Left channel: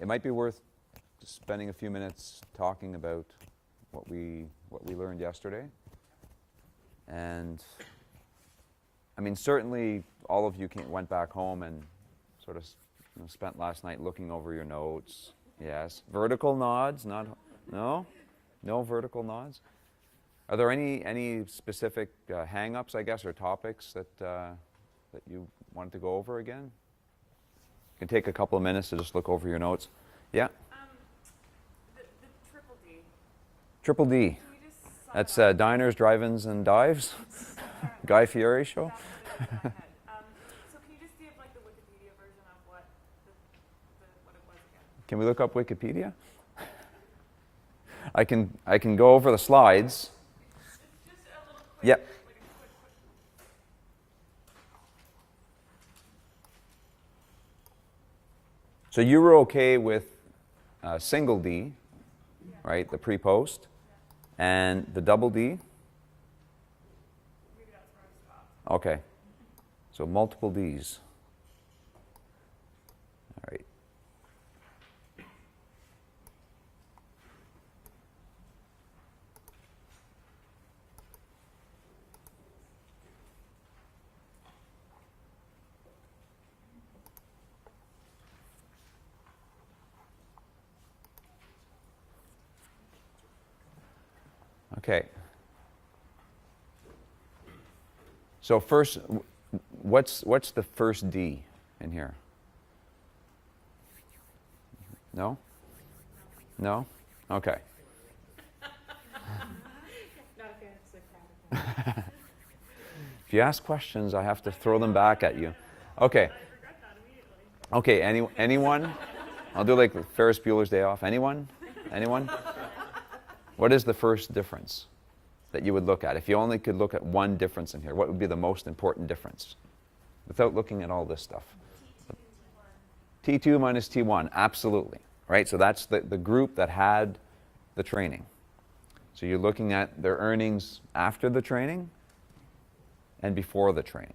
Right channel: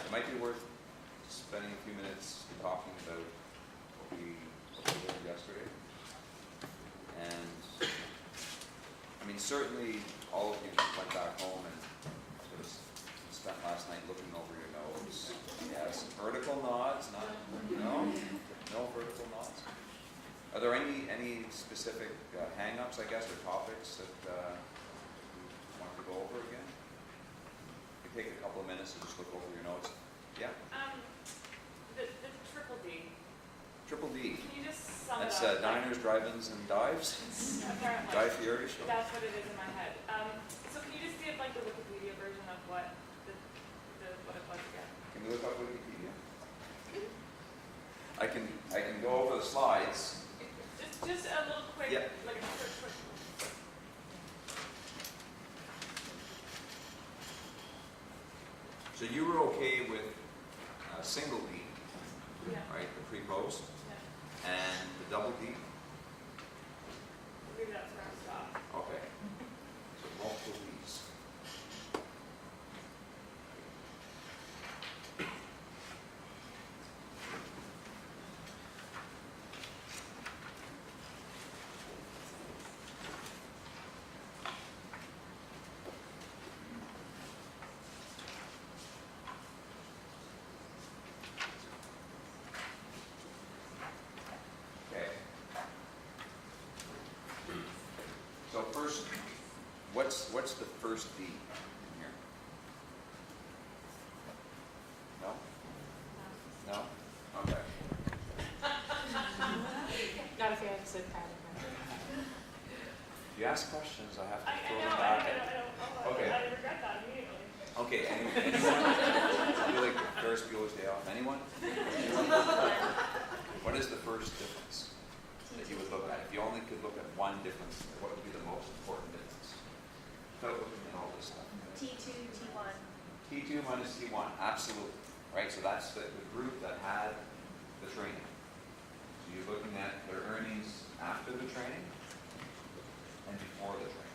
it might be worth spending a few minutes talking about what we learned yesterday. And I mean, certainly all of you went back home and sort of spent last night looking over your notes. Yes, vertical nods, no vertical nods. Are there any specific hang-ups, I guess, or topics that you wanted to go over again? You can take a couple of minutes to just look over your notes. Yeah? The triple D. Triple D. Can you just sum That's it up? diners, drive-ins, and dives? Guy Fieri show? That's what it is in my head. So can you just give like the Wikipedia version of what what it was again? Can we look up Wikipedia? I can go over the slides. Just a little quick. Yep. Like a quick. So you were okay with single D, Yeah. right? The pre-post, Yeah. and the double D. Maybe that's where I stopped. Okay. So multiple Ds. All right. Okay. So first, what's the first D in here? No? No? Okay. Not if you have to sit pattern. If you ask questions, I have to throw them back at you. Okay. I regret that immediately. Okay, anyone? I'll do like Ferris Bueller's Day Off. Anyone? Anyone? What is the first difference that you would look at? If you only could look at one difference in here, what would be the most important difference? Without looking at all this stuff. T2, T1. T2 minus T1, absolutely. Right, so that's the group that had the training. So you're looking at their earnings after the training and before the training.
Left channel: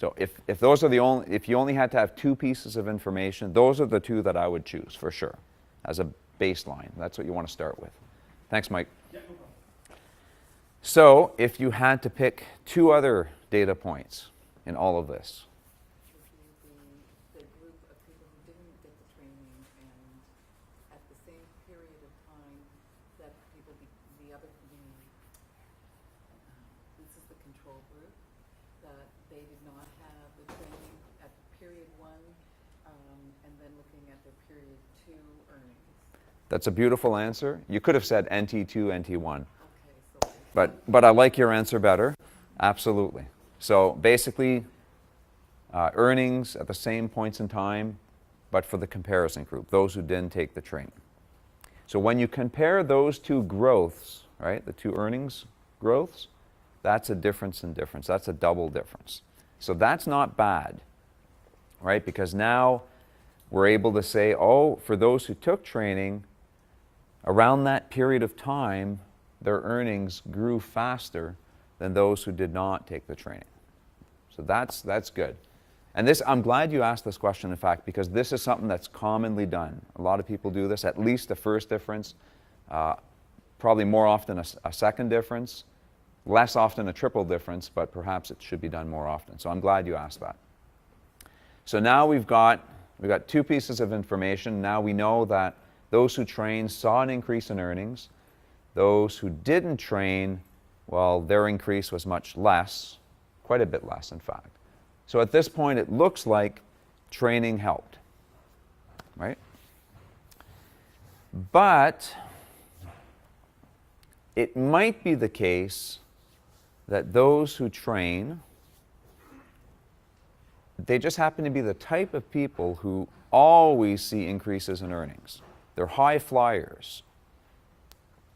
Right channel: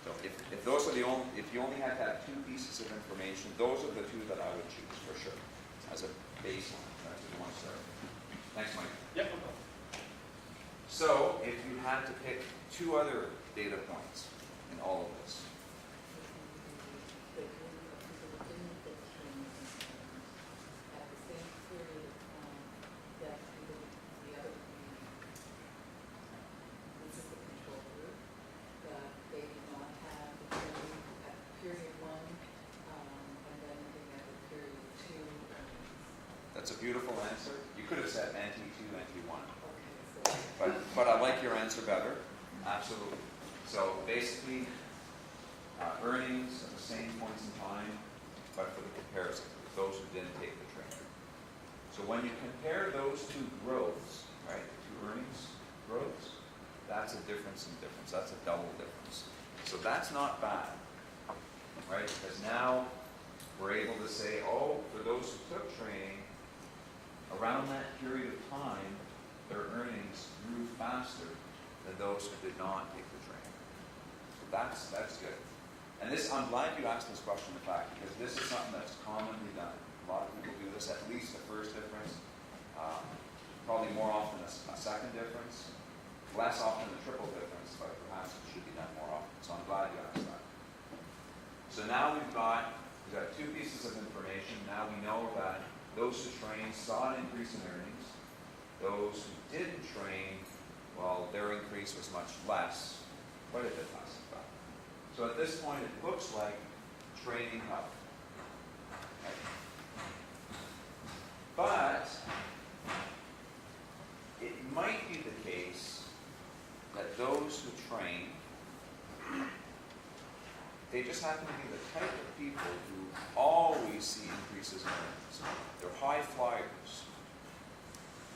So if those are the only, if you only had to have two pieces of information, those are the two that I would choose for sure as a baseline. That's what you want to start with. Thanks, Mike. Yep. So if you had to pick two other data points in all of this, that's a beautiful answer. You could have said NT2, NT1. But I like your answer better. Absolutely. So basically, earnings at the same points in time, but for the comparison group, those who didn't take the training. So when you compare those two growths, right, the two earnings growths, that's a difference in difference. That's a double difference. So that's not bad, right? Because now we're able to say, oh, for those who took training, around that period of time, their earnings grew faster than those who did not take the training. So that's good. And this, I'm glad you asked this question, in fact, because this is something that's commonly done. A lot of people do this, at least the first difference, probably more often a second difference, less often a triple difference, but perhaps it should be done more often. So I'm glad you asked that. So now we've got two pieces of information. Now we know that those who trained saw an increase in earnings. Those who didn't train, well, their increase was much less, quite a bit less, in fact. So at this point, it looks like training helped, right? But it might be the case that those who train, they just happen to be the type of people who always see increases in earnings. They're high flyers.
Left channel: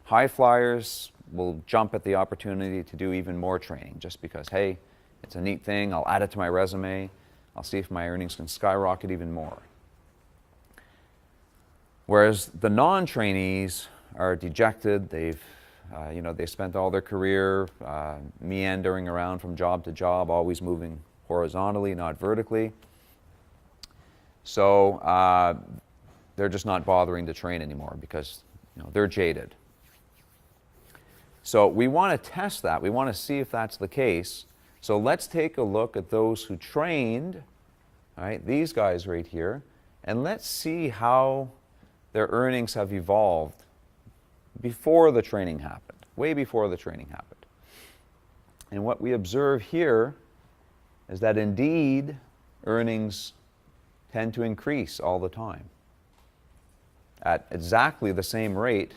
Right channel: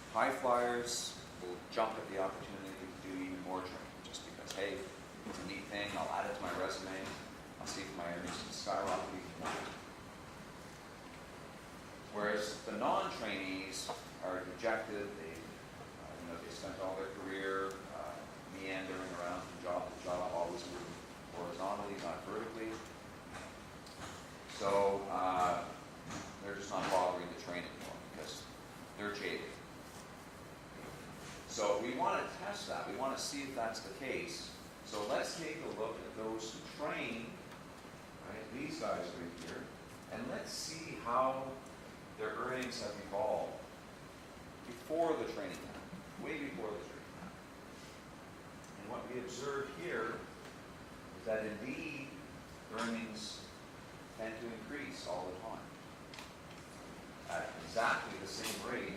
High flyers will jump at the opportunity to do even more training just because, hey, it's a neat thing, I'll add it to my resume, I'll see if my earnings can skyrocket even more. Whereas the non-trainees are dejected, they've they spent all their career meandering around from job to job, always moving horizontally, not vertically. So they're just not bothering to train anymore because they're jaded. So we want to test that. We want to see if that's the case. So let's take a look at those who trained, right, these guys right here, and let's see how their earnings have evolved before the training happened, way before the training happened. And what we observe here is that indeed earnings tend to increase all the time at exactly the same rate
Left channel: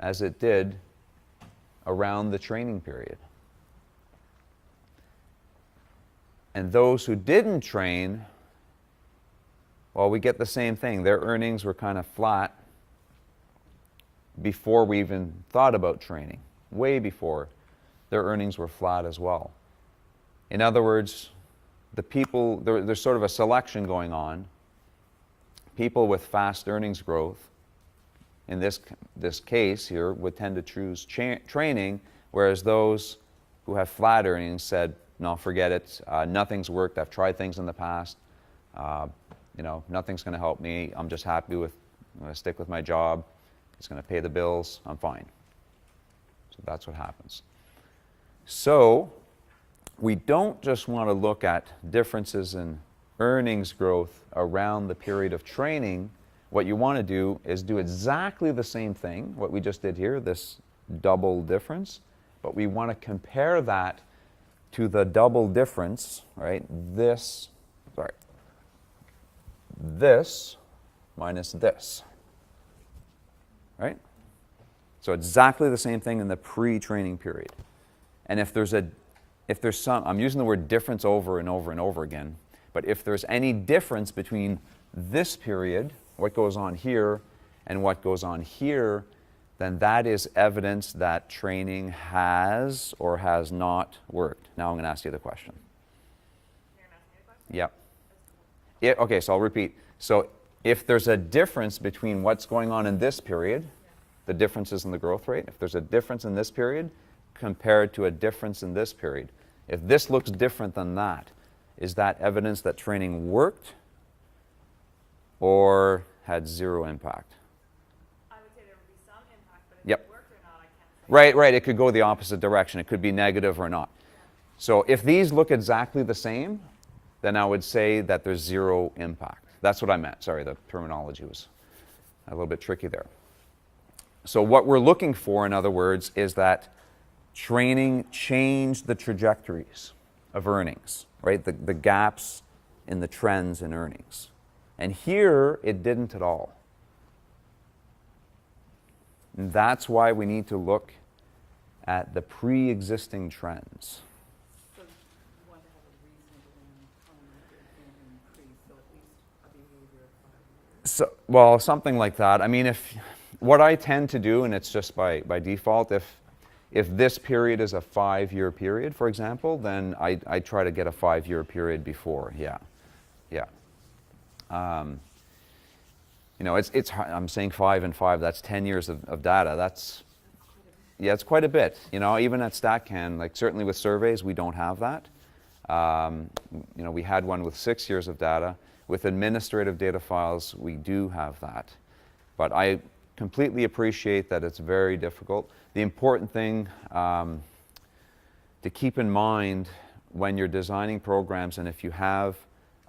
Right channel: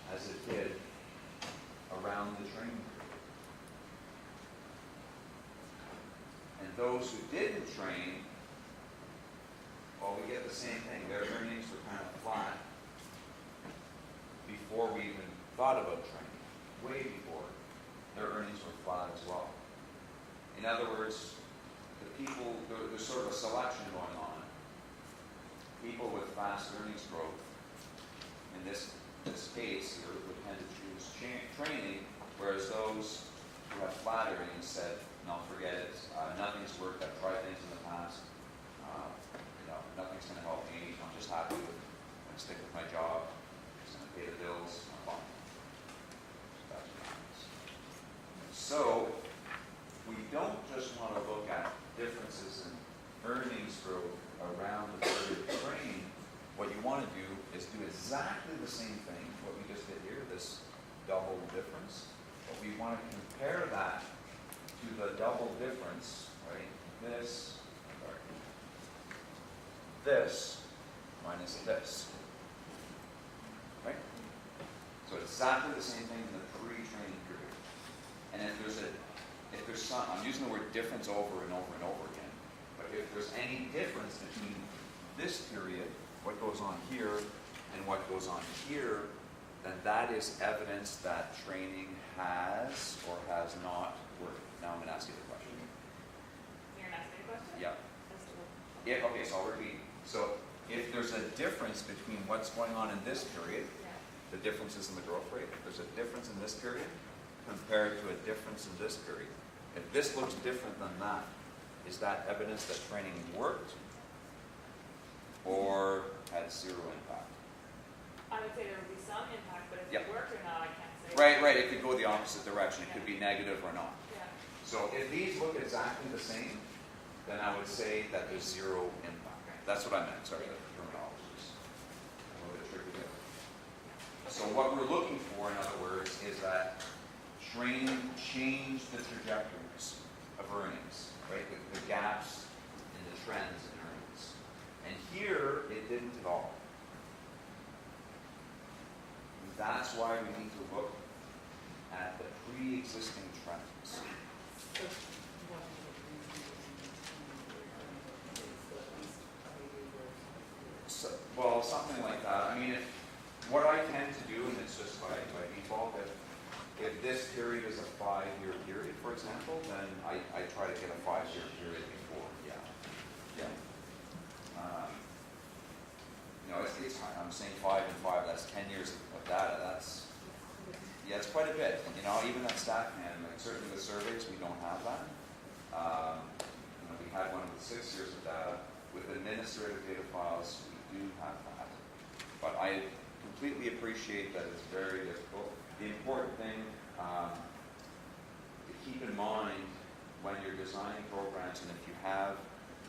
as it did around the training period. And those who didn't train, well, we get the same thing. Their earnings were kind of flat before we even thought about training. Way before, their earnings were flat as well. In other words, the people, there's sort of a selection going on. People with fast earnings growth, in this case here, would tend to choose training, whereas those who have flat earnings said, no, forget it, nothing's worked, I've tried things in the past, nothing's going to help me, I'm just happy with, I'm going to stick with my job, it's going to pay the bills, I'm fine. So that's what happens. So we don't just want to look at differences in earnings growth around the period of training. What you want to do is do exactly the same thing, what we just did here, this double difference, but we want to compare that to the double difference, right? This minus this, right? So exactly the same thing in the pre-training period. And if there's some, I'm using the word difference over and over and over again, but if there's any difference between this period, what goes on here, and what goes on here, then that is evidence that training has or has not worked. Now I'm going to ask you the question. You're going to ask me a question? Yeah. Okay, so I'll repeat. So if there's a difference between what's going on in this period, the differences in the growth rate, if there's a difference in this period compared to a difference in this period, if this looks different than that, is that evidence that training worked or had zero impact? I would say there would be some impact, but if Yep. it worked or not, I can't say. Right. It could go the opposite direction. It could be negative or not. Yeah. So if these look exactly the same, then I would say that there's zero impact. That's what I meant. Sorry, the terminology was a little bit tricky there. So what we're looking for, in other words, is that training changed the trajectories of earnings, right? The gaps in the trends in earnings. And here, it didn't at all. And that's why we need to look at the pre-existing trends. So, well, something like that. I mean, what I tend to do, and it's just by default, if this period is a 5-year period, for example, then I try to get a 5-year period before. Yeah. I'm saying 5 and 5. That's 10 years of data. It's quite a bit. Even at StatCan, like certainly with surveys, we don't have that. We had one with 6 years of data. With administrative data files, we do have that. But I completely appreciate that it's very difficult. The important thing to keep in mind when you're designing programs, and if you have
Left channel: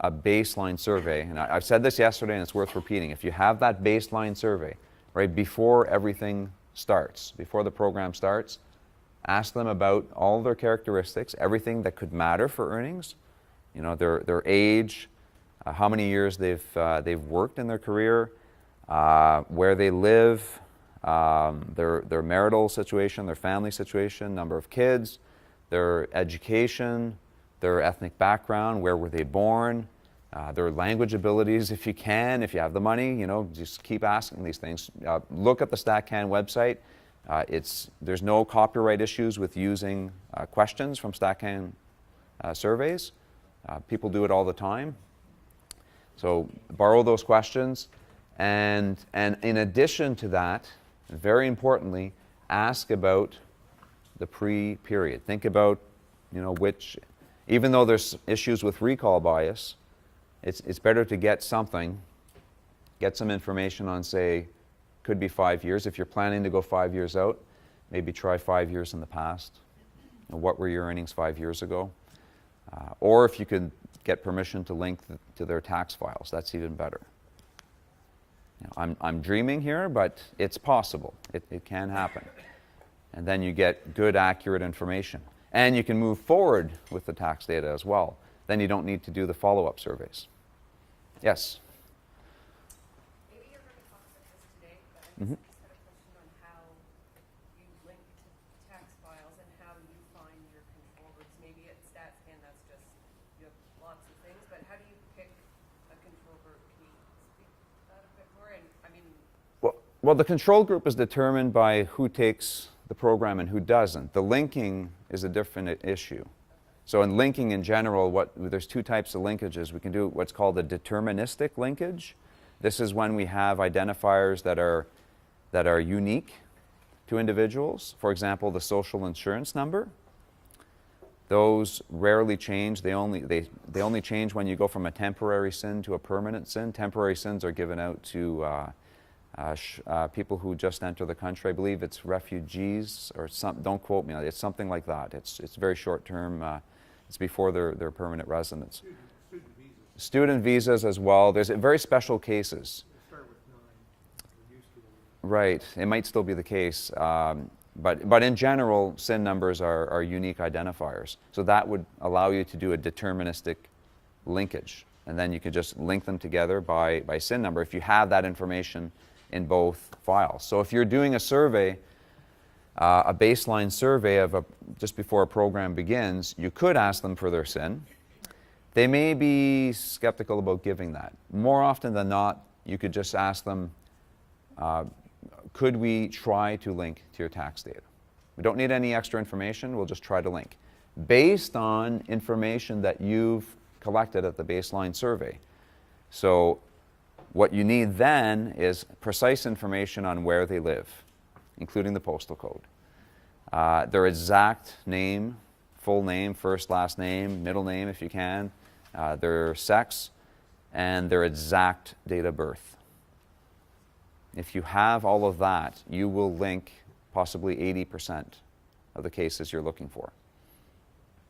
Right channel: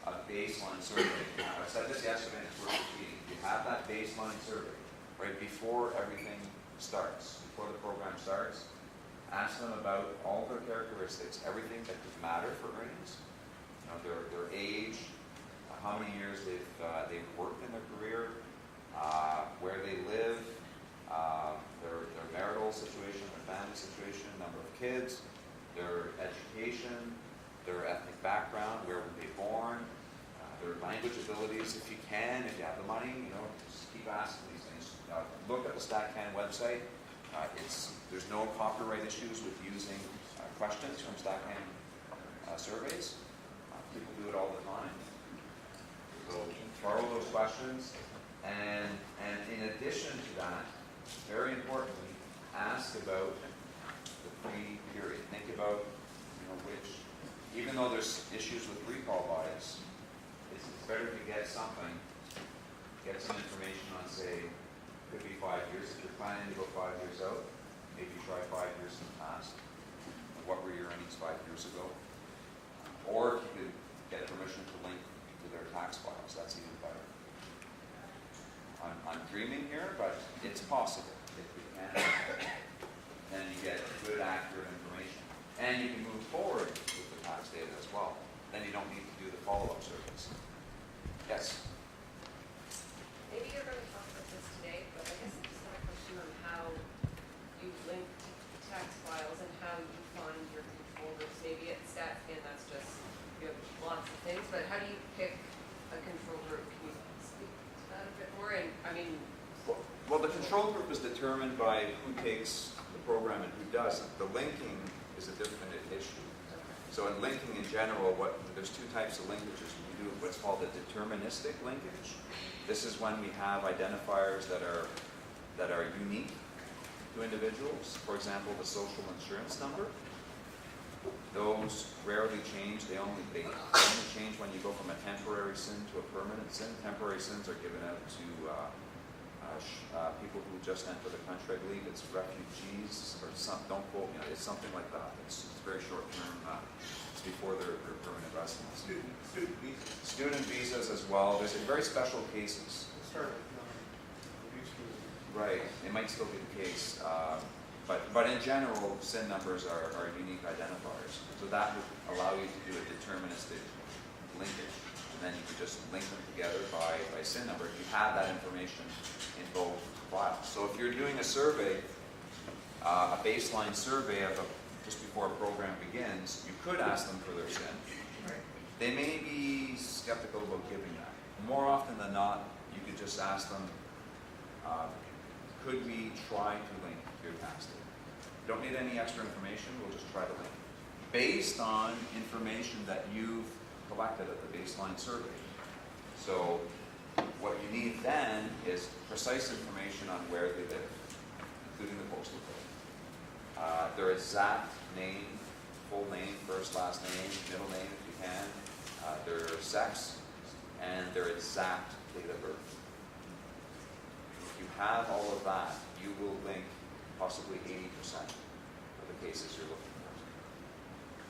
a baseline survey, and I've said this yesterday and it's worth repeating, if you have that baseline survey, right, before everything starts, before the program starts, ask them about all their characteristics, everything that could matter for earnings, their age, how many years they've worked in their career, where they live, their marital situation, their family situation, number of kids, their education, their ethnic background, where were they born, their language abilities if you can, if you have the money, just keep asking these things. Look at the StatCan website. There's no copyright issues with using questions from StatCan surveys. People do it all the time. So borrow those questions, and in addition to that, very importantly, ask about the pre-period. Think about, which, even though there's issues with recall bias, it's better to get something get some information on, say, could be 5 years. If you're planning to go 5 years out, maybe try 5 years in the past. What were your earnings 5 years ago? Or if you could get permission to link to their tax files, that's even better. I'm dreaming here, but it's possible. It can happen. And then you get good, accurate information. And you can move forward with the tax data as well. Then you don't need to do the follow-up surveys. Yes? Maybe you're going to talk about this today, but I just have a question on how you link tax files and how you find your control groups. Maybe at StatScan that's just, you have lots of things, but how do you pick a control group? Can you speak to that a bit more? And I mean, Well, the control group is determined by who takes the program and who doesn't. The linking is a different issue. So in linking in general, there's two types of linkages. We can do what's called a deterministic linkage. This is when we have identifiers that are unique to individuals. For example, the social insurance number. Those rarely change. They only change when you go from a temporary SIN to a permanent SIN. Temporary SINs are given out to people who just enter the country. I believe it's refugees or some. Don't quote me on it. It's something like that. It's very short term. It's before their permanent residence. Student visas as well. There's very special cases. Right. It might still be the case. But in general, SIN numbers are unique identifiers. So that would allow you to do a deterministic linkage. And then you can just link them together by SIN number if you have that information in both files. So if you're doing a survey, a baseline survey of just before a program begins, you could ask them for their SIN. They may be skeptical about giving that. More often than not, you could just ask them, could we try to link to your tax data? We don't need any extra information, we'll just try to link. Based on information that you've collected at the baseline survey. So what you need then is precise information on where they live, including the postal code. Their exact name, full name, first, last name, middle name if you can, their sex, and their exact date of birth. If you have all of that, you will link possibly 80% of the cases you're looking for.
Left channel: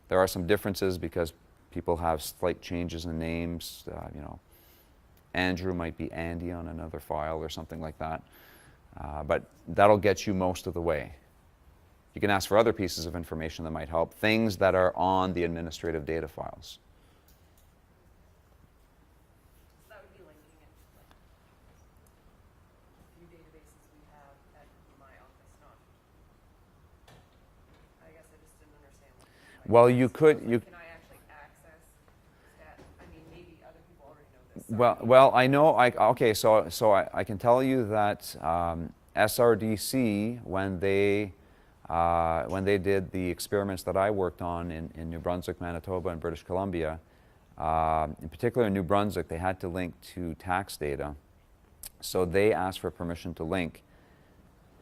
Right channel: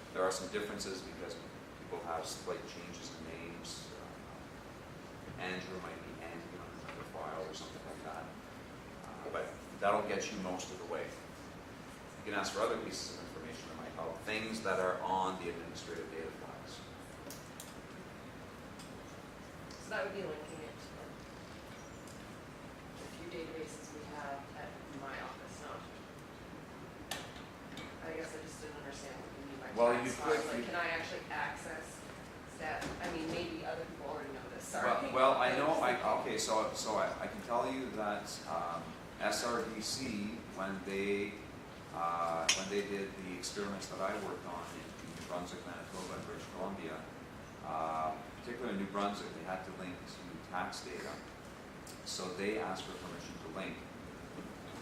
There are some differences because people have slight changes in names. Andrew might be Andy on another file or something like that. But that'll get you most of the way. You can ask for other pieces of information that might help, things that are on the administrative data files. so that would be linking it to the few databases we have at my office, not. I guess I just didn't understand what you mean by Well, tax you could- files. you- Like, can I actually access that? I mean, maybe other people already know this. Well, I know. Okay, so I can tell you that SRDC, when they did the experiments that I worked on in New Brunswick, Manitoba, and British Columbia, in particular in New Brunswick, they had to link to tax data. So they asked for permission to link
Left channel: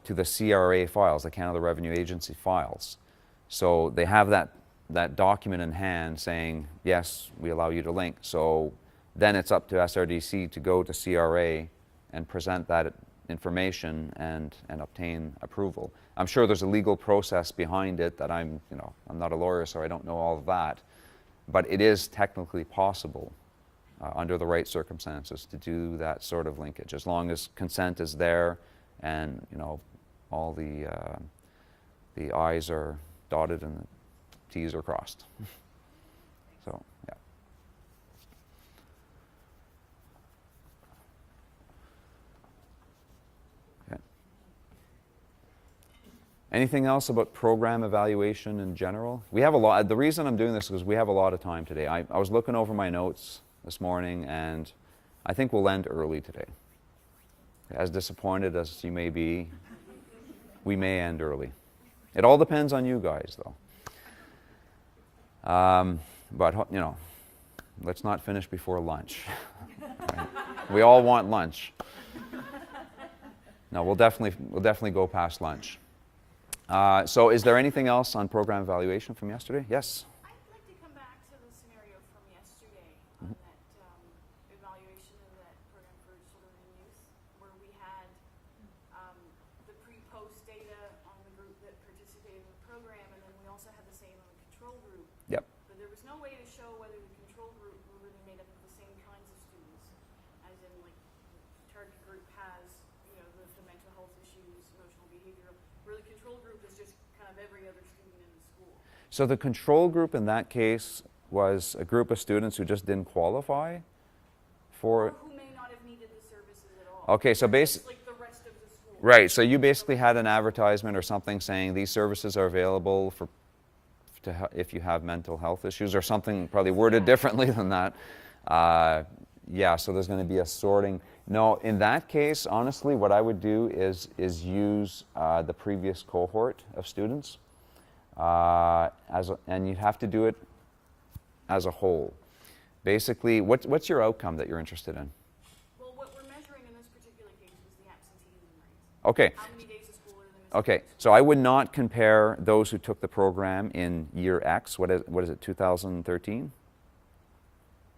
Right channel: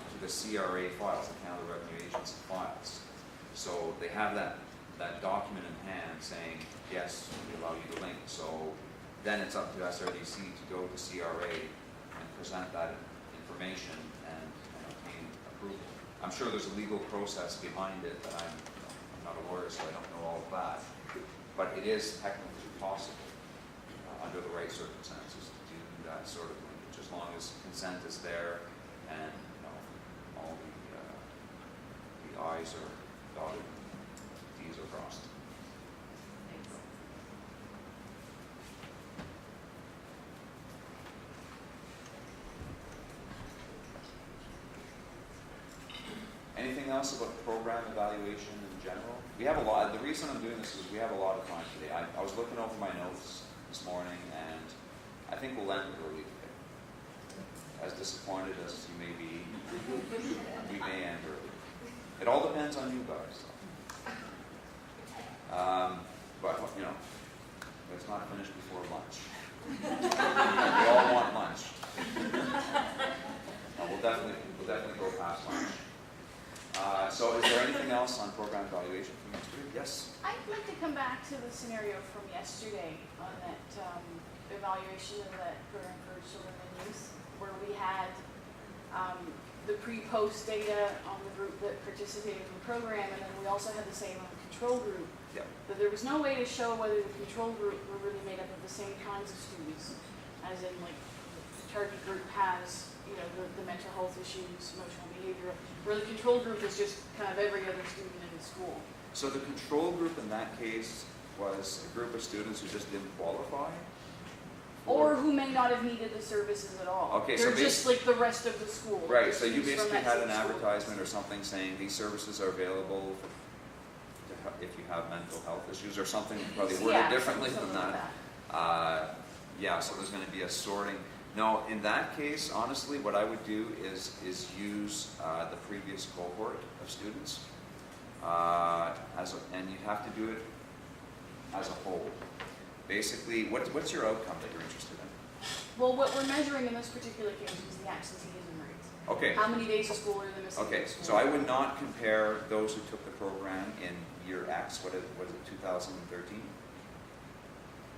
to the CRA files, the Canada Revenue Agency files. So they have that document in hand saying, yes, we allow you to link. So then it's up to SRDC to go to CRA and present that information and obtain approval. I'm sure there's a legal process behind it that I'm not a lawyer, so I don't know all of that. But it is technically possible under the right circumstances to do that sort of linkage, as long as consent is there and all the I's are dotted and T's are crossed. So, yeah. Yeah. Anything else about program evaluation in general? We have a lot. The reason I'm doing this is we have a lot of time today. I was looking over my notes this morning, and I think we'll end early today. As disappointed as you may be, we may end early. It all depends on you guys, though. But let's not finish before lunch. We all want lunch. No, we'll definitely go past lunch. So is there anything else on program evaluation from yesterday? Yes? I'd like to come back to the scenario from yesterday on that evaluation of that program for children in need. post data on the group that participated in the program, and then we also had the same on the control group. Yep. But there was no way to show whether the control group were really made up of the same kinds of students, as in like the target group has, you know, the mental health issues, emotional behavioral, where the control group is just kind of every other student in the school. So the control group in that case was a group of students who just didn't qualify Or for. who may not have needed the services at all. Okay, so They're just like the rest of the school. Right, so you From basically that had an same school. advertisement or something saying these services are available for, if you have mental health issues or something probably worded Yeah. differently than that. Yeah, so there's going to be a sorting. No, in that case, honestly, what I would do is use the previous cohort of students, and you have to do it as a whole. Basically, what's your outcome that you're interested in? Well, what we're measuring in this particular case is the absenteeism rate. Okay, How many days of school are they missing? okay. from school? So I would not compare those who took the program in year X. What is it? 2013.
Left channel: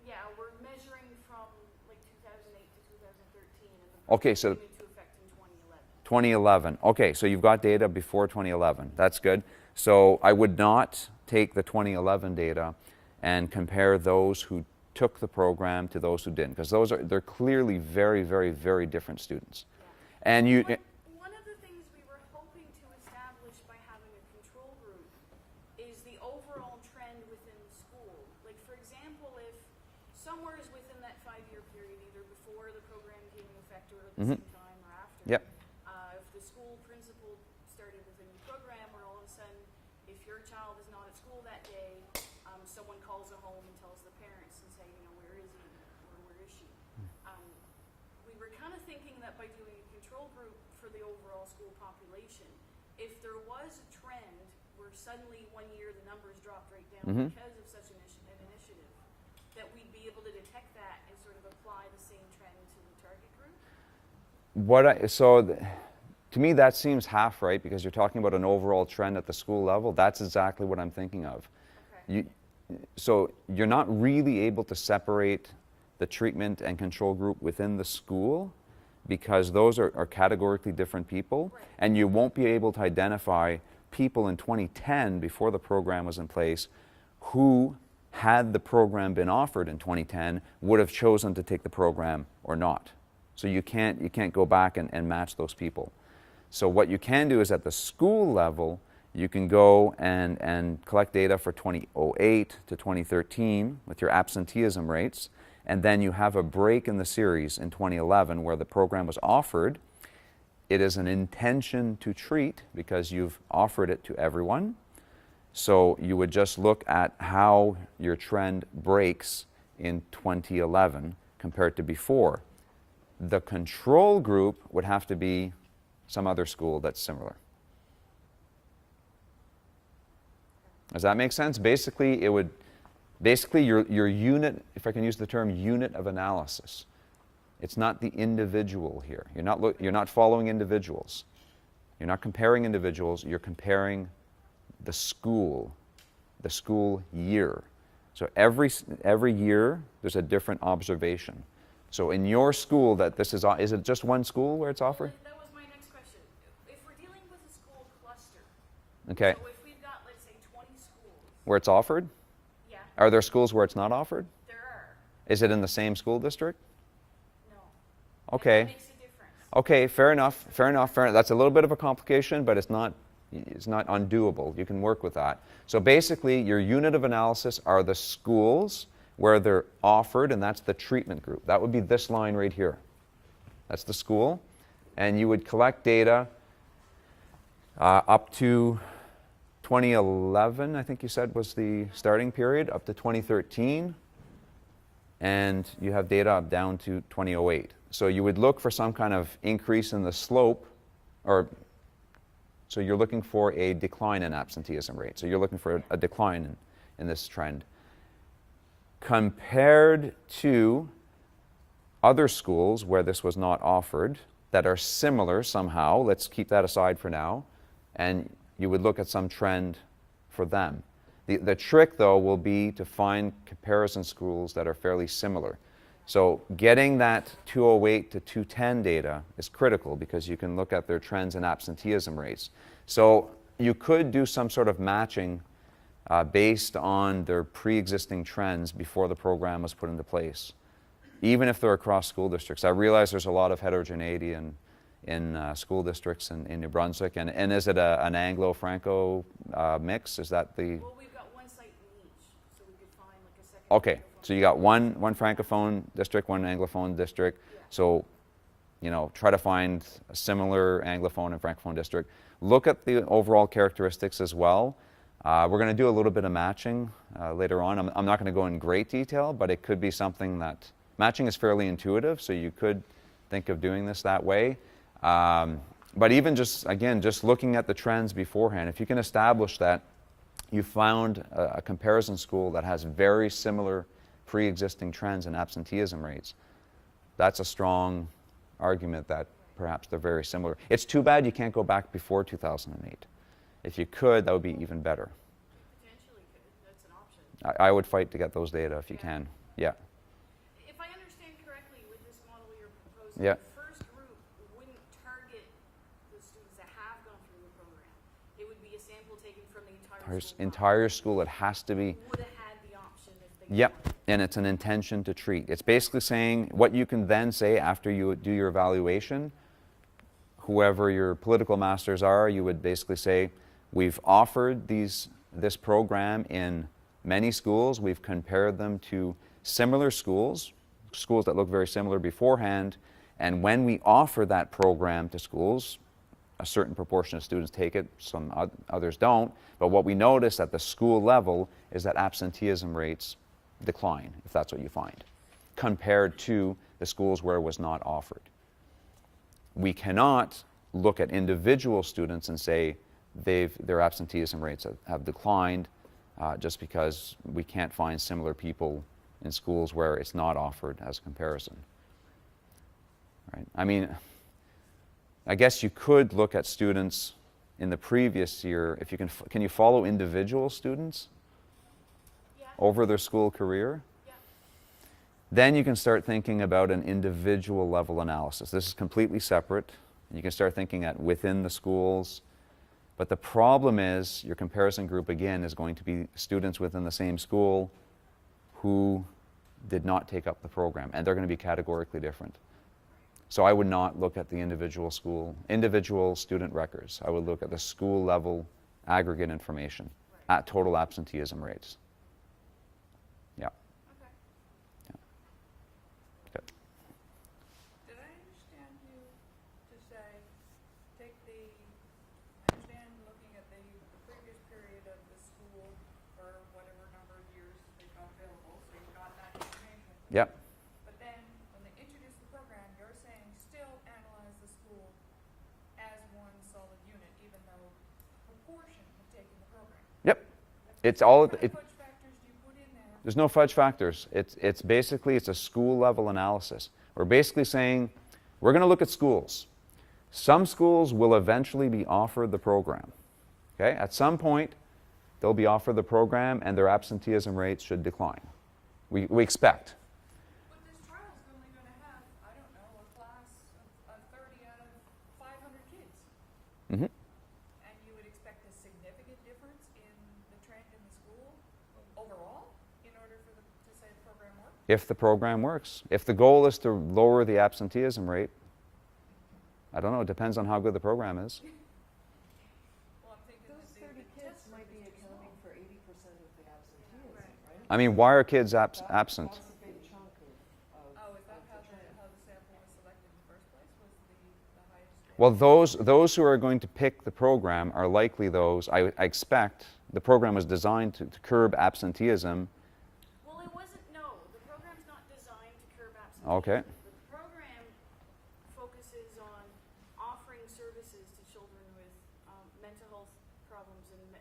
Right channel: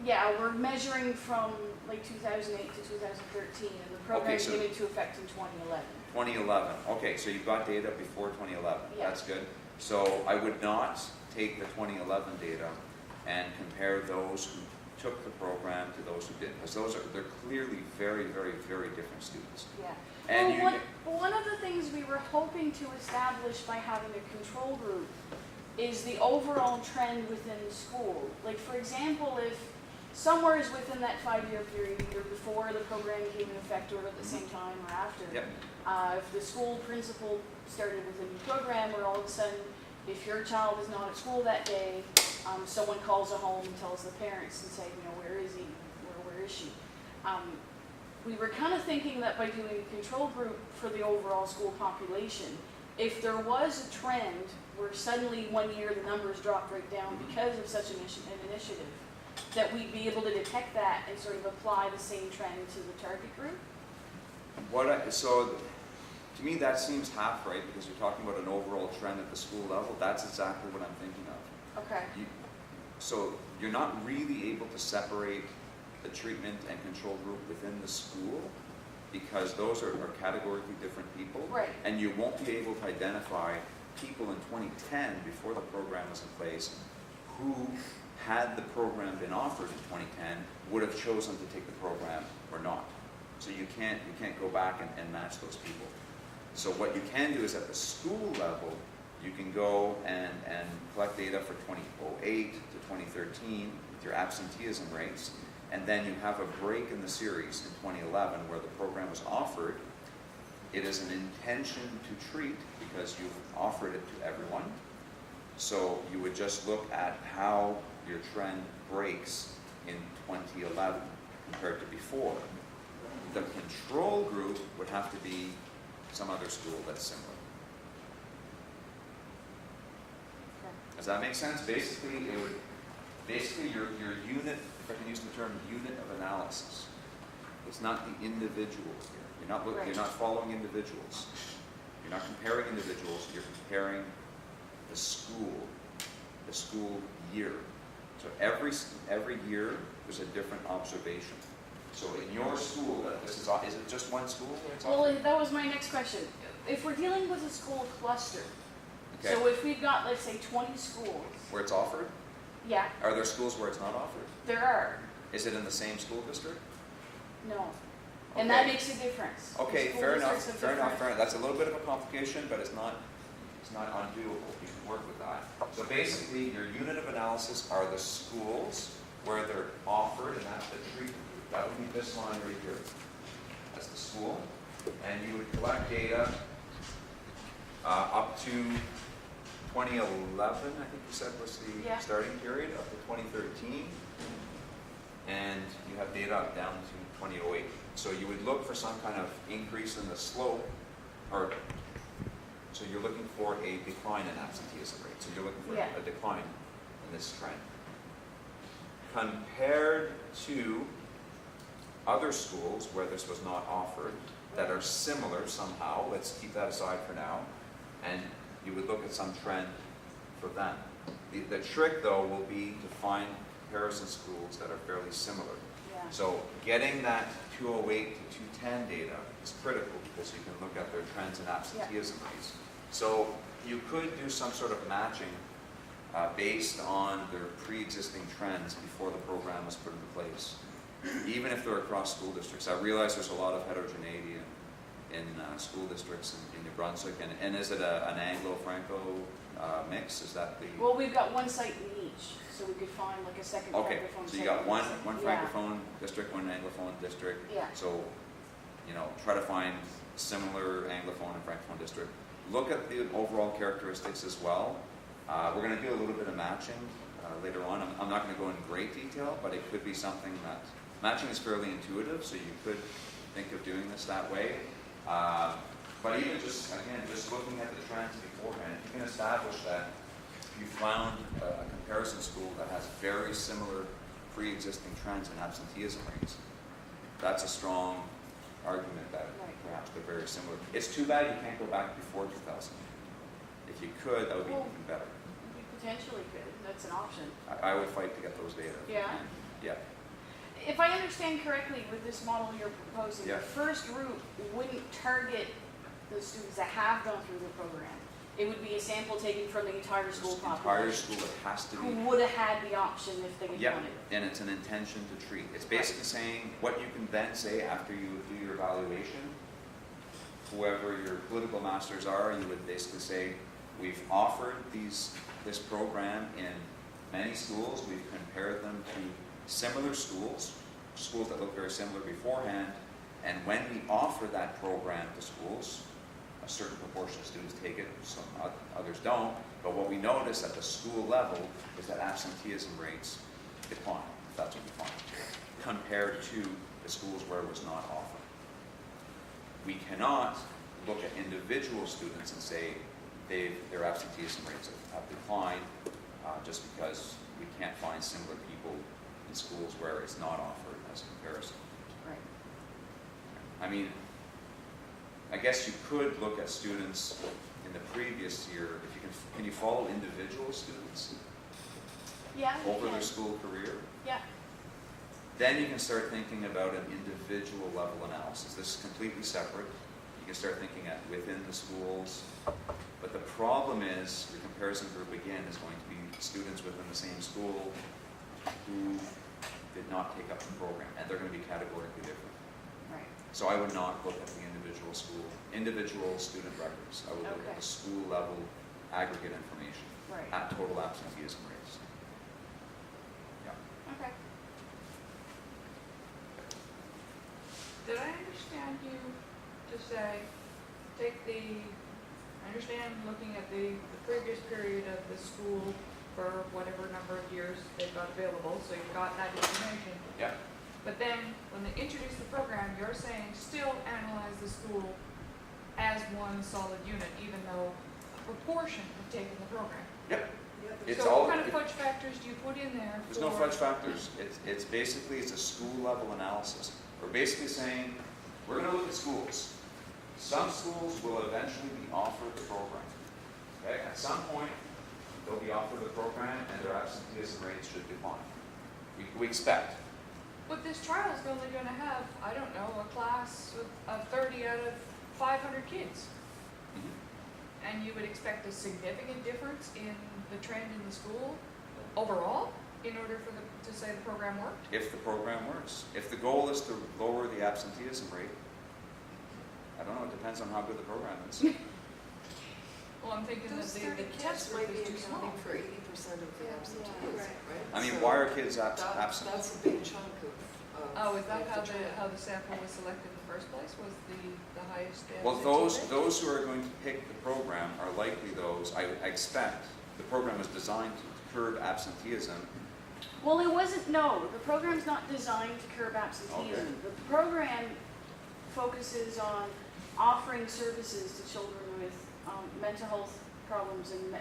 Yeah, we're measuring from like 2008 to 2013, and the Okay, program so- came into effect in 2011. 2011. Okay, so you've got data before 2011. That's good. So I would not take the 2011 data and compare those who took the program to those who didn't, because they're clearly very, very, very different students. Yeah. And Well, you, one of the things we were hoping to establish by having a control group is the overall trend within the school. Like, for example, if somewhere is within that 5-year period, either before the program came in effect or at the Mhm. same time or after, Yep. if the school principal started with a new program, or all of a sudden, if your child is not at school that day, someone calls a home and tells the parents and say, you know, where is he, where is she? We were kind of thinking that by doing a control group for the overall school population, if there was a trend where suddenly one year the numbers dropped right down Mhm. because of such an initiative, that we'd be able to detect that and sort of apply the same trend to the target group. To me, that seems half right, because you're talking about an overall trend at the school level. That's exactly what I'm thinking of. Okay. So you're not really able to separate the treatment and control group within the school, because those are categorically different people. Right. And you won't be able to identify people in 2010, before the program was in place, who, had the program been offered in 2010, would have chosen to take the program or not. So you can't go back and match those people. So what you can do is, at the school level, you can go and collect data for 2008 to 2013 with your absenteeism rates, and then you have a break in the series in 2011 where the program was offered. It is an intention to treat, because you've offered it to everyone. So you would just look at how your trend breaks in 2011 compared to before. The control group would have to be some other school that's similar. Does that make sense? Basically, your unit, if I can use the term unit of analysis. It's not the individual here. You're not following individuals. You're not comparing individuals. You're comparing the school year. So every year there's a different observation. So in your school, is it just one school where it's offered? Well, that was my next question. If we're dealing with a school cluster, Okay. so if we've got, let's say, 20 schools, Where it's offered? yeah, Are there schools where it's not offered? there are, Is it in the same school district? no. And that Okay. makes a difference. Okay, School fair enough, districts have fair enough, different- fair enough. That's a little bit of a complication, but it's not undoable. You can work with that. So basically, your unit of analysis are the schools where they're offered, and that's the treatment group. That would be this line right here. That's the school. And you would collect data up to 2011, I think you said was the Yeah. starting period, up to 2013. And you have data up down to 2008. So you would look for some kind of increase in the slope, so you're looking for a decline in absenteeism rate. So you're looking for Yeah. a decline in this trend. Compared to other schools where this was not offered, that are similar somehow, let's keep that aside for now, and you would look at some trend for them. The trick, though, will be to find comparison schools that are fairly similar. Yeah. So getting that 208 to 210 data is critical because you can look at their trends in absenteeism rates. So you could do some sort of matching based on their pre-existing trends before the program was put into place, even if they're across school districts. I realize there's a lot of heterogeneity in school districts in New Brunswick, and is it an Anglo-Franco mix? Is that the... Well, we've got one site in each, so we could find like a second. Okay, Francophone so you got site. one Francophone district, one Anglophone district. Yeah. So, you know, try to find a similar Anglophone and Francophone district. Look at the overall characteristics as well. We're going to do a little bit of matching later on. I'm not going to go in great detail, but it could be something that... Matching is fairly intuitive, so you could think of doing this that way. But even just, again, just looking at the trends beforehand, if you can establish that you found a comparison school that has very similar pre-existing trends in absenteeism rates, that's a strong argument that perhaps they're very similar. It's too bad you can't go back before 2008. If you could, that would be even better. We potentially could, that's an option. I would fight to get those data if you Yeah. can. Yeah. If I understand correctly with this model you're proposing, Yeah. the first group wouldn't target the students that have gone through the program. It would be a sample taken from the entire There's school entire population. school, it has to be. Who would have had the option if they Yep, wanted it. and it's an intention to treat. It's basically saying what you can then say after you do your evaluation, whoever your political masters are, you would basically say, we've offered this program in many schools, we've compared them to similar schools that look very similar beforehand, and when we offer that program to schools, a certain proportion of students take it, some others don't, but what we notice at the school level is that absenteeism rates decline, if that's what you find, compared to the schools where it was not offered. We cannot look at individual students and say their absenteeism rates have declined just because we can't find similar people in schools where it's not offered as comparison. Right. Right? I mean, I guess you could look at students in the previous year. If you can you follow individual students Yeah. over their school career? Yeah. Then you can start thinking about an individual level analysis. This is completely separate. You can start thinking at within the schools. But the problem is your comparison group, again, is going to be students within the same school who did not take up the program, and they're going to be categorically different. Right. So I would not look at the individual student records. I would look at the school level aggregate information Right. at total absenteeism rates. Yeah. Okay. Did I understand you to say, I understand looking at the previous period of the school for whatever number of years they've got available, so you've got that information. Yeah. But then, when they introduce the program, you're saying still analyze the school as one solid unit, even though a proportion have taken the program. Yep. It's So all. what kind of fudge factors do you put in there? There's no fudge factors. It's basically a school level analysis. We're basically saying we're going to look at schools. Some schools will eventually be offered the program. Okay, at some point they'll be offered the program and their absenteeism rates should decline. We expect. But this trial is only going to have, I don't know, a class of 30 out of 500 kids. Mhm. And you would expect a significant difference in the trend in the school overall in order for to say the program worked? If the program works. If the goal is to lower the absenteeism rate, I don't know, it depends on how good the program is. Well, I'm thinking that Those the 30 test kids group might be is too small. accounting for 80% of the absentees, right? I mean, why are kids absent? That's a big chunk of. Oh, is that of how the trial. how the sample was selected in the first place? Was the highest? Well, those who are going to pick the program are likely those, I expect, the program was designed to curb absenteeism. Well, it wasn't, no, the program's not designed to curb absenteeism. Okay. The program focuses on offering services to children with mental health problems and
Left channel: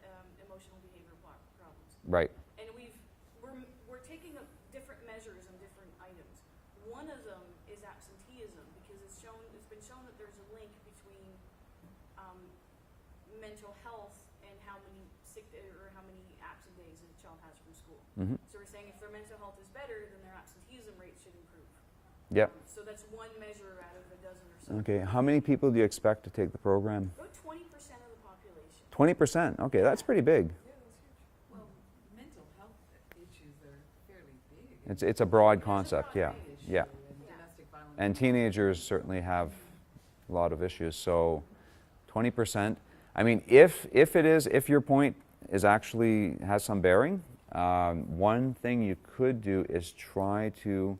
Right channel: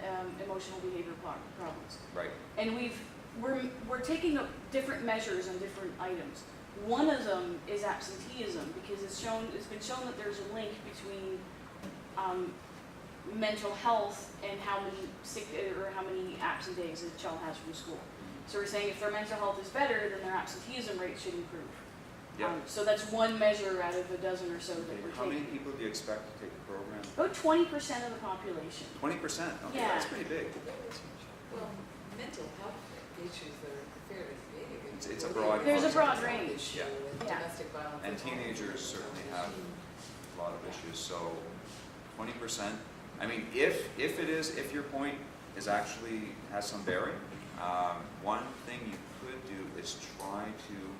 emotional behavior problems. Right. And we're taking up different measures on different items. One of them is absenteeism because it's been shown that there's a link between mental health and how many sick or how many absent days a child has from school. Mhm. So we're saying if their mental health is better, then their absenteeism rate should improve. Yep. So that's one measure out of a dozen or so. Okay, how many people do you expect to take the program? About 20% of the population. 20%, okay, that's Yeah. pretty big. Well, mental health issues are fairly big. It's a broad There's concept, a broad yeah. range. Yeah. Yeah. Domestic violence. And teenagers certainly have a lot of issues, so 20%. I mean, if your point is actually has some bearing, one thing you could do is try to,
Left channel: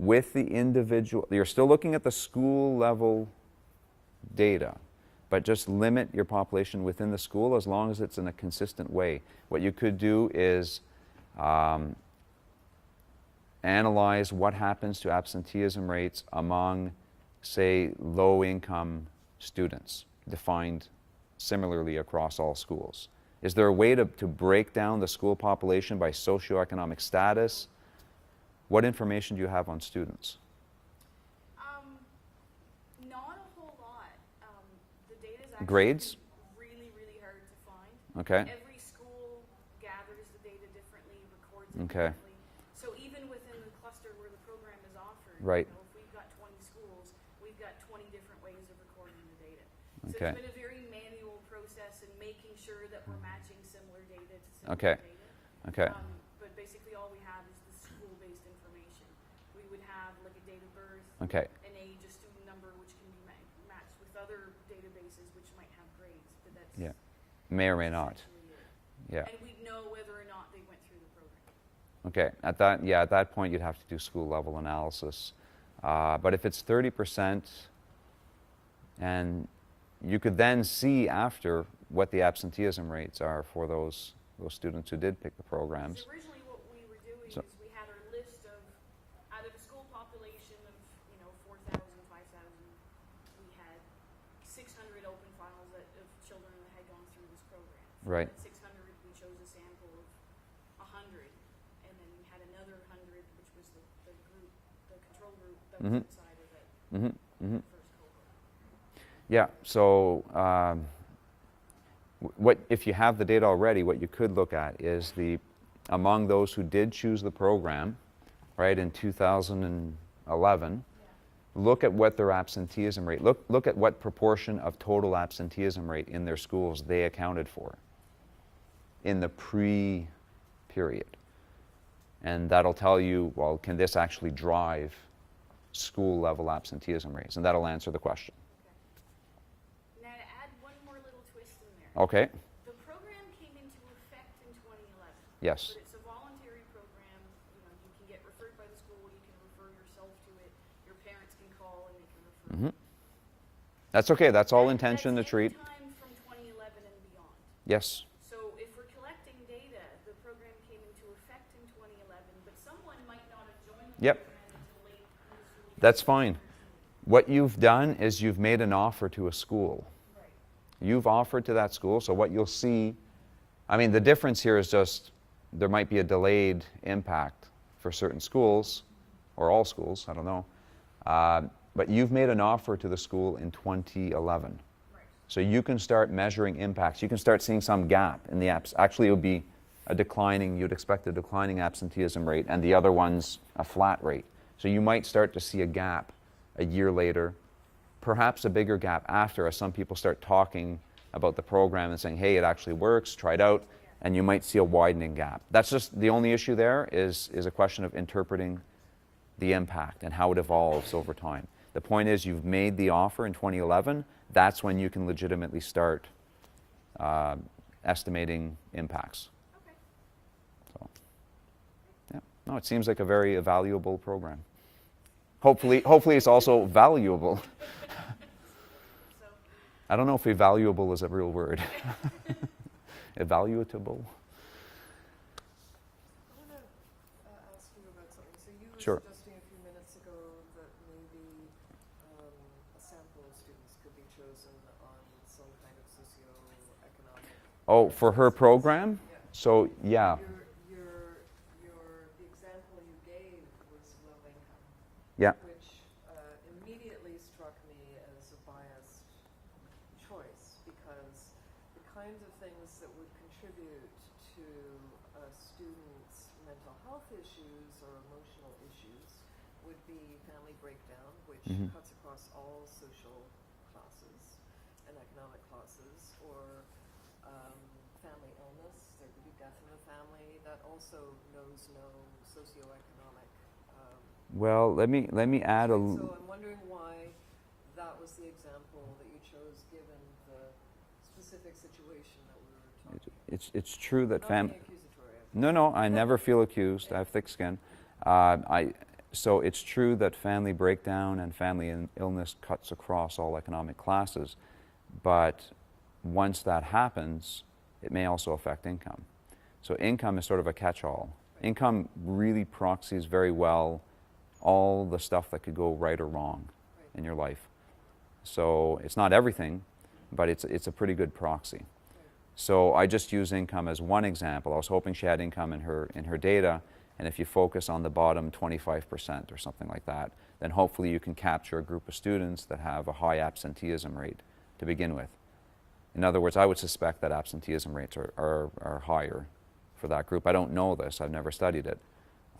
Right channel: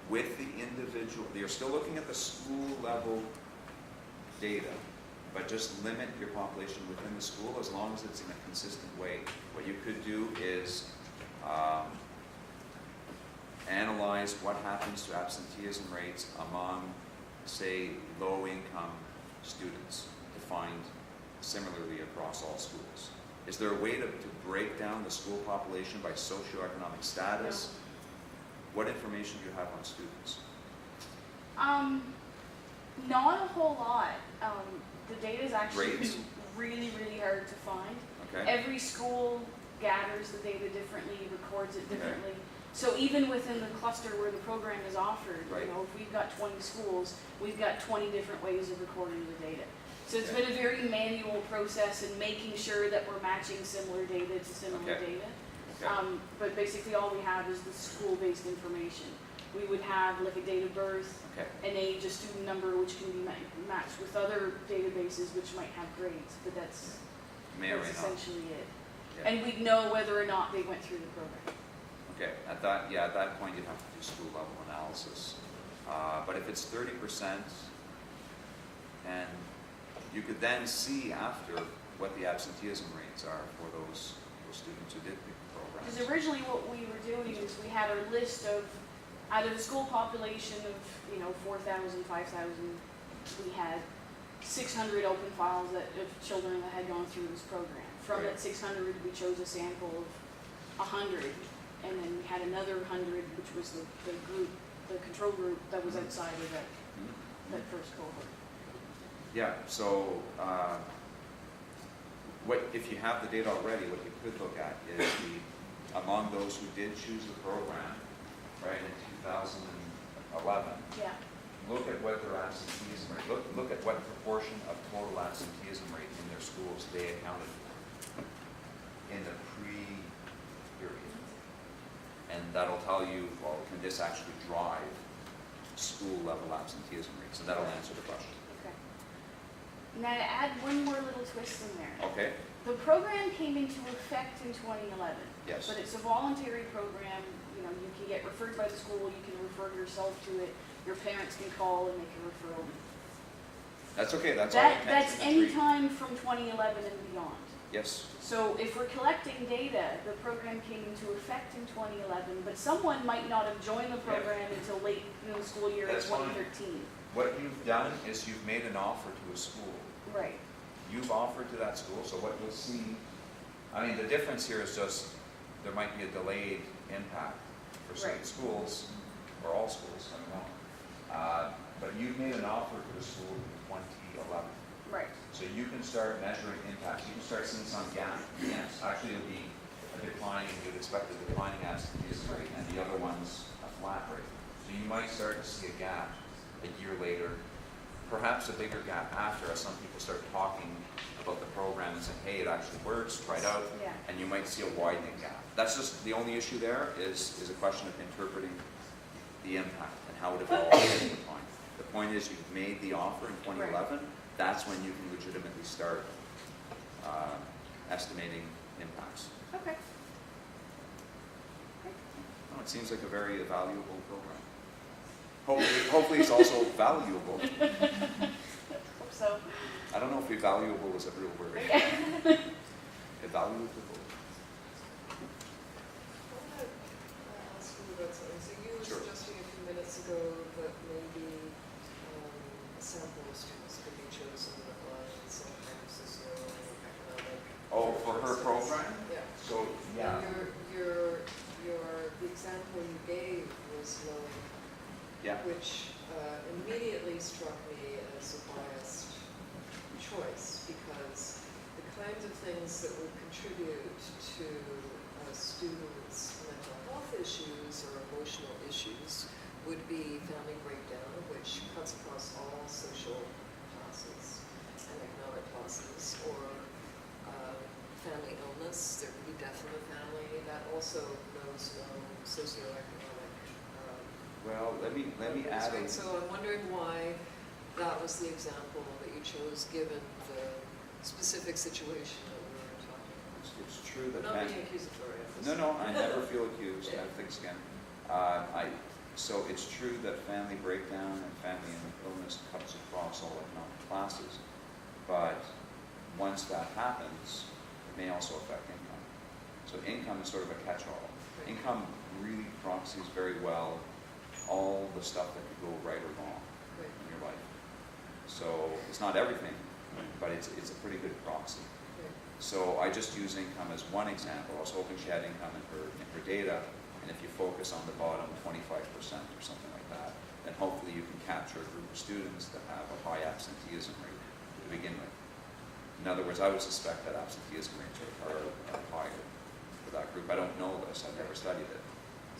with the individual, you're still looking at the school level data, but just limit your population within the school as long as it's in a consistent way. What you could do is analyze what happens to absenteeism rates among, say, low-income students, defined similarly across all schools. Is there a way to break down the school population by socioeconomic status? What information do you have on students? Not a whole lot. The data is actually Grades? really, really hard to find. Okay. Every school gathers the data differently, records it Okay. differently. So even within the cluster where the program is offered, Right. if we've got 20 schools, we've got 20 different ways of recording the data. So Okay. it's been a very manual process in making sure that we're matching similar data to similar Okay. data. Okay. But basically all we have is the school-based information. We would have like a date of birth, Okay. an age, a student number, which can be matched with other databases which might have grades, but that's, Yeah. May or may that's not. essentially it. Yeah. And we'd know whether or not they went through the program. Okay. At that point, you'd have to do school level analysis. But if it's 30%, and you could then see after what the absenteeism rates are for those students who did pick the programs. Because originally what we were doing is we had our list of, out of the school population of, 4,000, 5,000, we had 600 open files of children that had gone through this program. From Right. that 600, we chose a sample of 100, and then we had another 100, which was the group, the control group that was Mhm. outside of that, Mhm, mhm. that first cohort. Yeah, so what if you have the data already, what you could look at is among those who did choose the program, right, in 2011, Yeah. look at what their absenteeism rate, look at what proportion of total absenteeism rate in their schools they accounted for in the pre-period. And that'll tell you, well, can this actually drive school level absenteeism rates? And that'll answer the question. Okay. Now to add one more little twist in there. Okay, The program came into effect in 2011. yes, But it's a voluntary program, you can get referred by the school, you can refer yourself to it, your parents can call and make a referral. Mhm. That's okay, that's all intention to That's treat. any time from 2011 and beyond. Yes, So if we're collecting data, the program came into effect in 2011, but someone might not have joined the Yep. program until late in the school year. That's of fine. 2013. what you've done is you've made an offer to a school. Right. You've offered to that school, so what you'll see, I mean, the difference here is just there might be a delayed impact for certain schools, or all schools, I don't know. But you've made an offer to the school in 2011. Right. So you can start measuring impacts. You can start seeing some gap in the apps. Actually, it would be you'd expect a declining absenteeism rate, and the other one's a flat rate. So you might start to see a gap a year later, perhaps a bigger gap after, as some people start talking about the program and saying, hey, it actually works, try it out, Yeah. and you might see a widening gap. That's just the only issue there is a question of interpreting the impact and how it evolves over time. The point is you've made the offer in 2011, that's when you can legitimately start estimating impacts. Okay. No, it seems like a very valuable program. Hopefully it's also valuable. Hope so. I don't know if evaluable is a real word. Evaluable? I want to ask you about something. So you were Sure. suggesting a few minutes ago that maybe a sample of students could be chosen on some kind of socioeconomic. Oh, for her program? Yeah. So, yeah. The example you gave was one Yeah. which immediately struck me as a biased choice because Well, let me add a. So I'm wondering why that was the example that you chose, given the specific situation that we were talking about. It's true that Not being accusatory. No, I never feel accused. I have thick skin. So it's true that family breakdown and family illness cuts across all economic classes, but once that happens, it may also affect income. So income is sort of a catch-all. Income really proxies very well all the stuff that could go right or wrong in your life. So it's not everything, but it's a pretty good proxy. So I just use income as one example. I was hoping she had income in her data, and if you focus on the bottom 25% or something like that, then hopefully you can capture a group of students that have a high absenteeism rate to begin with. In other words, I would suspect that absenteeism rates are higher for that group. I don't know this, I've never studied it.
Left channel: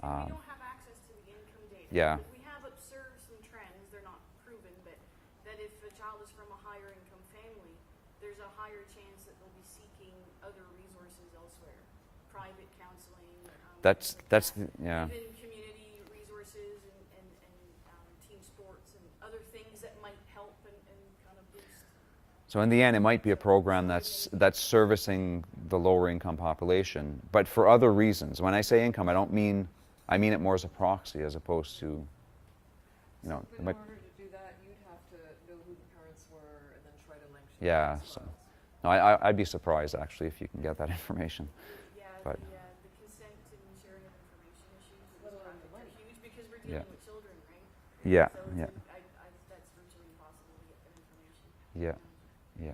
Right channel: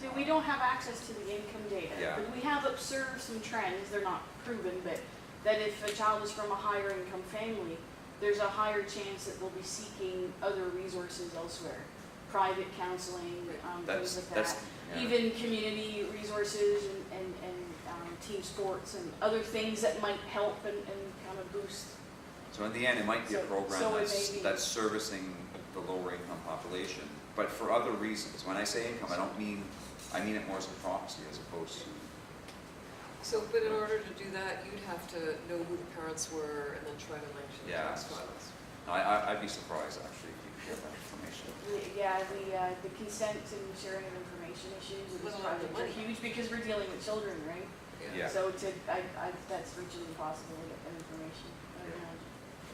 See, we don't have access to the income data. Yeah. But we have observed some trends, they're not proven, but that if a child is from a higher income family, there's a higher chance that they'll be seeking other resources elsewhere. Private counseling, That's things like that. yeah. Even community resources and team sports and other things that might help and kind of boost. So in the end, it might be a So- program so it that's may be- that's servicing the lower income population, but for other reasons. When I say income, I mean it more as a proxy as opposed to. So, No, but in but- order to do that, you'd have to know who the parents were and then try to link to the Yeah, tax so- files. No, I'd be surprised actually if you can get that information. Yeah, Right. the consent and sharing of information issues in this Let alone the project are money. huge because we're dealing with children, right? Yeah. So it's yeah. that's virtually impossible to get that information. Yeah. Yeah.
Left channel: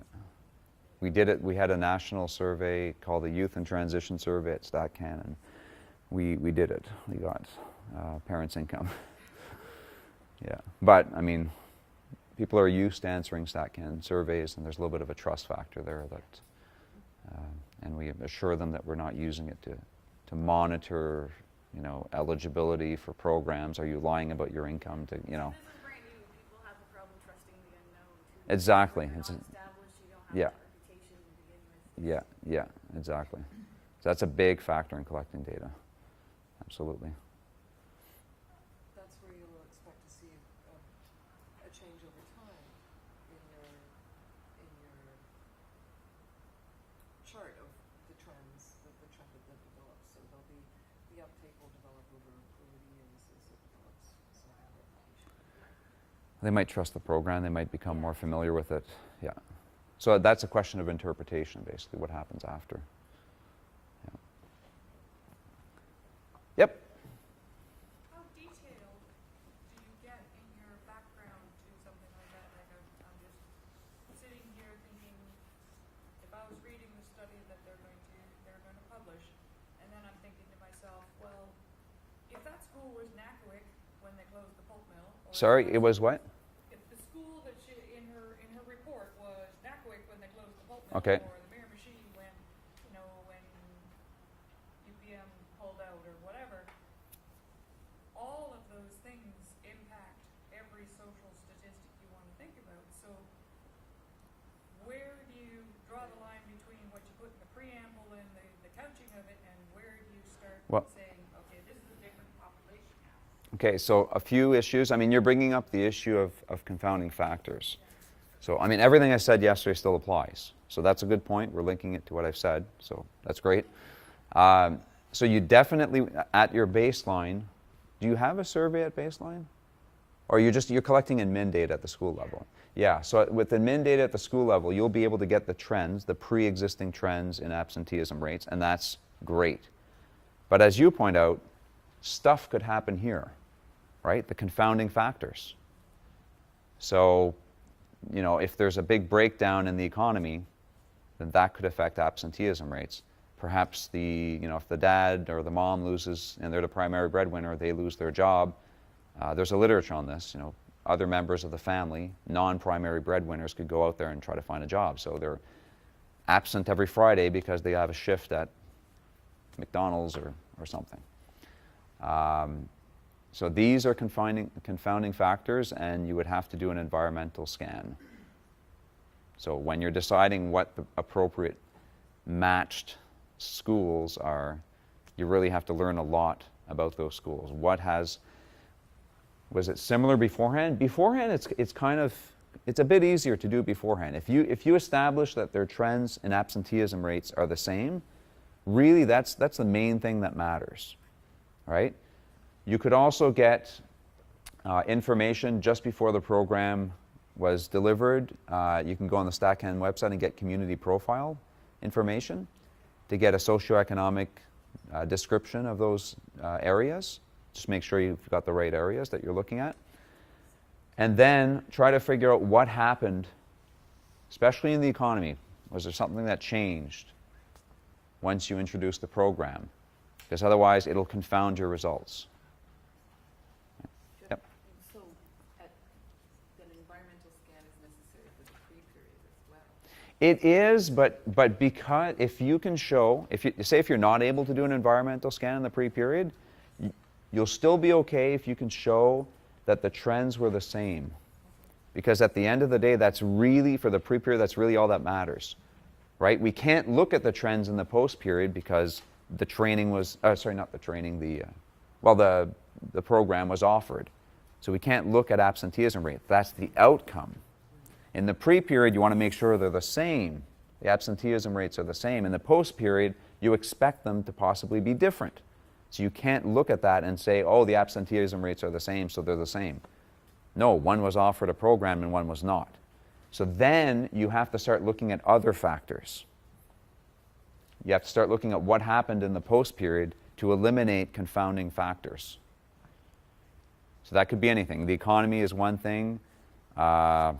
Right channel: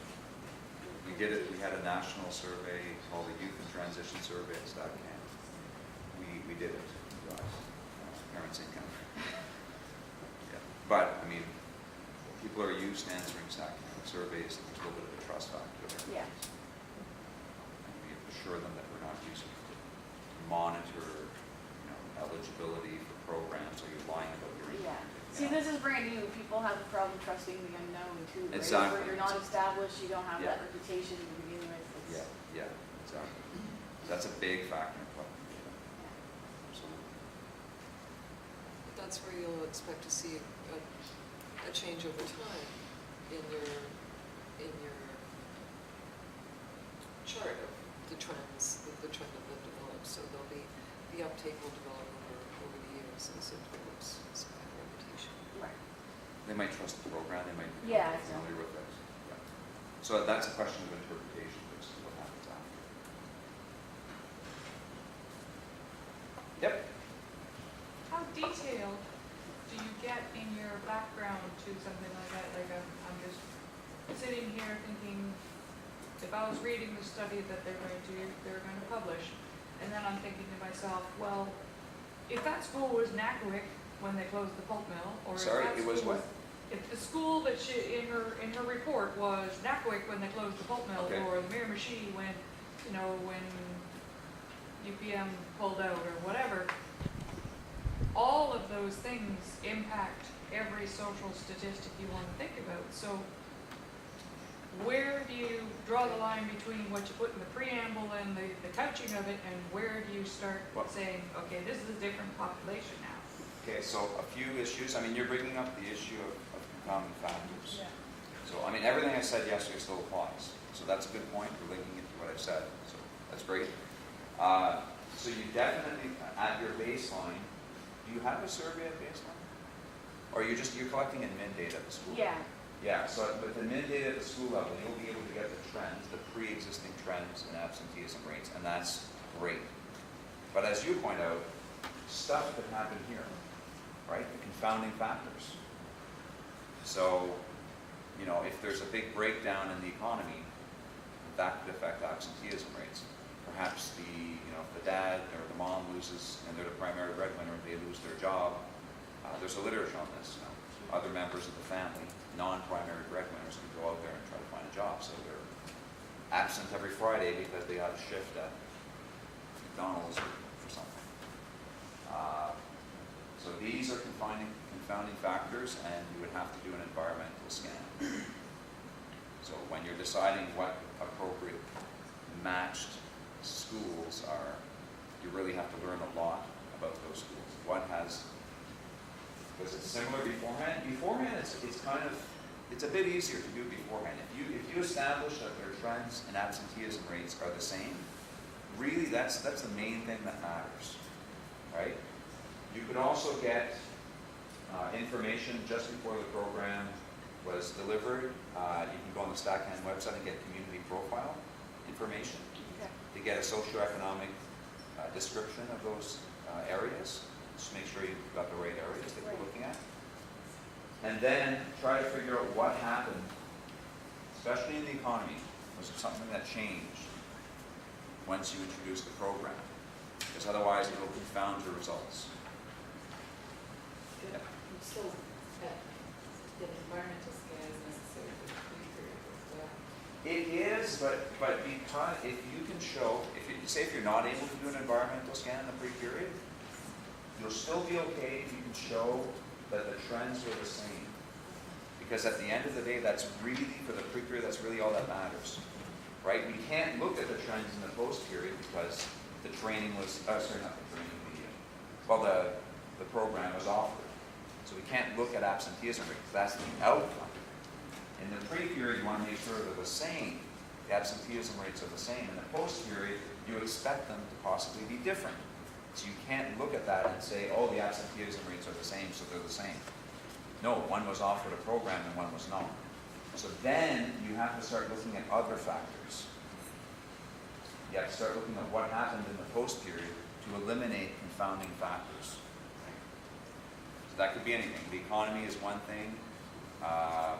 We did it. We had a national survey called the Youth and Transition Survey at StatCan, and we did it. We got parents' income. Yeah, but I mean, people are used to answering StatCan surveys, and there's a little bit of a trust factor there. Yeah. And we assure them that we're not using it to monitor, eligibility for programs. Are you lying about your income? See, this is brand new. People have a problem trusting the unknown too. right? Exactly. When you're not established, you don't have Yeah. that reputation to begin with. Yeah, yeah, exactly. That's a big factor in collecting data. Absolutely. That's where you'll expect to see a change over time in your chart of the trends, the trend that will develop. So there'll be, the uptake will develop over the years as it develops some kind of reputation. Right. They might trust the program, they might become Yeah, more familiar with it. Yeah. So that's a question of interpretation, basically, what happens after. Yep. How detailed do you get in your background to something like that? Like I'm just sitting here thinking, if I was reading the study that they're going to publish, and then I'm thinking to myself, well, if that school was Nackwick when they closed the pulp mill, or Sorry, if that it was school what? If the school that she in her report was Nackwick when they closed the pulp mill, Okay. or Miramichi when when UPM pulled out or whatever, all of those things impact every social statistic you want to think about. So where do you draw the line between what you put in the preamble and the couching of it, and where do you start Well- saying, okay, this is a different population now? Okay, so a few issues. I mean, you're bringing up the issue of confounding factors. Yeah. So, I mean, everything I said yesterday still applies. So that's a good point. We're linking it to what I've said. So that's great. So you definitely, at your baseline, do you have a survey at baseline? Or you're collecting in min data at the school Yeah. level? Yeah, so with the min data at the school level, you'll be able to get the trends, the pre-existing trends in absenteeism rates, and that's great. But as you point out, stuff could happen here, right? The confounding factors. So, if there's a big breakdown in the economy, then that could affect absenteeism rates. Perhaps if the dad or the mom loses and they're the primary breadwinner, they lose their job. There's a literature on this. Other members of the family, non-primary breadwinners, could go out there and try to find a job. So they're absent every Friday because they have a shift at McDonald's or something. So these are confounding factors, and you would have to do an environmental scan. So when you're deciding what the appropriate matched schools are, you really have to learn a lot about those schools. What has Was it similar beforehand? Beforehand, it's kind of, it's a bit easier to do beforehand. If you establish that their trends and absenteeism rates are the same, really that's the main thing that matters, right? You could also get information just before the program was delivered. You can go on the Stackhand website and get community profile information to get a socioeconomic description of those areas. Just make sure you've got the right areas that you're looking at. And then try to figure out what happened, especially in the economy. Was there something that changed once you introduced the program? Because otherwise it'll confound your results. Yep. Still, the environmental scan is necessary for the pre-period as well. It is, but because if you can show, if you're not able to do an environmental scan in the pre-period, you'll still be okay if you can show that the trends were the same. Because at the end of the day, that's really, for the pre-period, that's really all that matters, right? We can't look at the trends in the post-period because the training was, sorry, not the training, the program was offered. So we can't look at absenteeism rate. That's the outcome. In the pre-period, you want to make sure they're the same. The absenteeism rates are the same. In the post-period, you expect them to possibly be different. So you can't look at that and say, oh, the absenteeism rates are the same, so they're the same. No, one was offered a program and one was not. So then you have to start looking at other factors. You have to start looking at what happened in the post-period to eliminate confounding factors. So that could be anything. The economy is one thing. I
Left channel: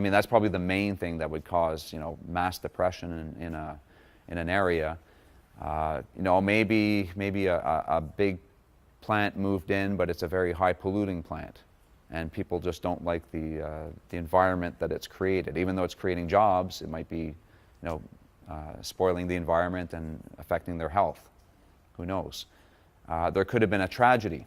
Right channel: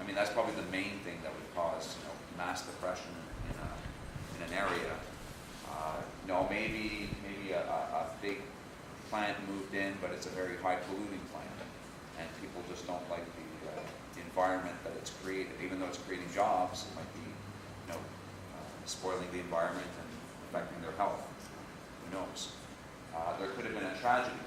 mean, that's probably the main thing that would cause, mass depression in an area. Maybe a big plant moved in, but it's a very high polluting plant, and people just don't like the environment that it's created. Even though it's creating jobs, it might be, spoiling the environment and affecting their health. Who knows? There could have been a tragedy,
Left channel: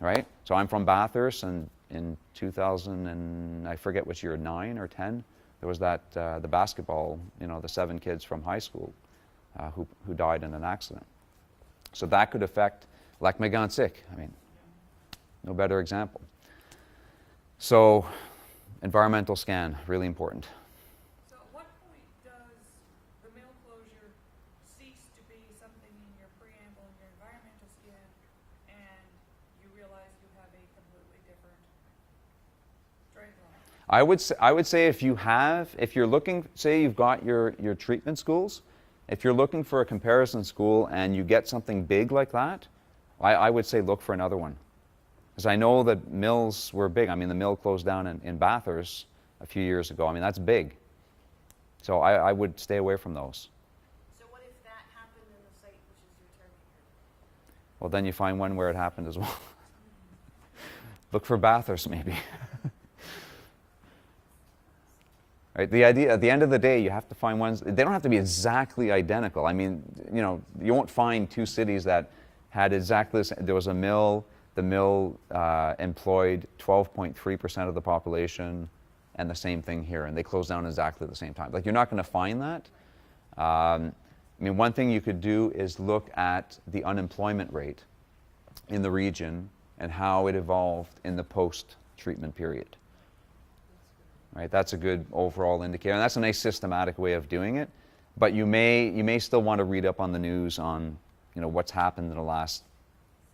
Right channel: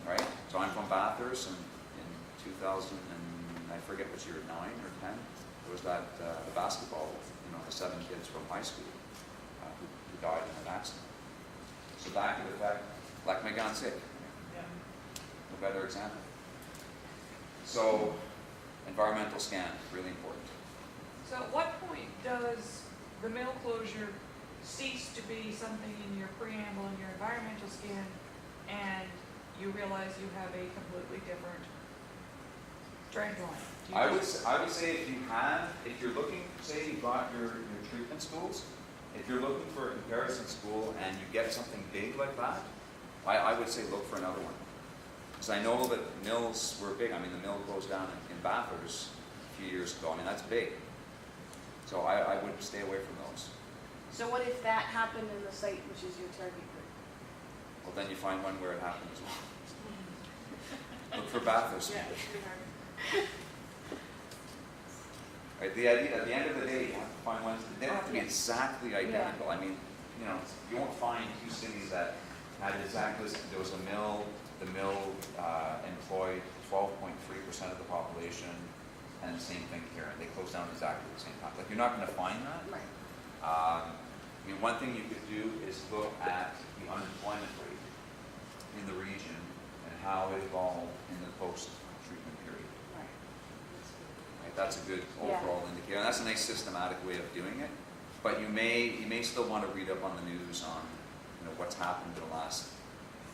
right? So I'm from Bathurst, and in 2000 and I forget which year, 9 or 10, there was that the basketball, the 7 kids from high school. Who died in an accident. So that could affect, like Megantic, no better example. So environmental scan, really important. So at what point does the mill closure cease to be something in your preamble and your environmental scan, and you realize you have a completely different trend line? I would say if you're looking, say you've got your treatment schools, if you're looking for a comparison school and you get something big like that, I would say look for another one. Because I know that mills were big. I mean, the mill closed down in Bathurst a few years ago. I mean, that's big. So I would stay away from those. So what if that happened in the site which is your target group? Well, then you find one where it happened as well. Look for Bathurst, maybe. Right? The idea, at the end of the day, you have to find ones, they don't have to be exactly identical. I mean, you won't find 2 cities that had exactly the same. There was a mill, the mill employed 12.3% of the population, and the same thing here, and they closed down at exactly the same time. Like, you're not going to find that. Right. I mean, one thing you could do is look at the unemployment rate in the region and how it evolved in the post-treatment period. Right? That's a good overall indicator, and that's a nice systematic way of doing it. But you may still want to read up on the news on what's happened in the last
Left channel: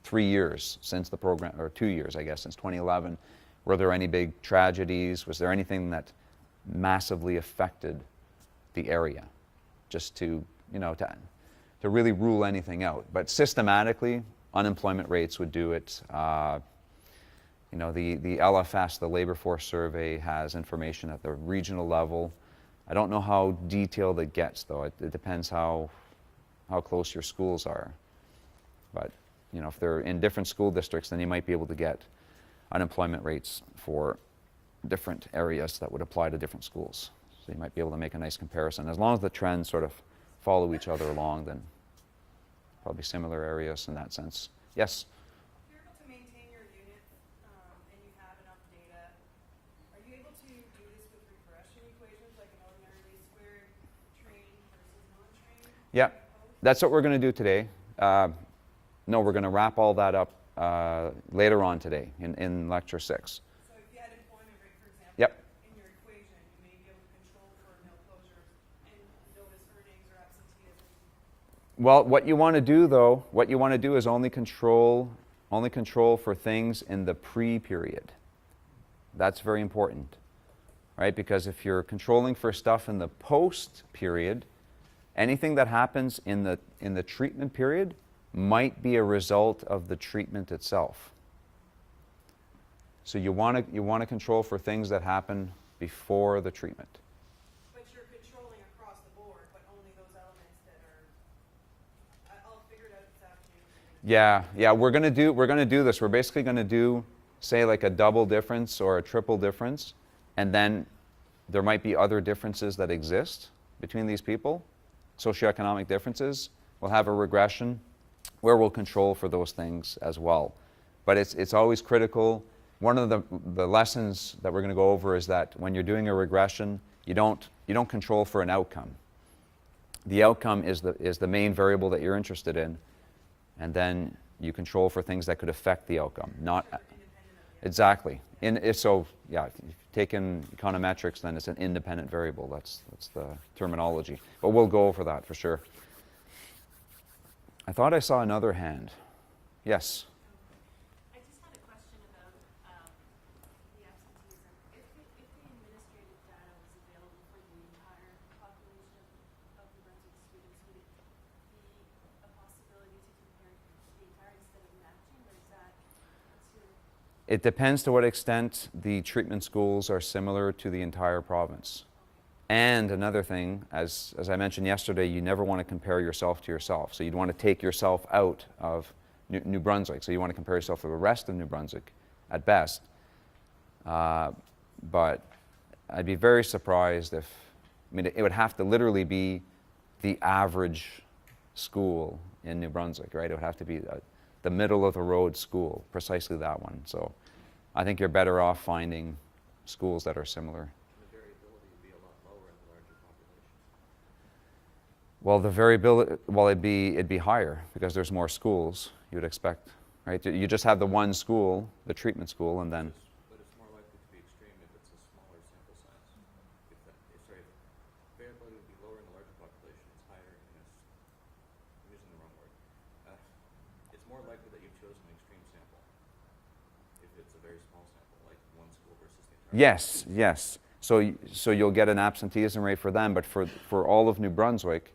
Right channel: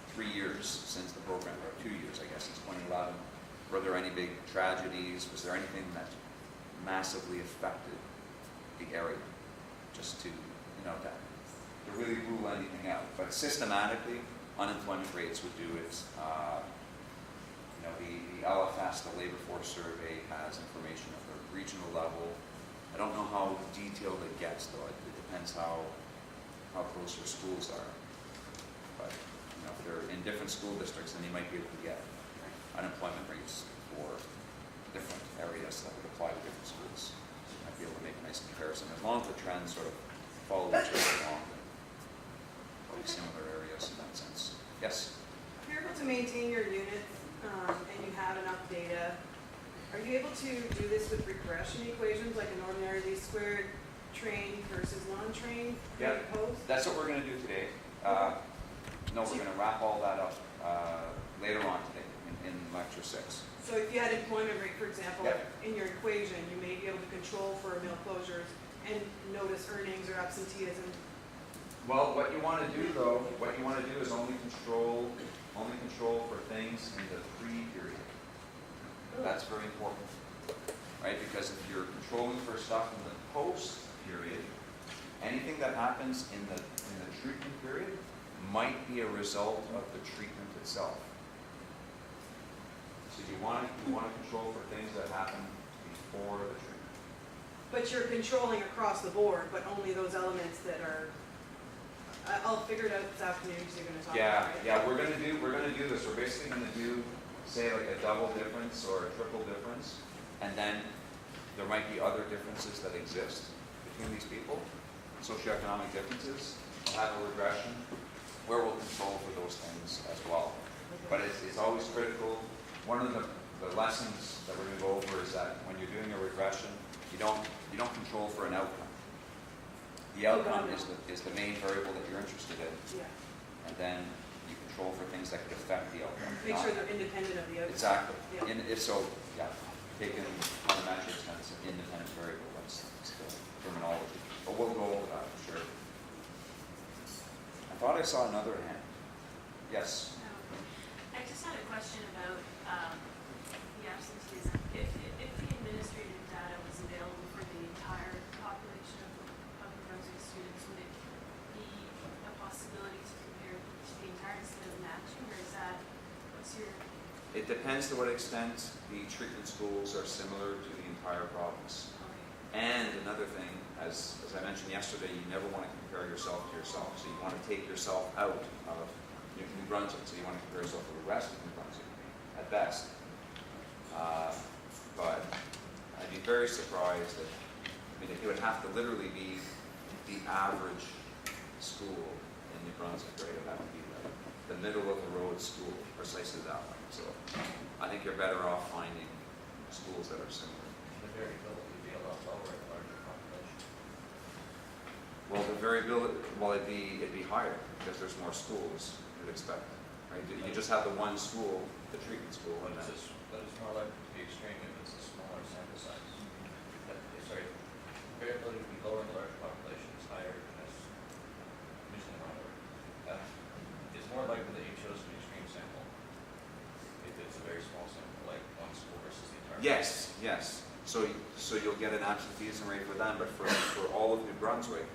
3 years since the program, or 2 years, I guess, since 2011. Were there any big tragedies? Was there anything that massively affected the area? Just to really rule anything out. But systematically, unemployment rates would do it. The LFS, the Labor Force Survey, has information at the regional level. I don't know how detailed it gets, though. It depends how close your schools are. But if they're in different school districts, then you might be able to get unemployment rates for different areas that would apply to different schools. So you might be able to make a nice comparison. As long as the trends sort of follow each other along, then probably similar areas in that sense. Yes? If you're able to maintain your units and you have enough data, are you able to do this with regression equations, like an ordinary least squared trained versus non-trained? Yeah, that's what we're going to do today. No, we're going to wrap all that up later on today in lecture 6. So if you had employment rate, for example, Yep. in your equation, you may be able to control for mill closures and notice earnings or absenteeism. Well, what you want to do though, what you want to do is only control for things in the pre-period. That's very important, right? Because if you're controlling for stuff in the post-period, anything that happens in the treatment period might be a result of the treatment itself. So you want to control for things that happen before the treatment. But you're controlling across the board, but only those elements that are, I'll figure it out this afternoon, so you're gonna talk Yeah, about it. yeah, we're gonna do this. We're basically gonna do, say, like a double difference or a triple difference, and then there might be other differences that exist between these people, socioeconomic differences. We'll have a regression where we'll control for those things as well. But it's always critical. One of the lessons that we're going to go over is that when you're doing a regression, you don't control for an outcome. The outcome is the main variable that you're interested in, Yeah. and then you control for things that could affect the outcome. Make sure they're independent of the other. Exactly. Yeah. Taking econometrics, then it's an independent variable. That's the terminology. But we'll go over that for sure. I thought I saw another hand. Yes. I just had a question about the absenteeism. If the administrative data was available for the entire population of New Brunswick students, would it be a possibility to compare to the entire instead of matching, or is that, what's your? It depends to what extent the treatment schools are similar to the entire province. And another thing, as I mentioned yesterday, you never want to compare yourself to yourself. So you'd want to take yourself out of New Brunswick. So you want to compare yourself to the rest of New Brunswick at best. But I'd be very surprised if, I mean, it would have to literally be the average school in New Brunswick, right? It would have to be the middle of the road school, precisely that one. So I think you're better off finding schools that are similar. Well, the variability, well, it'd be higher because there's more schools. You'd expect, right? You just have the one school, the treatment school, and then. But it's more likely to be extreme if it's a smaller sample size. Variability would be lower in large populations, higher in this. I'm using the wrong word. It's more likely that you chose an extreme sample if it's a very small sample, like one school versus the entire. Yes. So you'll get an absenteeism rate for them, but for all of New Brunswick.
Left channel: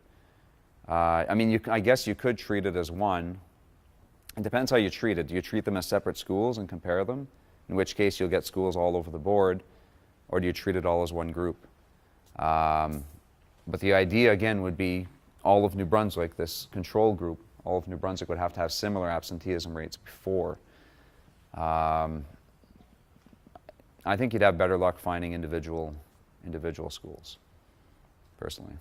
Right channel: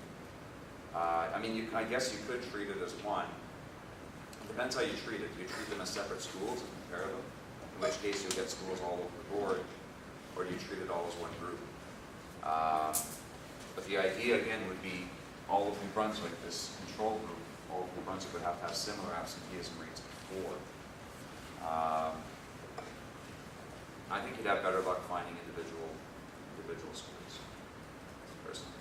I mean, I guess you could treat it as one. It depends how you treat it. Do you treat them as separate schools and compare them? In which case you'll get schools all over the board. Or do you treat it all as one group? But the idea, again, would be all of New Brunswick, this control group, all of New Brunswick would have to have similar absenteeism rates before. I think you'd have better luck finding individual schools, personally.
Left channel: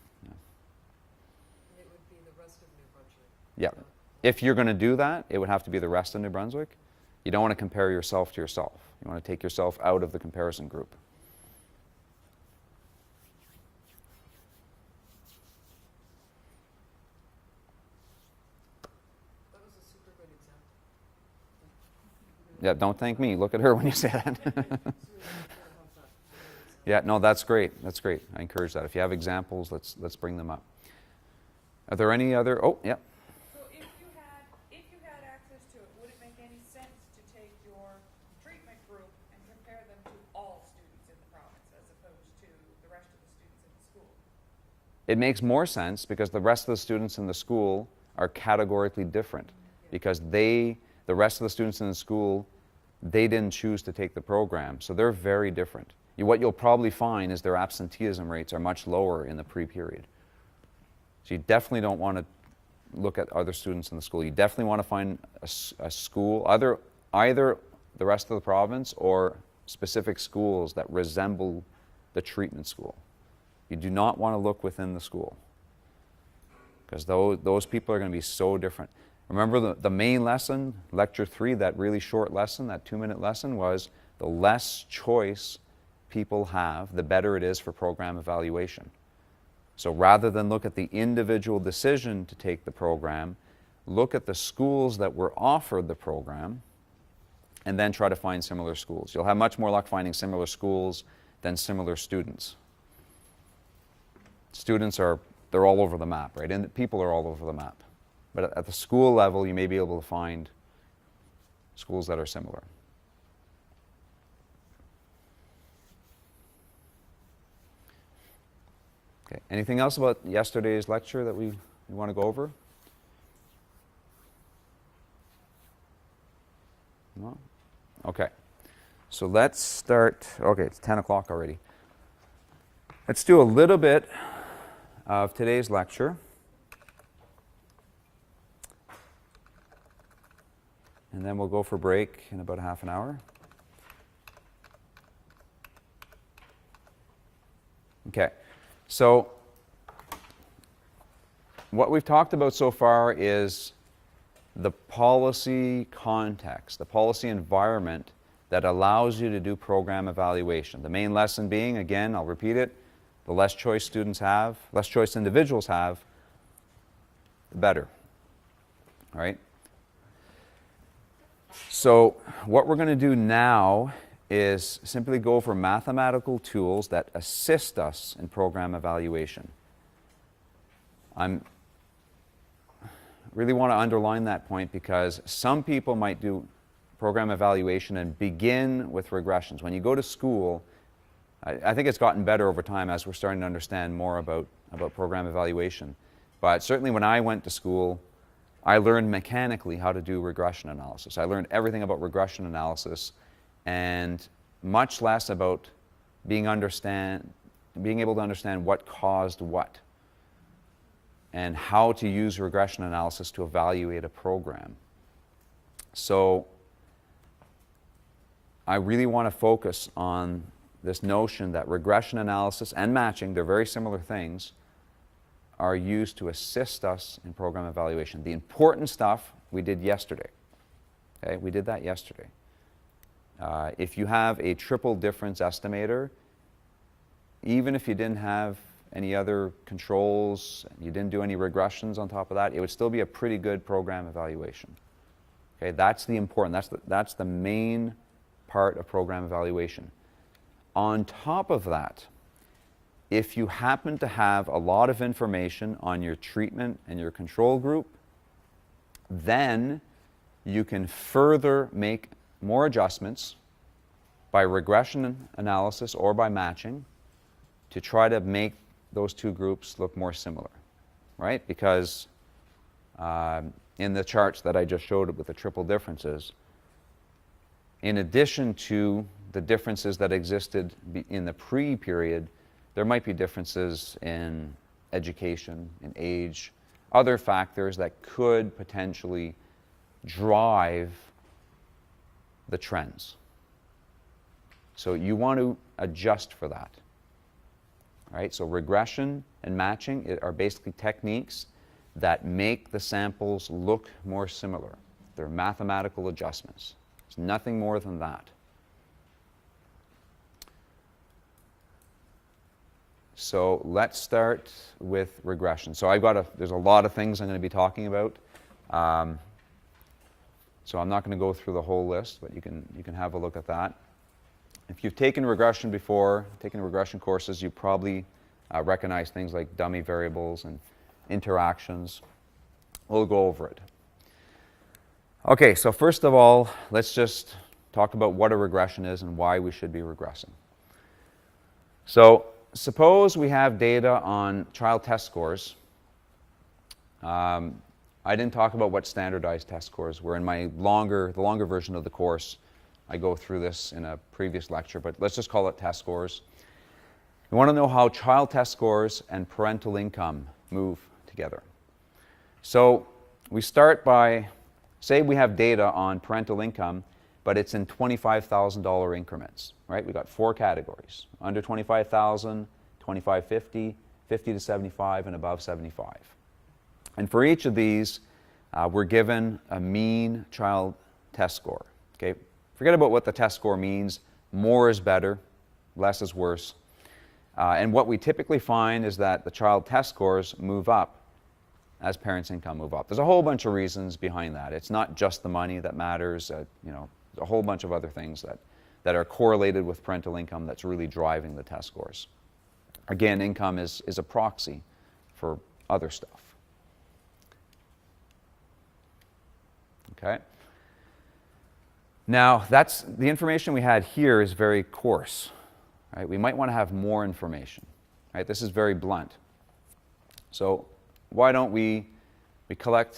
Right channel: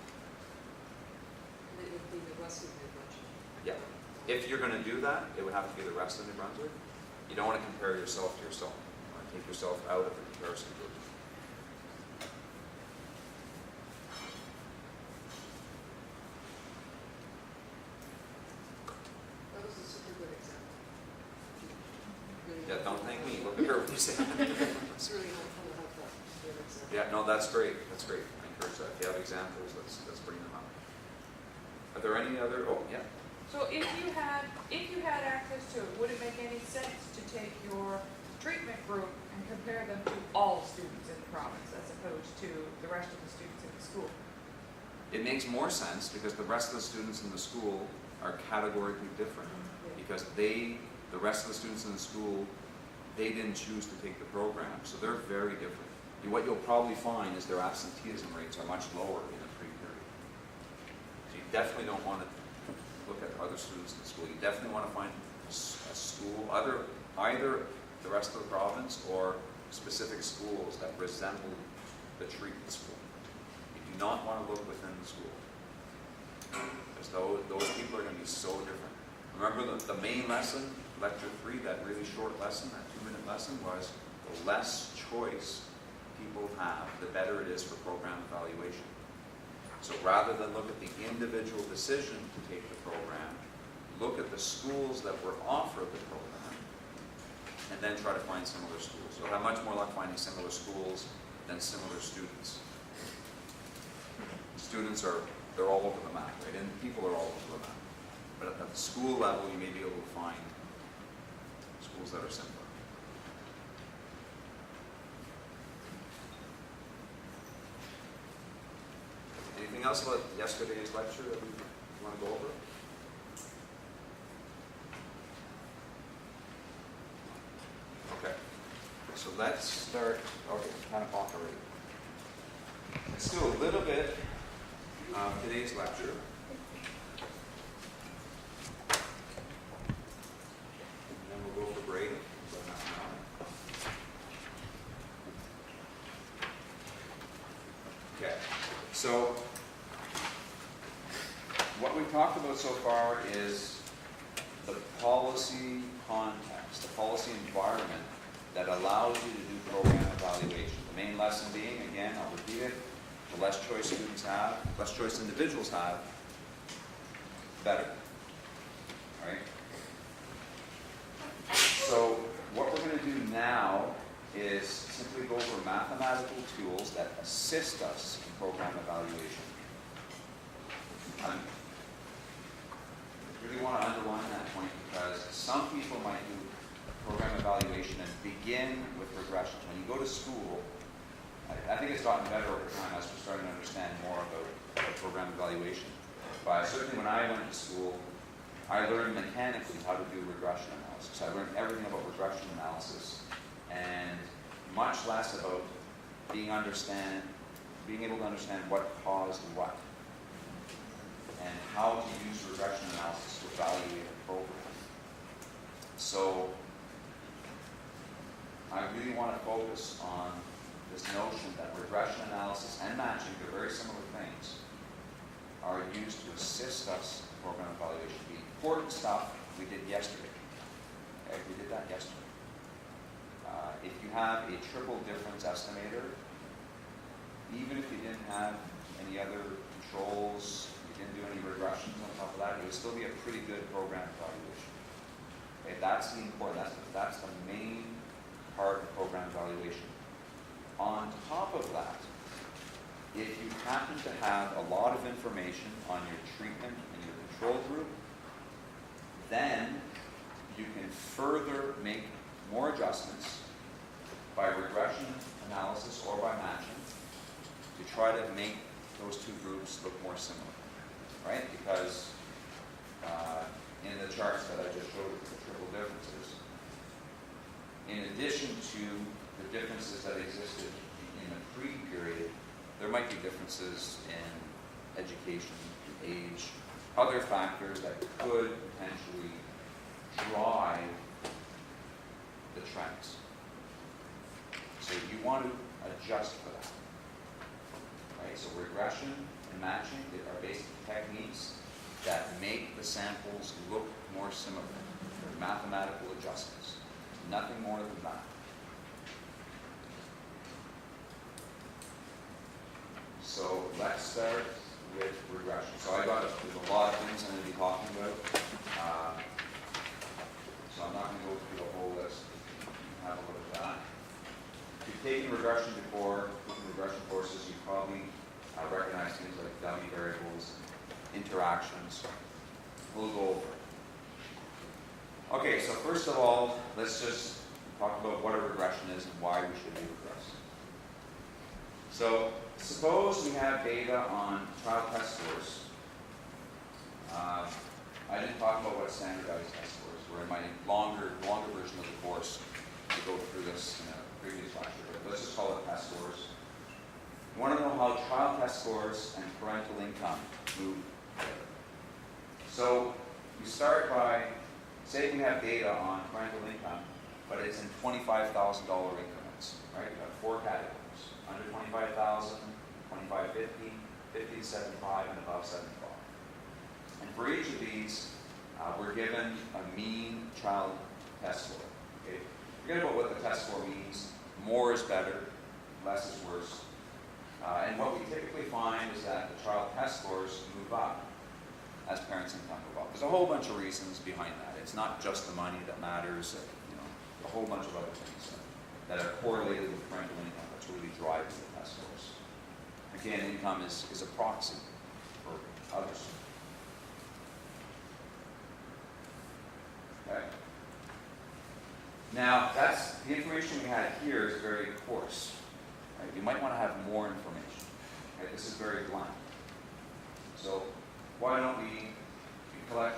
It would be the rest of New Brunswick. Yeah. If you're going to do that, it would have to be the rest of New Brunswick. You don't want to compare yourself to yourself. You want to take yourself out of the comparison group. That was a super good example. Yeah, don't thank me. Look at her when you say that. It's really fun to have that good example. Yeah, no, that's great. That's great. I encourage that. If you have examples, let's bring them up. Are there any other? Oh, yeah. So if you had access to it, would it make any sense to take your treatment group and compare them to all students in the province as opposed to the rest of the students in the school? It makes more sense because the rest of the students in the school are categorically different because the rest of the students in the school, they didn't choose to take the program. So they're very different. What you'll probably find is their absenteeism rates are much lower in the pre-period. So you definitely don't want to look at other students in the school. You definitely want to find a school, either the rest of the province or specific schools that resemble the treatment school. You do not want to look within the school because those people are going to be so different. Remember the main lesson, lecture 3, that really short lesson, that 2-minute lesson was the less choice people have, the better it is for program evaluation. So rather than look at the individual decision to take the program, look at the schools that were offered the program and then try to find similar schools. You'll have much more luck finding similar schools than similar students. Students they're all over the map, right? And people are all over the map. But at the school level, you may be able to find schools that are similar. Okay. Anything else about yesterday's lecture that we want to go over? No? Okay. So let's start. Okay, it's 10 o'clock already. Let's do a little bit of today's lecture. And then we'll go for break in about half an hour. Okay, so what we've talked about so far is the policy context, the policy environment that allows you to do program evaluation. The main lesson being, again, I'll repeat it, the less choice students have, less choice individuals have, the better. All right? So what we're going to do now is simply go over mathematical tools that assist us in program evaluation. I really want to underline that point because some people might do program evaluation and begin with regressions. When you go to school, I think it's gotten better over time as we're starting to understand more about program evaluation. But certainly when I went to school, I learned mechanically how to do regression analysis. I learned everything about regression analysis and much less about being able to understand what caused what and how to use regression analysis to evaluate a program. So I really want to focus on this notion that regression analysis and matching, they're very similar things, are used to assist us in program evaluation. The important stuff we did yesterday. Okay, we did that yesterday. If you have a triple difference estimator, even if you didn't have any other controls, you didn't do any regressions on top of that, it would still be a pretty good program evaluation. Okay, that's the important, that's the main part of program evaluation. On top of that, if you happen to have a lot of information on your treatment and your control group, then you can further make more adjustments by regression analysis or by matching to try to make those two groups look more similar, right? Because in the charts that I just showed with the triple differences, in addition to the differences that existed in the pre-period, there might be differences in education, in age, other factors that could potentially drive the trends. So you want to adjust for that, right? So regression and matching are basically techniques that make the samples look more similar. They're mathematical adjustments. It's nothing more than that. So let's start with regression. So there's a lot of things I'm going to be talking about. So I'm not going to go through the whole list, but you can have a look at that. If you've taken regression before, taken regression courses, you probably recognize things like dummy variables and interactions. We'll go over it. Okay, so first of all, let's just talk about what a regression is and why we should be regressing. So suppose we have data on child test scores. I didn't talk about what standardized test scores were. In the longer version of the course, I go through this in a previous lecture, but let's just call it test scores. We want to know how child test scores and parental income move together. So we start by, say we have data on parental income, but it's in $25,000 increments, right? We've got 4 categories: under 25,000, 2550, 50 to 75, and above 75. And for each of these, we're given a mean child test score. Okay? Forget about what the test score means. More is better, less is worse. And what we typically find is that the child test scores move up as parents' income move up. There's a whole bunch of reasons behind that. It's not just the money that matters. a whole bunch of other things that are correlated with parental income that's really driving the test scores. Again, income is a proxy for other stuff. Okay? Now, that's the information we had here is very coarse. Right? We might want to have more information. Right? This is very blunt. So why don't we collect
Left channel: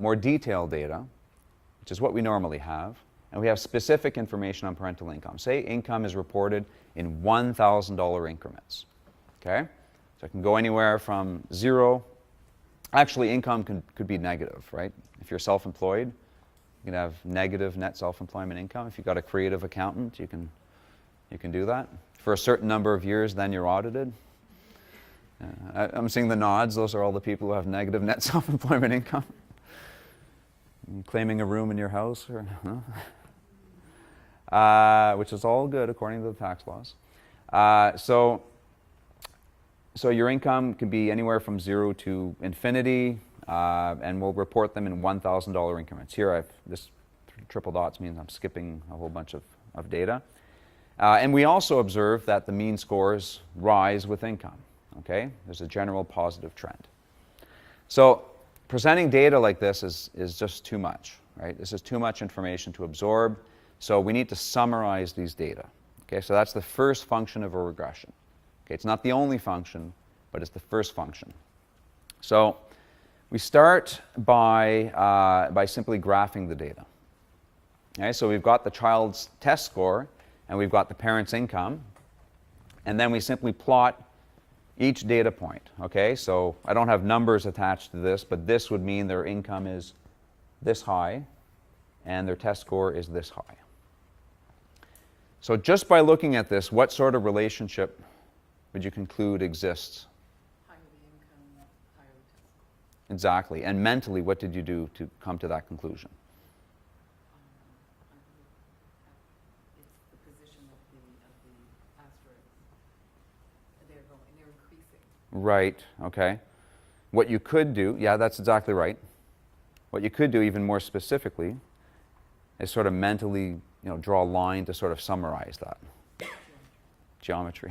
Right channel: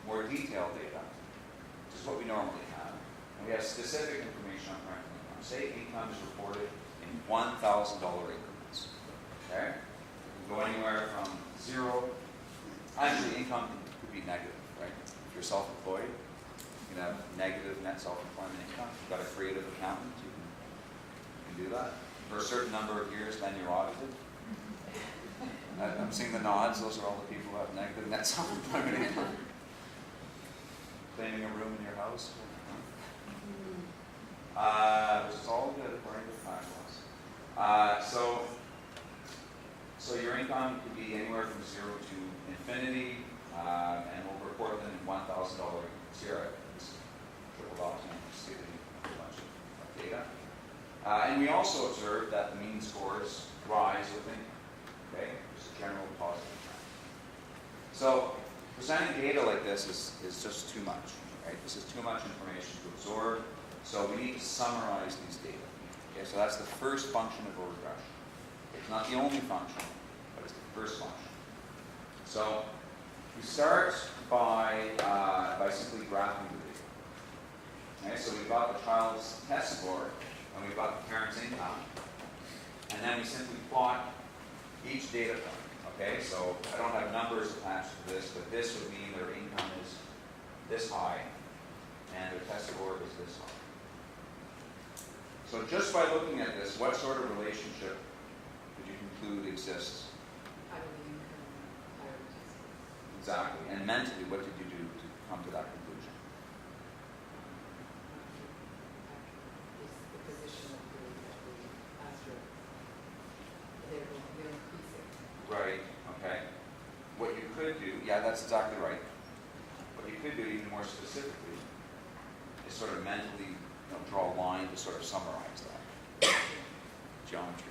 more detailed data, which is what we normally have, and we have specific information on parental income. Say income is reported in $1,000 increments. Okay? So it can go anywhere from 0. Actually, income could be negative, right? If you're self-employed, you can have negative net self-employment income. If you've got a creative accountant, you can do that. For a certain number of years, then you're audited. I'm seeing the nods. Those are all the people who have negative net self-employment income. Claiming a room in your house, which is all good according to the tax laws. So your income could be anywhere from 0 to infinity, and we'll report them in $1,000 increments. Here I've just triple dots mean I'm skipping a whole bunch of data. And we also observe that the mean scores rise with income. Okay? There's a general positive trend. So presenting data like this is just too much. Right? This is too much information to absorb. So we need to summarize these data. Okay? So that's the first function of a regression. Okay? It's not the only function, but it's the first function. So we start by simply graphing the data. Okay? So we've got the child's test score, and we've got the parent's income, and then we simply plot each data point. Okay? So I don't have numbers attached to this, but this would mean their income is this high, and their test score is this high. So just by looking at this, what sort of relationship would you conclude exists? Exactly. And mentally, what did you do to come to that conclusion? Right. Okay. What you could do, yeah, that's exactly right. What you could do even more specifically is sort of mentally, draw a line to sort of summarize that. Geometry.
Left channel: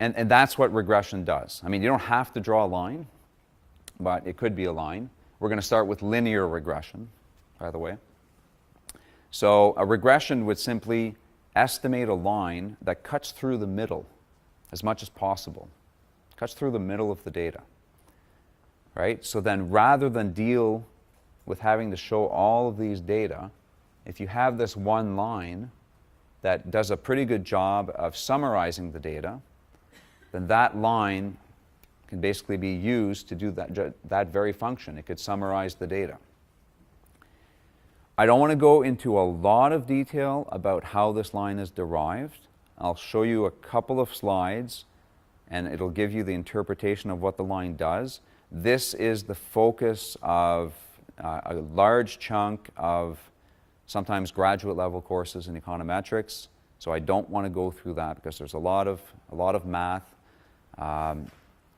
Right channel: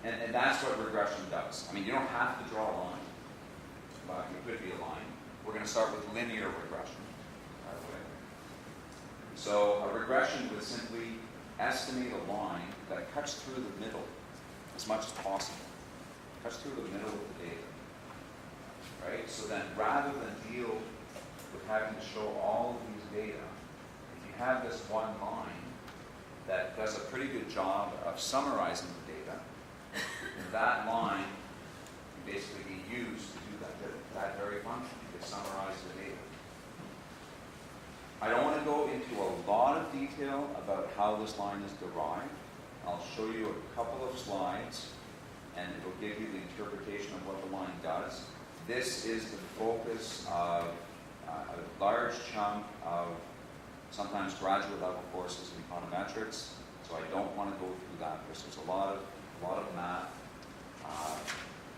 And that's what regression does. I mean, you don't have to draw a line, but it could be a line. We're going to start with linear regression, by the way. So a regression would simply estimate a line that cuts through the middle as much as possible. Cuts through the middle of the data. Right? So then rather than deal with having to show all of these data, if you have this one line that does a pretty good job of summarizing the data, then that line can basically be used to do that very function. It could summarize the data. I don't want to go into a lot of detail about how this line is derived. I'll show you a couple of slides, and it'll give you the interpretation of what the line does. This is the focus of a large chunk of sometimes graduate level courses in econometrics, so I don't want to go through that because there's a lot of math.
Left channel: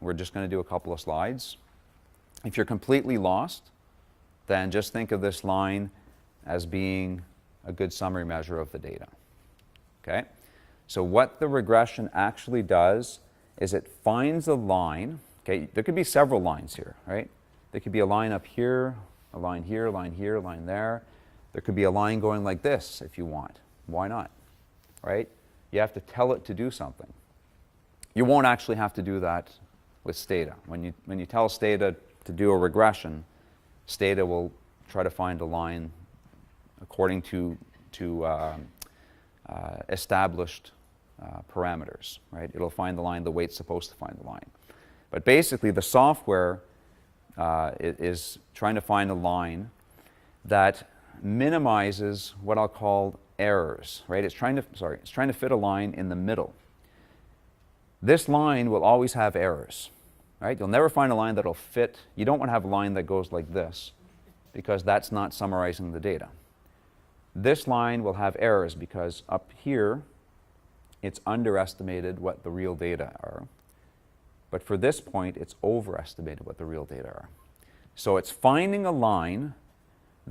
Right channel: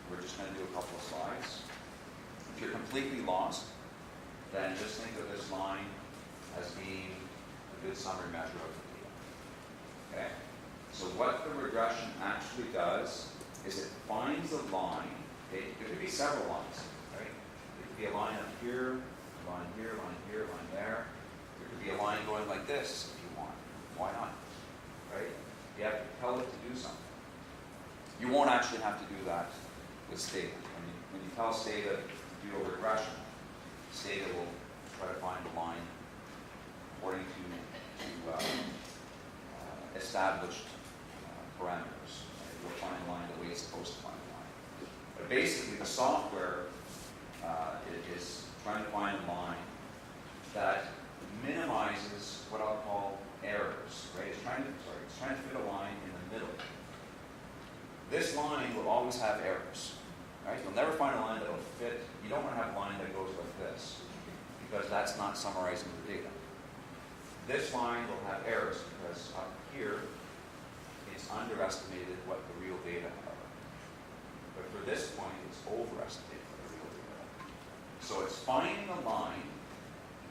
We're just going to do a couple of slides. If you're completely lost, then just think of this line as being a good summary measure of the data. Okay? So what the regression actually does is it finds a line. Okay? There could be several lines here, right? There could be a line up here, a line here, a line here, a line there. There could be a line going like this if you want. Why not? Right? You have to tell it to do something. You won't actually have to do that with Stata. When you tell Stata to do a regression, Stata will try to find a line according to established parameters. Right? It'll find the line the way it's supposed to find the line. But basically, the software is trying to find a line that minimizes what I'll call errors. Right? It's trying to fit a line in the middle. This line will always have errors. Right? You'll never find a line that'll fit. You don't want to have a line that goes like this because that's not summarizing the data. This line will have errors because up here it's underestimated what the real data are. But for this point, it's overestimated what the real data are. So it's finding a line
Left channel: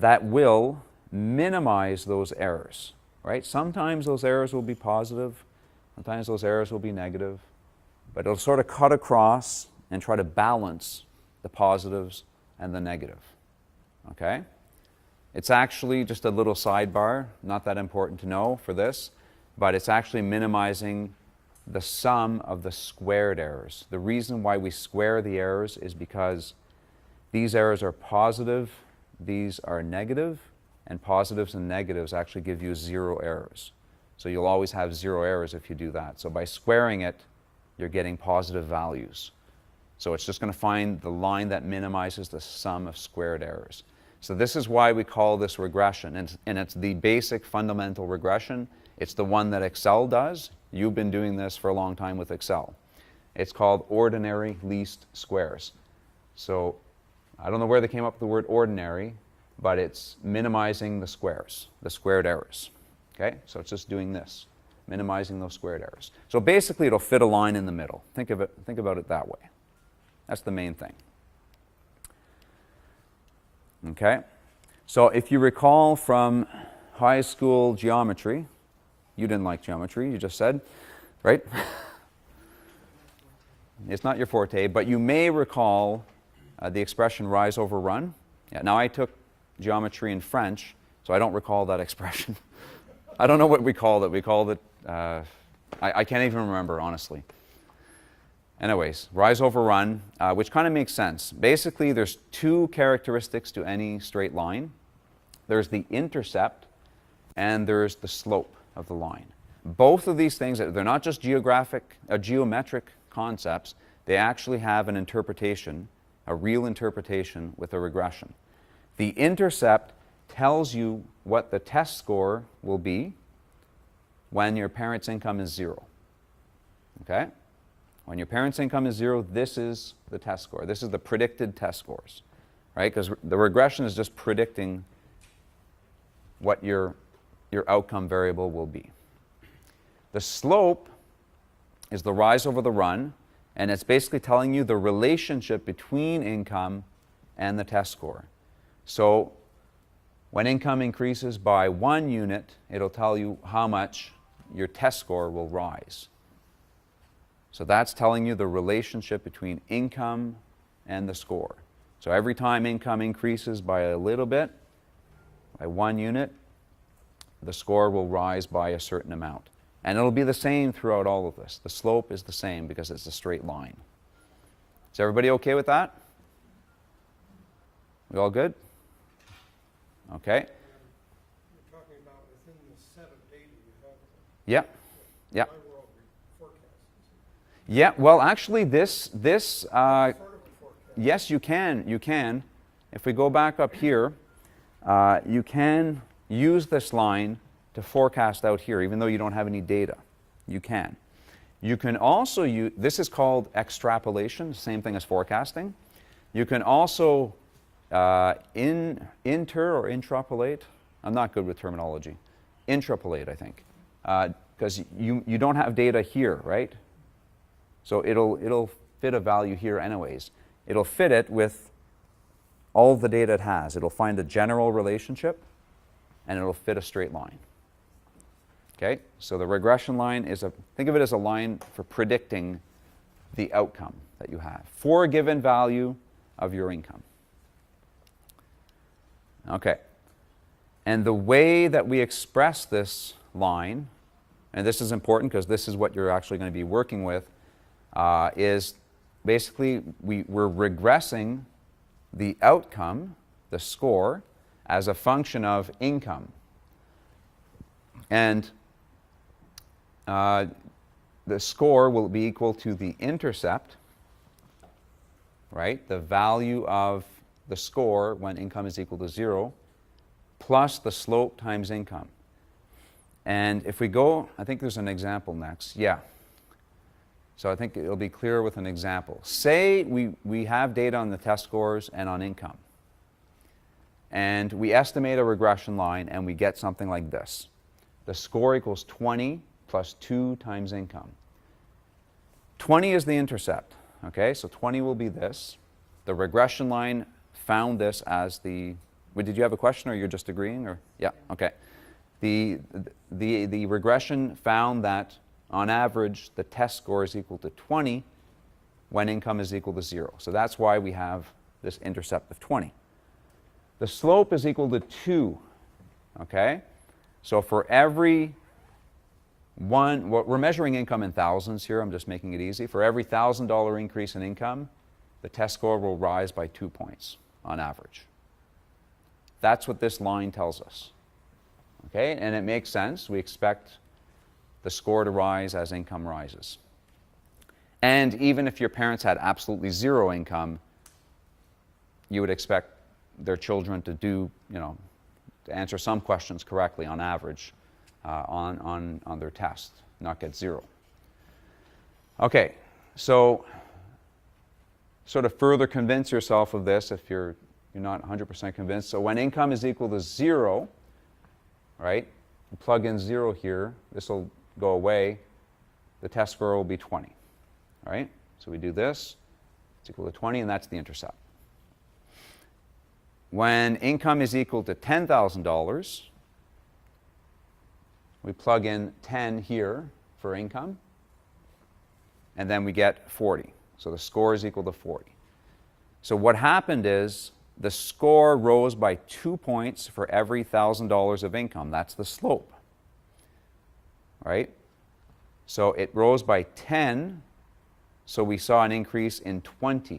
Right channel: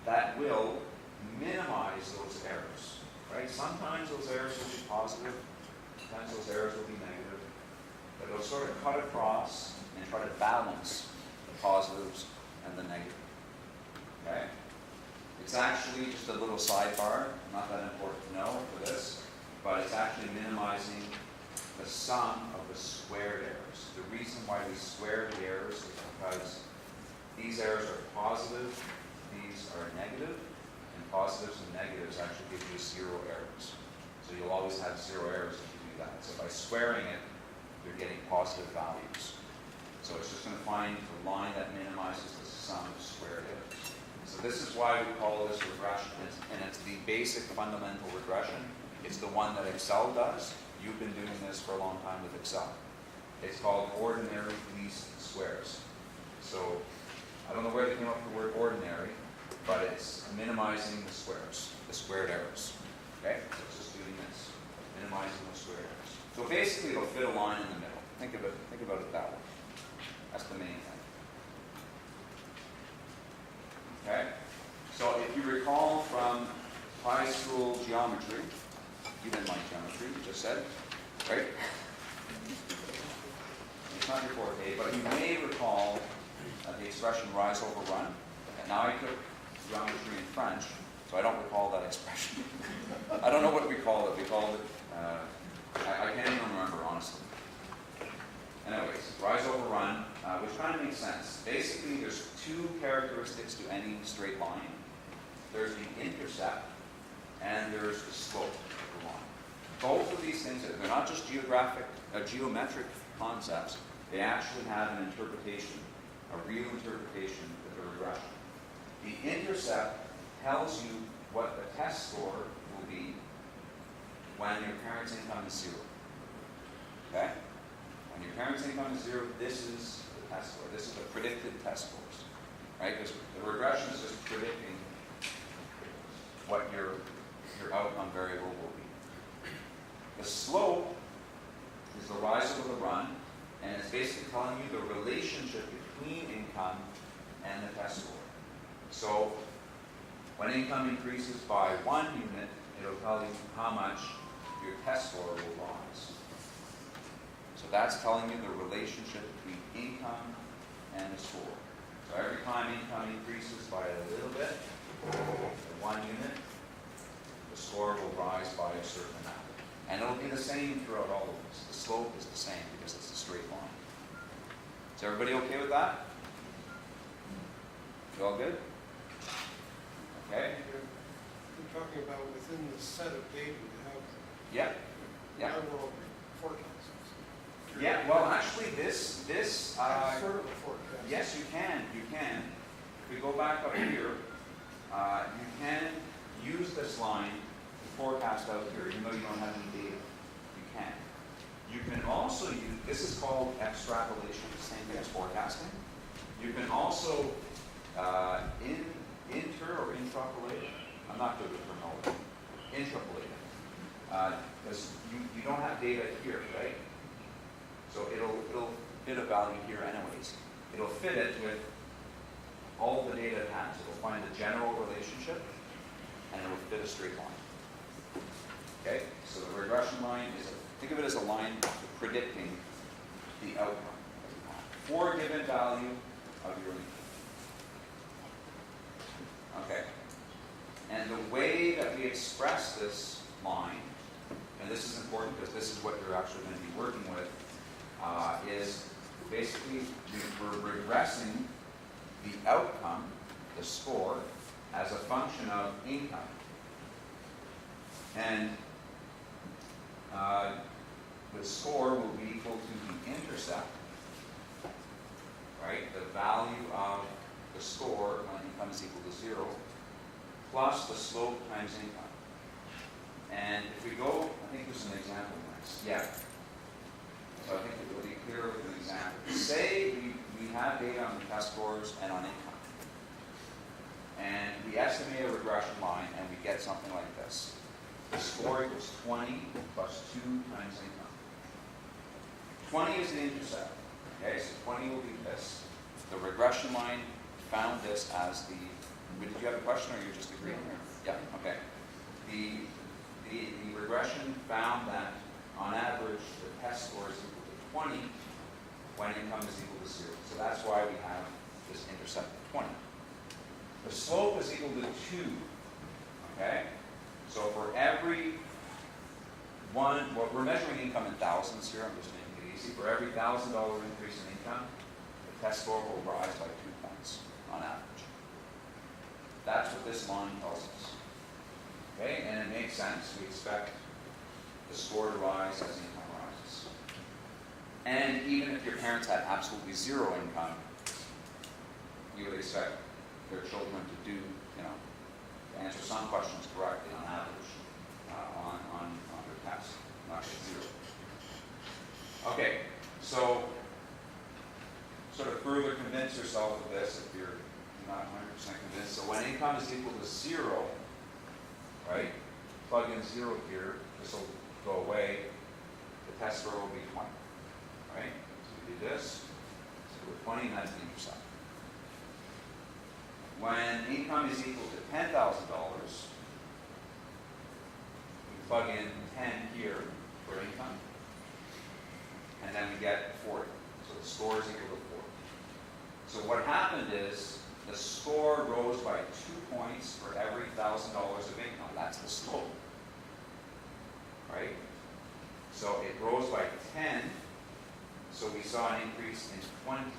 that will minimize those errors, right? Sometimes those errors will be positive, sometimes those errors will be negative, but it'll sort of cut across and try to balance the positives and the negative, okay? It's actually just a little sidebar, not that important to know for this, but it's actually minimizing the sum of the squared errors. The reason why we square the errors is because these errors are positive, these are negative, and positives and negatives actually give you 0 errors. So you'll always have 0 errors if you do that. So by squaring it, you're getting positive values. So it's just going to find the line that minimizes the sum of squared errors. So this is why we call this regression, and it's the basic fundamental regression. It's the one that Excel does. You've been doing this for a long time with Excel. It's called ordinary least squares. So I don't know where they came up with the word ordinary, but it's minimizing the squares, the squared errors. Okay? So it's just doing this, minimizing those squared errors. So basically it'll fit a line in the middle. Think about it that way. That's the main thing. Okay? So if you recall from high school geometry, you didn't like geometry, you just said, right? It's not your forte, but you may recall the expression rise over run. Yeah, now I took geometry in French, so I don't recall that expression. I don't know what we called it. We called it, I can't even remember, honestly. Anyways, rise over run, which kind of makes sense. Basically, there's 2 characteristics to any straight line. There's the intercept, and there's the slope of the line. Both of these things, they're not just geometric concepts, they actually have an interpretation, a real interpretation with a regression. The intercept tells you what the test score will be when your parent's income is 0. Okay? When your parent's income is 0, this is the test score. This is the predicted test scores, right? Because the regression is just predicting what your outcome variable will be. The slope is the rise over the run, and it's basically telling you the relationship between income and the test score. So when income increases by 1 unit, it'll tell you how much your test score will rise. So that's telling you the relationship between income and the score. So every time income increases by a little bit, by 1 unit, the score will rise by a certain amount. And it'll be the same throughout all of this. The slope is the same because it's a straight line. Is everybody okay with that? You all good? Okay. You're talking about within the set of data you have. Yeah. Yeah. Annual forecasts. Yeah. Well, actually, this Sort of forecast. yes, you can. You can. If we go back up here, you can use this line to forecast out here, even though you don't have any data. You can. You can also use, this is called extrapolation, same thing as forecasting. You can also inter or intrapolate. I'm not good with terminology. Intrapolate, I think, because you don't have data here, right? So it'll fit a value here anyways. It'll fit it with all of the data it has. It'll find a general relationship, and it'll fit a straight line. Okay, so the regression line is think of it as a line for predicting the outcome that you have for a given value of your income. Okay, and the way that we express this line, and this is important because this is what you're actually going to be working with, is basically we're regressing the outcome, the score, as a function of income. And the score will be equal to the intercept, right? The value of the score when income is equal to 0, plus the slope times income. And if we go, I think there's an example next. Yeah. So I think it'll be clear with an example. Say we have data on the test scores and on income. And we estimate a regression line and we get something like this. The score equals 20 plus 2 times income. 20 is the intercept, okay? So 20 will be this. The regression line found this as the Did you have a question, or you're just agreeing? Or yeah, okay. The regression found that on average the test score is equal to 20 when income is equal to 0. So that's why we have this intercept of 20. The slope is equal to 2. Okay? So for every one, well, we're measuring income in thousands here, I'm just making it easy. For every $1,000 increase in income, the test score will rise by 2 points on average. That's what this line tells us. Okay? And it makes sense. We expect the score to rise as income rises. And even if your parents had absolutely 0 income, you would expect their children to do, to answer some questions correctly on average on their test, not get 0. Okay, so sort of further convince yourself of this if you're not 100% convinced. So when income is equal to 0, right, you plug in 0 here, this will go away, the test score will be 20, right? So we do this, it's equal to 20, and that's the intercept. When income is equal to $10,000, we plug in 10 here for income, and then we get 40. So the score is equal to 40. So what happened is the score rose by 2 points for every $1,000 of income. That's the slope, right? So it rose by 10, so we saw an increase in 20,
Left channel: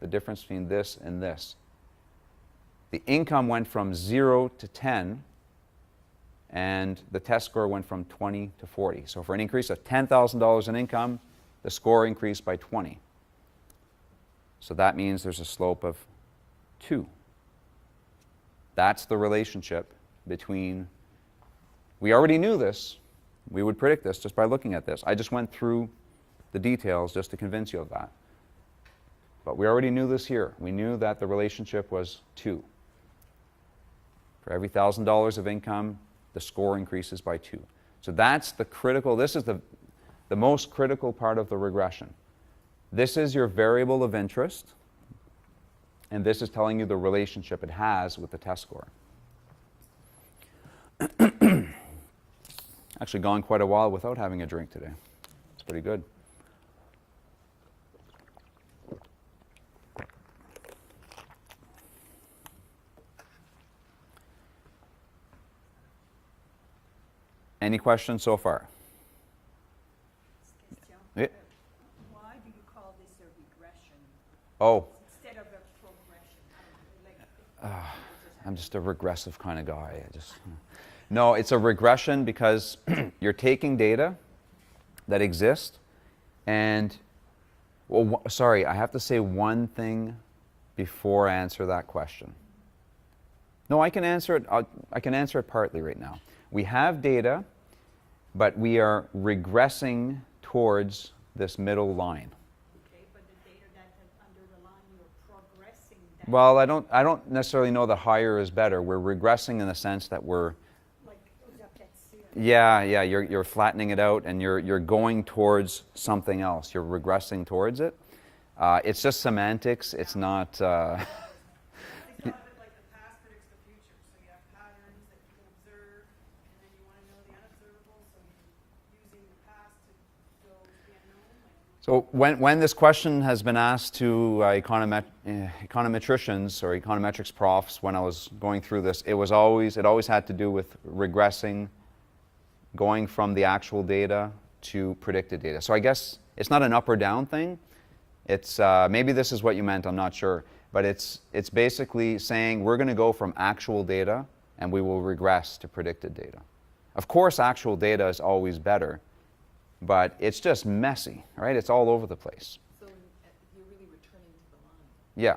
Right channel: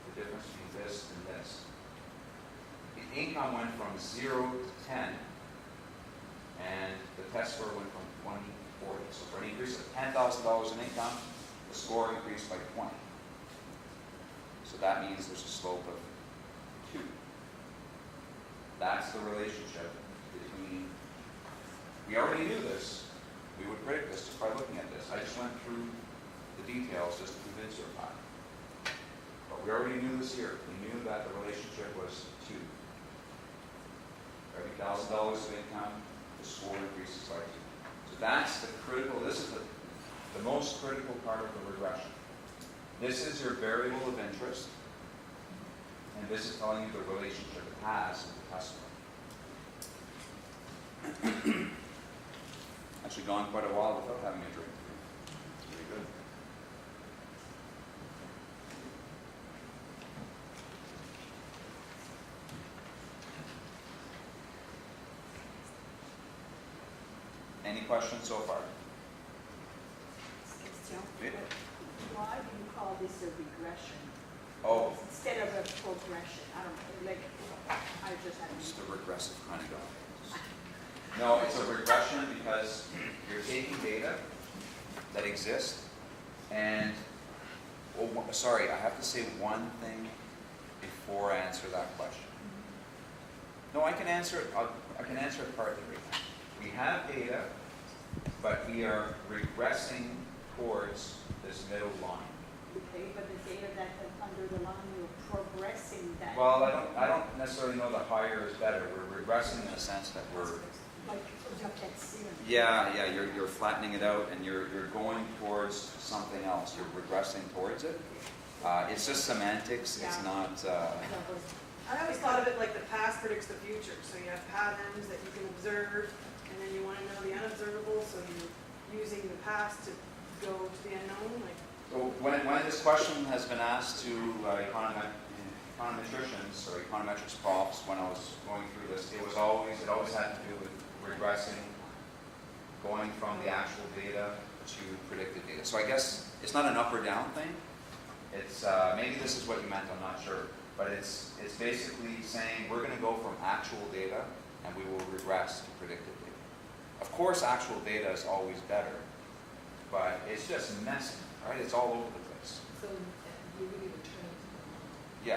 the difference between this and this. The income went from 0 to 10, and the test score went from 20 to 40. So for an increase of $10,000 in income, the score increased by 20. So that means there's a slope of 2. That's the relationship between, we already knew this, we would predict this just by looking at this. I just went through the details just to convince you of that. But we already knew this here. We knew that the relationship was 2. For every $1,000 of income, the score increases by 2. So that's the critical, this is the most critical part of the regression. This is your variable of interest, and this is telling you the relationship it has with the test score. Actually gone quite a while without having a drink today. It's pretty good. Any questions so far? Yeah. Why do you call this a regression Oh, instead of a progression? I don't know, like, I'm just a regressive kind of guy. No, it's a regression because you're taking data that exists and, well, sorry, I have to say one thing before I answer that question. No, I can answer it. I can answer it partly right now. We have data, but we are regressing towards this middle line. okay, but the data that's under the line, you're progressing that. Well, I don't necessarily know the higher is better. We're regressing in the sense that we're, Like, that's, yeah, you're flattening it out and you're going towards something else. You're regressing towards it. It's just semantics. It's not. I always thought of it like the past predicts the future. So you have patterns that you can observe, and then you want to know the unobservable, so you're using the past to go to the unknown. Like, So when this question has been asked to econometricians or econometrics profs, when I was going through this, it always had to do with regressing, going from the actual data to predicted data. So I guess it's not an up or down thing. It's maybe this is what you meant. I'm not sure, but it's basically saying we're going to go from actual data and we will regress to predicted data. Of course, actual data is always better, but it's just messy, right? It's all over the place. So you're really returning to the line. Yeah,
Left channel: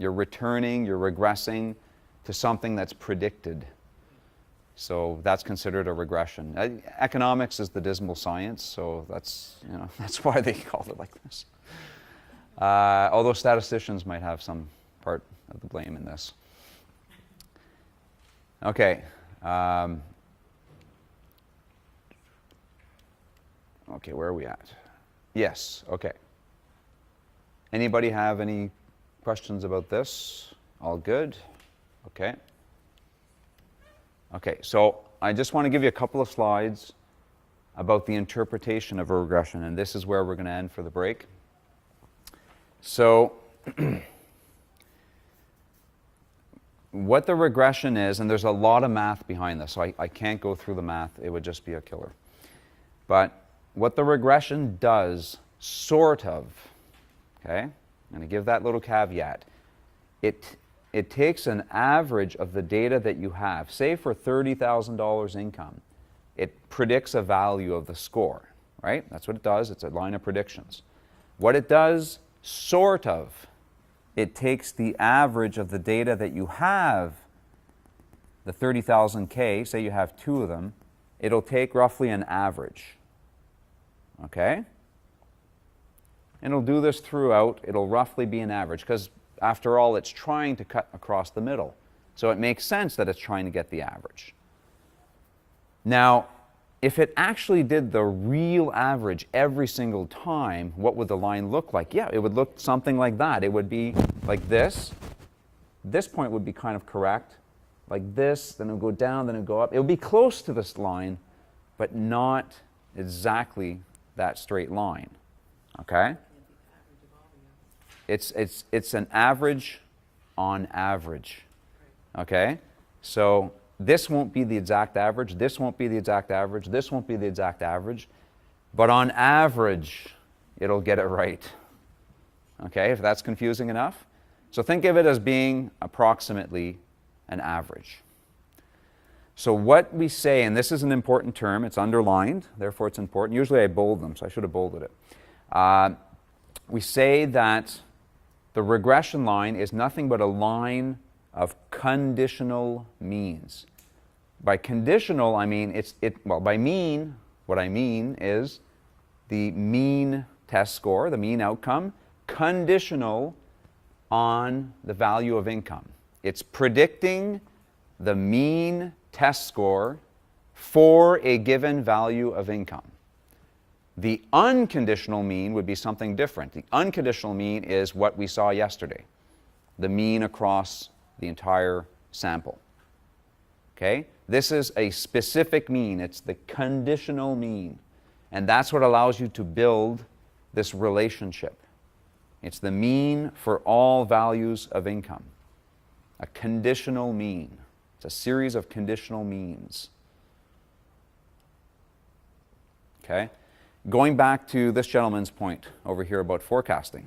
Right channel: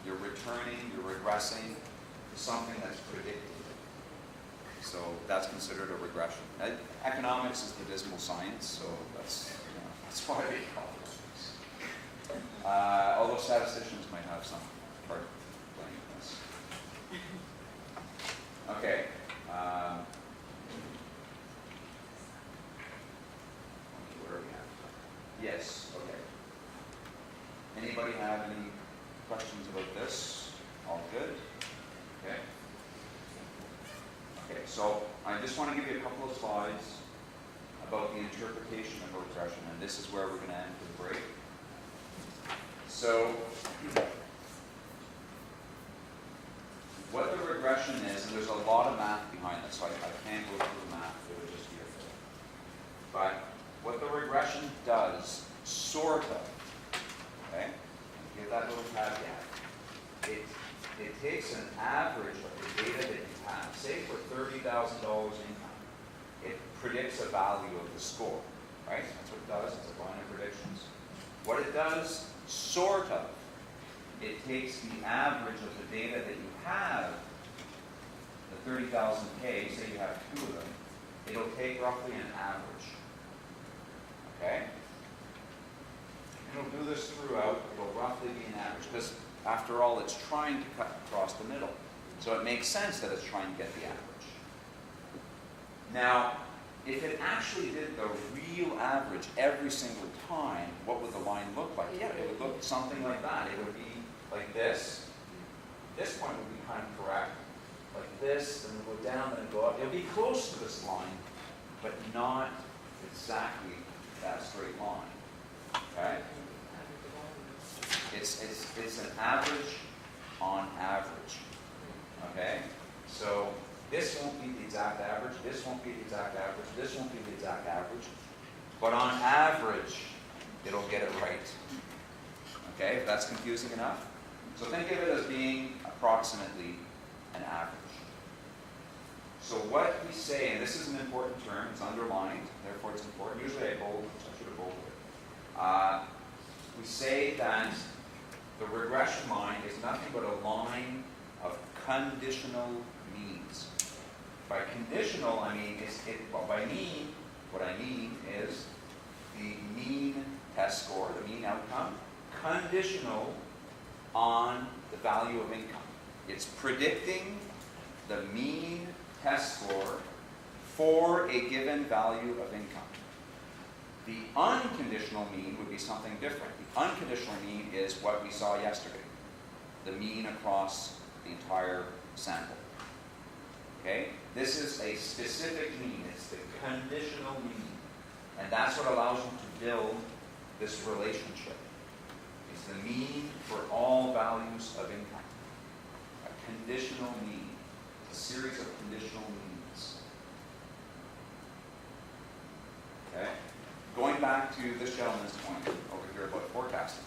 you're regressing to something that's predicted. So that's considered a regression. Economics is the dismal science, so that's why they call it like this. Although statisticians might have some part of the blame in this. Okay. Okay, where are we at? Yes, okay. Anybody have any questions about this? All good? Okay. Okay, so I just want to give you a couple of slides about the interpretation of a regression, and this is where we're going to end for the break. So what the regression is, and there's a lot of math behind this, so I can't go through the math, it would just be a killer. But what the regression does, sort of, okay, I'm going to give that little caveat, it takes an average of the data that you have. Say for $30,000 income, it predicts a value of the score, right? That's what it does, it's a line of predictions. What it does, sort of, it takes the average of the data that you have, the 30,000K, say you have 2 of them, it'll take roughly an average, okay? And it'll do this throughout, it'll roughly be an average, because after all, it's trying to cut across the middle. So it makes sense that it's trying to get the average. Now, if it actually did the real average every single time, what would the line look like? Yeah, it would look something like that. It would be like this. This point would be kind of correct. Like this, then it would go down, then it would go up. It would be close to this line, but not exactly that straight line. Okay? It's an average on average. Okay? So this won't be the exact average, this won't be the exact average, this won't be the exact average, but on average, it'll get it right. Okay, if that's confusing enough? So think of it as being approximately an average. So what we say, and this is an important term, it's underlined, therefore it's important. Usually I bold them, so I should have bolded it. We say that the regression line is nothing but a line of conditional means. By conditional, I mean, by mean, what I mean is the mean test score, the mean outcome, conditional on the value of income. It's predicting the mean test score for a given value of income. The unconditional mean would be something different. The unconditional mean is what we saw yesterday, the mean across the entire sample. Okay? This is a specific mean. It's the conditional mean. And that's what allows you to build this relationship. It's the mean for all values of income. A conditional mean. It's a series of conditional means. Okay? Going back to this gentleman's point over here about forecasting.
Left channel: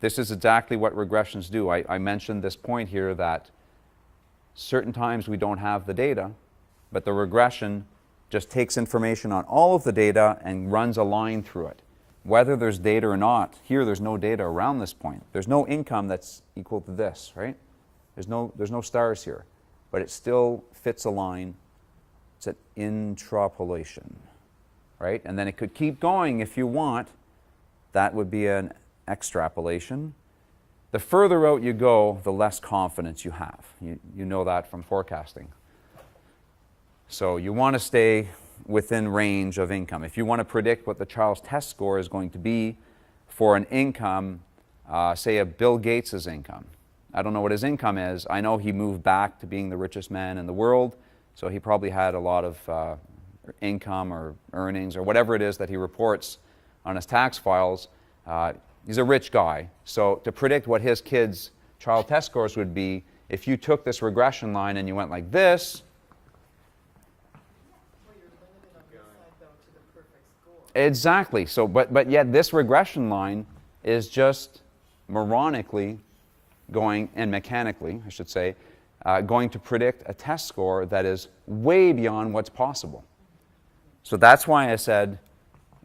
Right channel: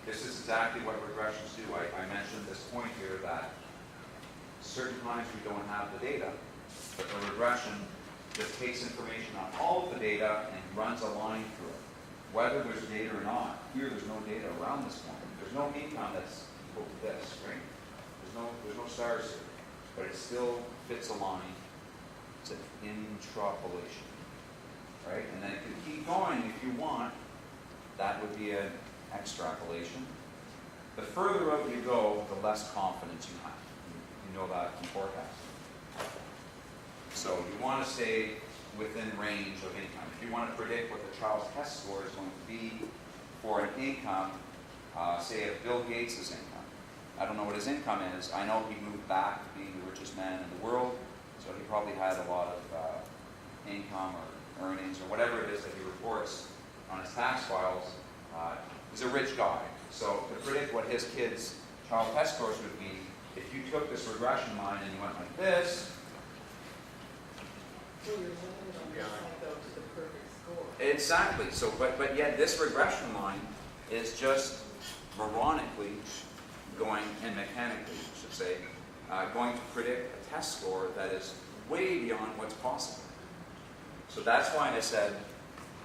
This is exactly what regressions do. I mentioned this point here that certain times we don't have the data, but the regression just takes information on all of the data and runs a line through it. Whether there's data or not, here there's no data around this point. There's no income that's equal to this, right? There's no stars here, but it still fits a line. It's an intrapolation, right? And then it could keep going if you want. That would be an extrapolation. The further out you go, the less confidence you have. You know that from forecasting. So you want to stay within range of income. If you want to predict what the child's test score is going to be for an income, say of Bill Gates' income. I don't know what his income is. I know he moved back to being the richest man in the world, so he probably had a lot of income or earnings or whatever it is that he reports on his tax files. He's a rich guy. So to predict what his kids' child test scores would be, if you took this regression line and you went like this, exactly. So, but yet this regression line is just moronically going, and mechanically, I should say, going to predict a test score that is way beyond what's possible. So that's why I said,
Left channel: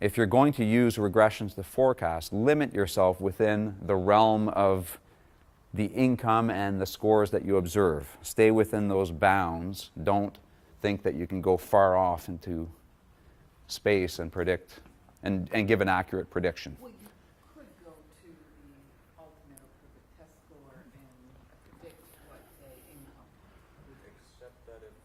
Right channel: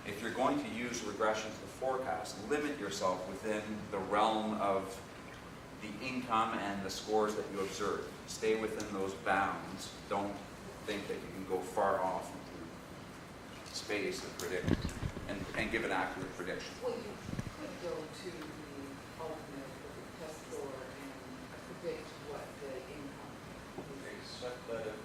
if you're going to use regressions to forecast, limit yourself within the realm of the income and the scores that you observe. Stay within those bounds. Don't think that you can go far off into space and predict and give an accurate prediction. Well, you could go to the ultimate with the test score and predict what the income would be. Except that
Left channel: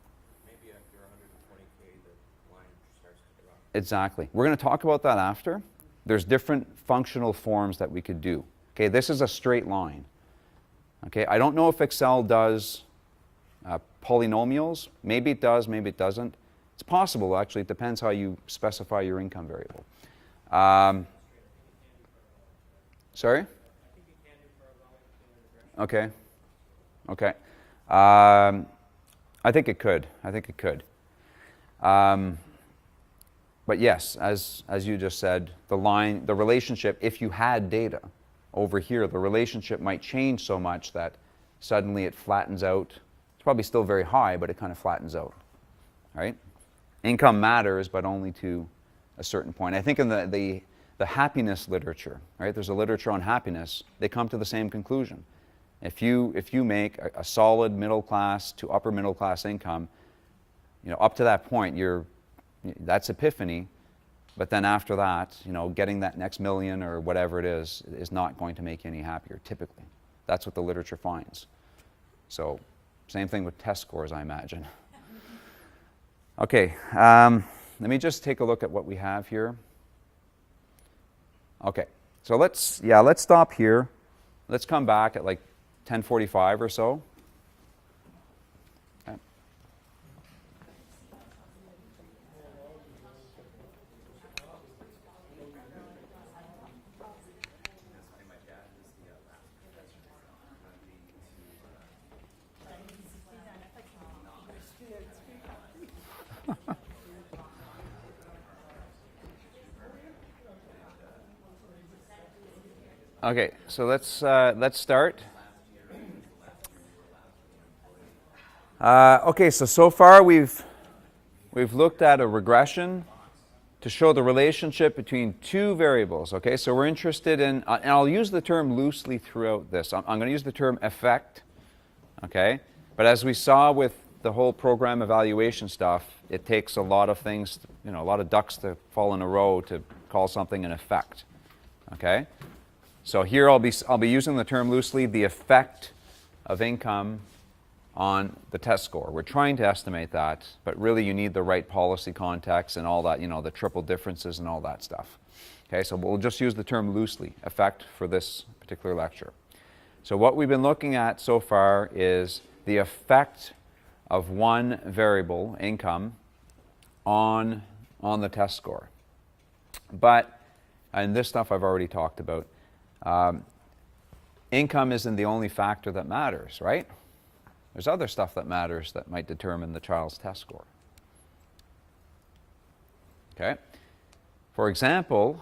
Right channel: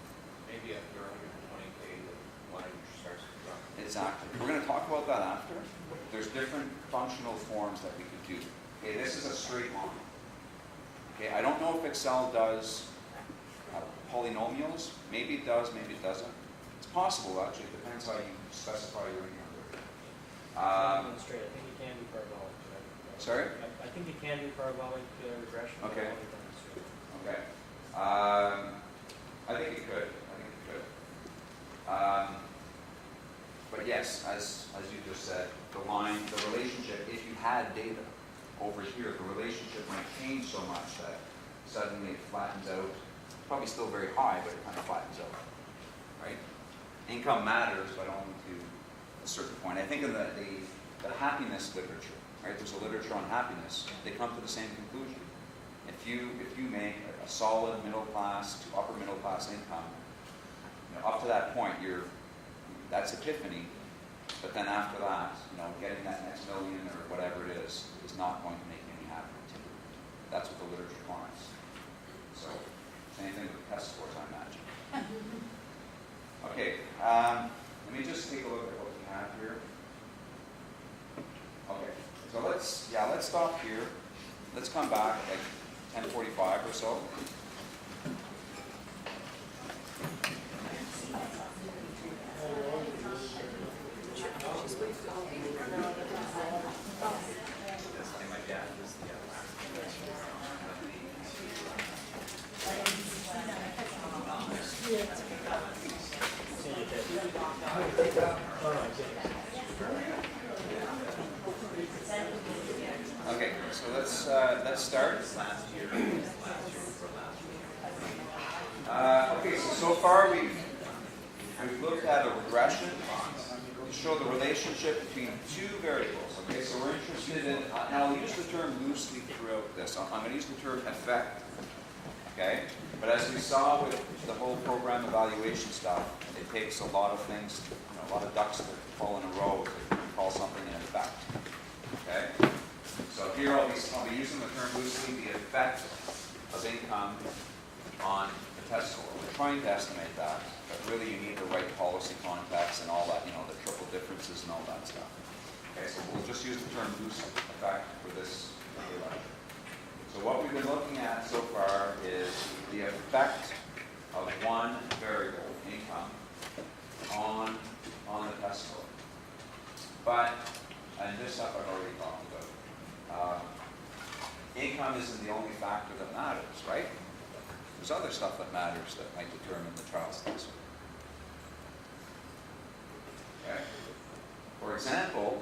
maybe after 120K, the line starts to drop. Exactly. We're going to talk about that after. There's different functional forms that we could do. Okay, this is a straight line. Okay, I don't know if Excel does polynomials. Maybe it does, maybe it doesn't. It's possible, actually. It depends how you specify your income variable. Demonstrate. I think it can be parabolic. Sorry? I think it can be parabolic regression. Okay. but I'll demonstrate. Okay. I think it could. I think it could. But yes, as you just said, the relationship, if you had data over here, the relationship might change so much that suddenly it flattens out. It's probably still very high, but it kind of flattens out, right? Income matters, but only to a certain point. I think in the happiness literature, right? There's a literature on happiness. They come to the same conclusion. If you make a solid middle class to upper middle class income, up to that point, that's epiphany. But then after that, getting that next million or whatever it is not going to make you any happier. Typically, that's what the literature finds. So, same thing with test scores, I imagine. Okay, let me just take a look at what we have here. Okay, so let's stop here. Let's come back at like 10:45 or so. Okay, so let's start. Okay, so far we've looked at a regression to show the relationship between two variables. Okay, so we're interested in, and I'll use the term loosely throughout this. I'm going to use the term effect. Okay, but as we saw with the whole program evaluation stuff, it takes a lot of things, a lot of ducks to fall in a row to call something an effect. Okay. So here I'll be using the term loosely, the effect of income on the test score. We're trying to estimate that, but really you need the right policy context and all that, the triple differences and all that stuff. Okay, so we'll just use the term loosely, effect, for this particular lecture. So what we've been looking at so far is the effect of one variable, income, on the test score. But, and this stuff I've already talked about, income isn't the only factor that matters, right? There's other stuff that matters that might determine the child's test score. Okay? For example,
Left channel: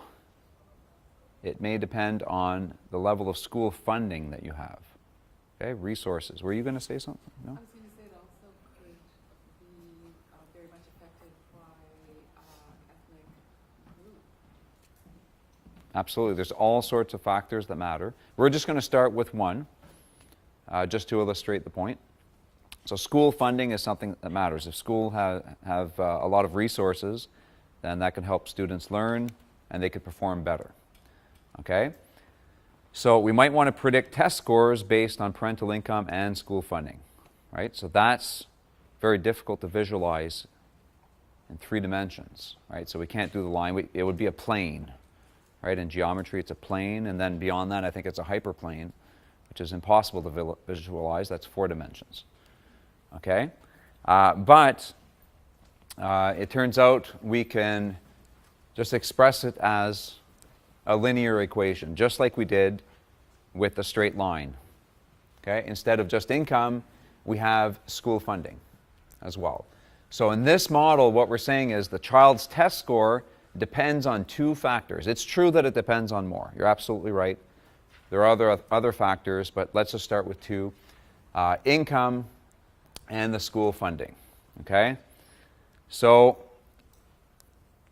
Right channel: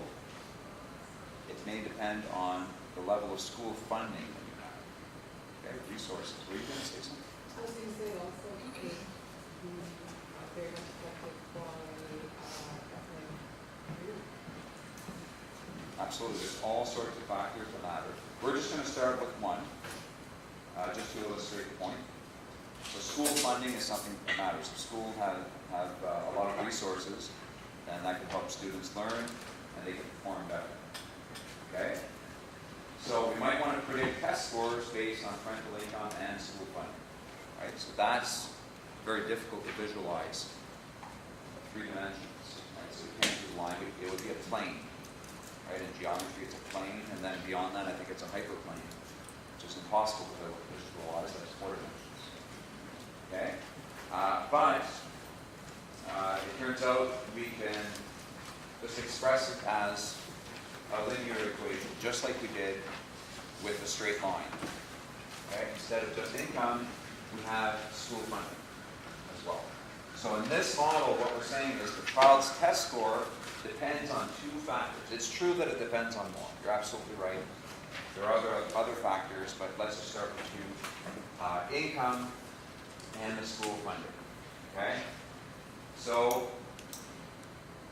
it may depend on the level of school funding that you have. Okay, resources. Were you going to say something? No? I was going to say also, very much affected by Absolutely. There's all sorts of factors that matter. We're just going to start with one, just to illustrate the point. So school funding is something that matters. If school have a lot of resources, then that can help students learn and they can perform better. Okay? So we might want to predict test scores based on parental income and school funding. Right? So that's very difficult to visualize in 3 dimensions. Right? So we can't do the line. It would be a plane. Right? In geometry, it's a plane, and then beyond that, I think it's a hyperplane, which is impossible to visualize. That's 4 dimensions. Okay? But it turns out we can just express it as a linear equation, just like we did with a straight line. Okay? Instead of just income, we have school funding as well. So in this model, what we're saying is the child's test score depends on 2 factors. It's true that it depends on more. You're absolutely right. There are other factors, but let's just start with 2. Income and the school funding. Okay? So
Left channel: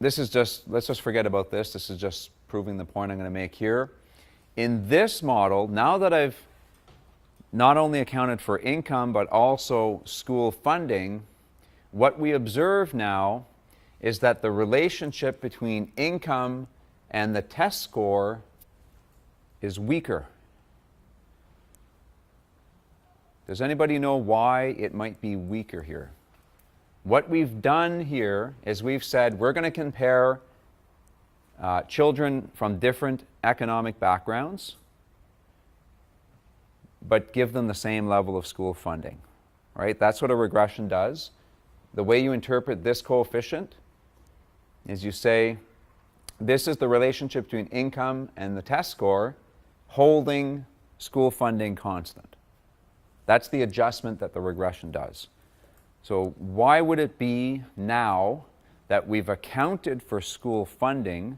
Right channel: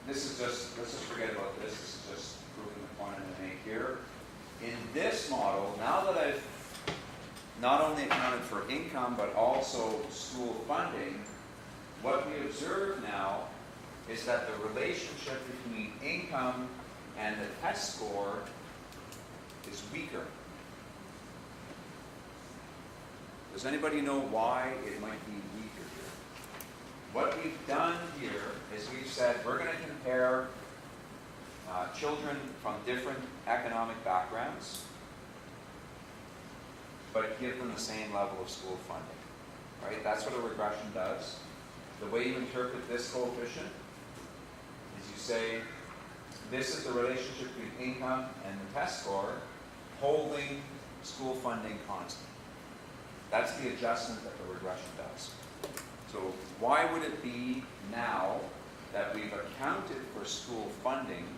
this is just, let's just forget about this. This is just proving the point I'm going to make here. In this model, now that I've not only accounted for income, but also school funding, what we observe now is that the relationship between income and the test score is weaker. Does anybody know why it might be weaker here? What we've done here is we've said we're going to compare children from different economic backgrounds, but give them the same level of school funding. right? That's what a regression does. The way you interpret this coefficient is you say, this is the relationship between income and the test score holding school funding constant. That's the adjustment that the regression does. So why would it be now that we've accounted for school funding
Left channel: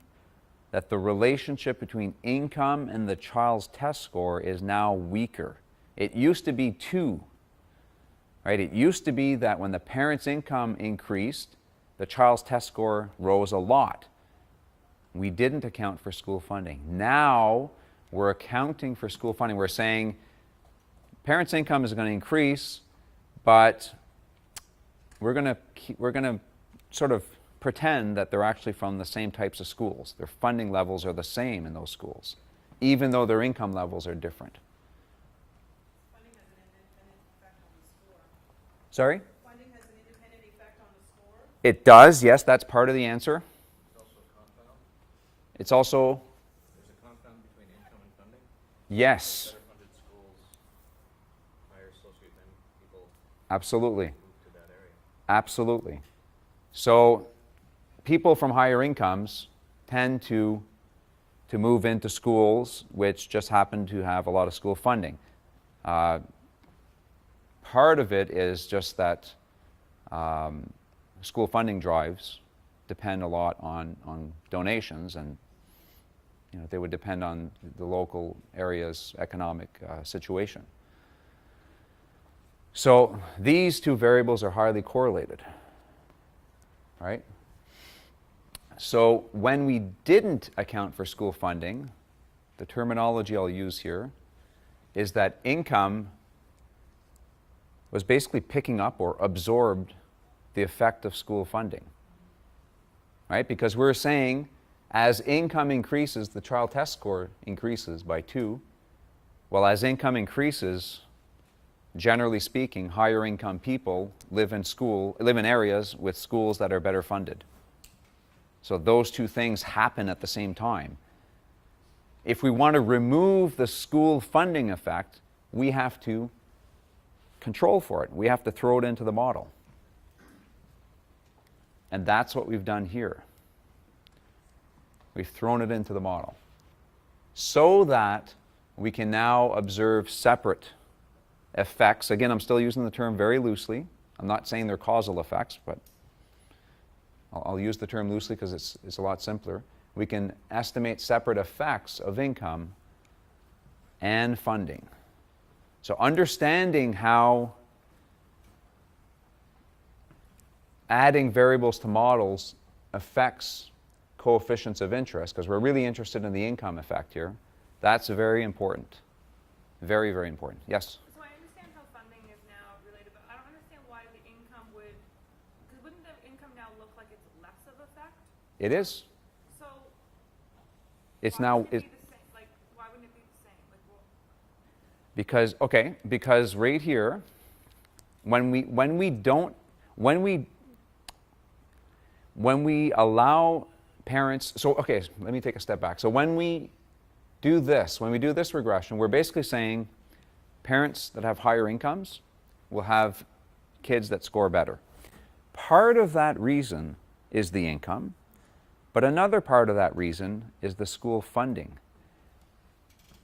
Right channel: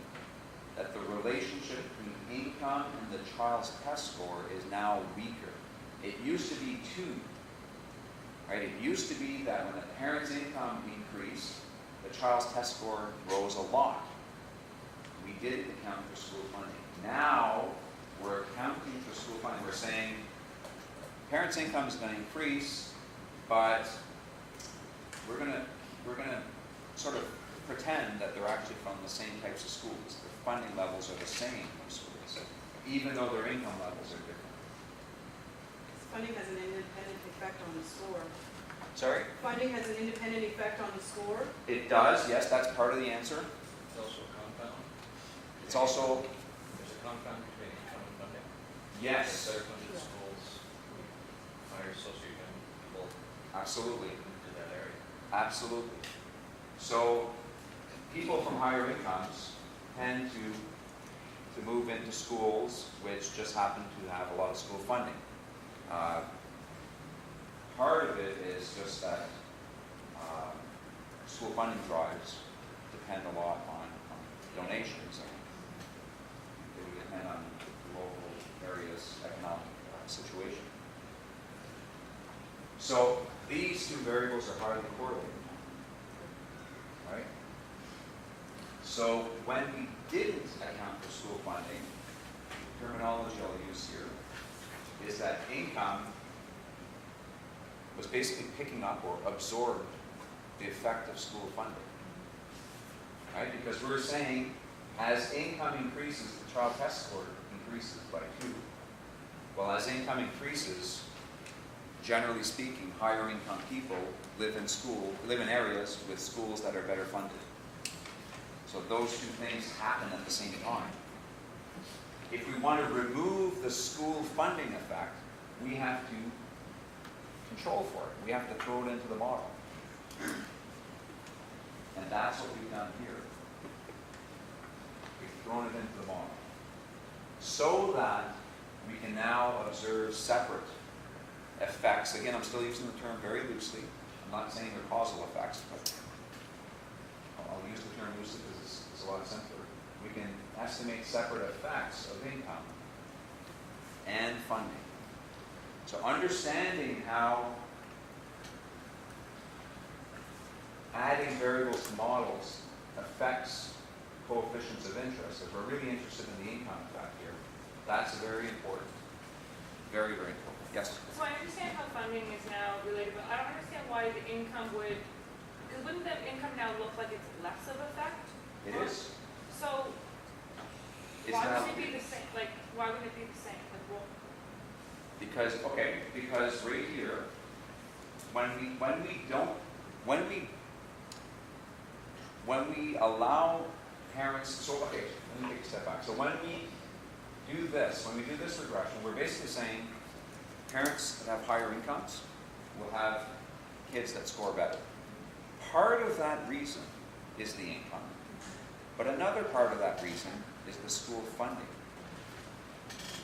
that the relationship between income and the child's test score is now weaker? It used to be 2, right? It used to be that when the parent's income increased, the child's test score rose a lot. We didn't account for school funding. Now we're accounting for school funding. We're saying parents' income is going to increase, but we're going to sort of pretend that they're actually from the same types of schools. Their funding levels are the same in those schools, even though their income levels are different. Funding has an independent effect on the score. Sorry? Funding has an independent effect on the score. It does, yes, that's part of the answer. It's also a compound. It's also, There's a compound between income and funding. yes, Better funded schools, higher socioeconomic people absolutely, move to that area. absolutely. So people from higher incomes tend to move into schools which just happen to have a lot of school funding. Part of it is just that school funding drives depend a lot on donations, and they would depend on the local area's economic situation. So these two variables are highly correlated, right? So when we didn't account for school funding, the terminology I'll use here is that income was basically picking up or absorbed the effect of school funding, right? Because we're saying as income increases, the child test score increases by 2. Well, as income increases, generally speaking, higher income people live in areas with schools that are better funded. So those two things happen at the same time. If we want to remove the school funding effect, we have to control for it. We have to throw it into the model. And that's what we've done here. We've thrown it into the model so that we can now observe separate effects. Again, I'm still using the term very loosely. I'm not saying they're causal effects, but I'll use the term loosely because it's a lot simpler. We can estimate separate effects of income and funding. So understanding how adding variables to models affects coefficients of interest, because we're really interested in the income effect here, that's very important. Very, very important. Yes? So I understand how funding is now related, but I don't understand why the income would, because wouldn't the income now look like it's less of effect? It is. So It's why now... would it be the same? Like, why would it be the same? Like, well, because right here, when we allow parents, so okay, let me take a step back. So when we do this regression, we're basically saying parents that have higher incomes will have kids that score better. Part of that reason is the income, but another part of that reason is the school funding.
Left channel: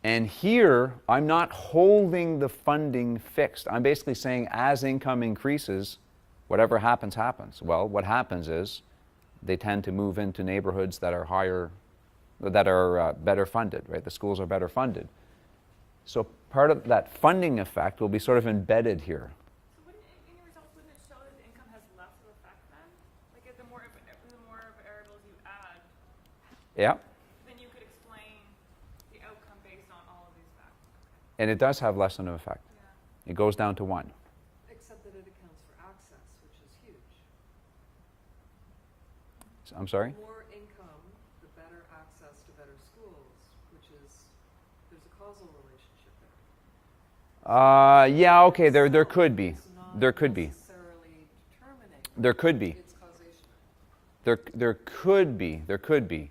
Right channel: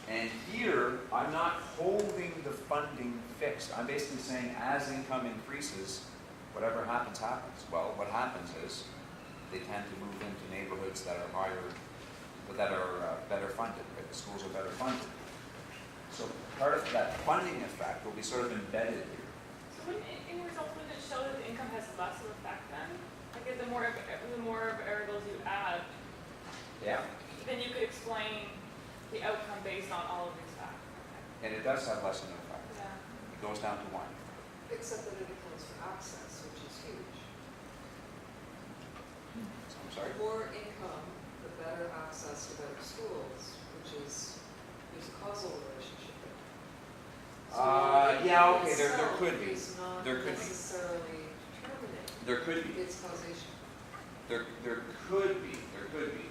And here, I'm not holding the funding fixed. I'm basically saying as income increases, whatever happens, happens. Well, what happens is they tend to move into neighborhoods that are higher, that are better funded, right? The schools are better funded. So part of that funding effect will be sort of embedded here. so wouldn't it, in results, wouldn't it show that the income has less of effect then? Like, if the more variables you add, Yeah, then you could explain the outcome based on all of these factors. and it does have less than an effect. Yeah. It goes down to 1. Except that it accounts for access, which is huge. I'm sorry? The more income, the better access to better schools, there's a causal relationship there. Yeah, okay, there could be. It's not There could be. necessarily determinate There could be. its causation. There could be.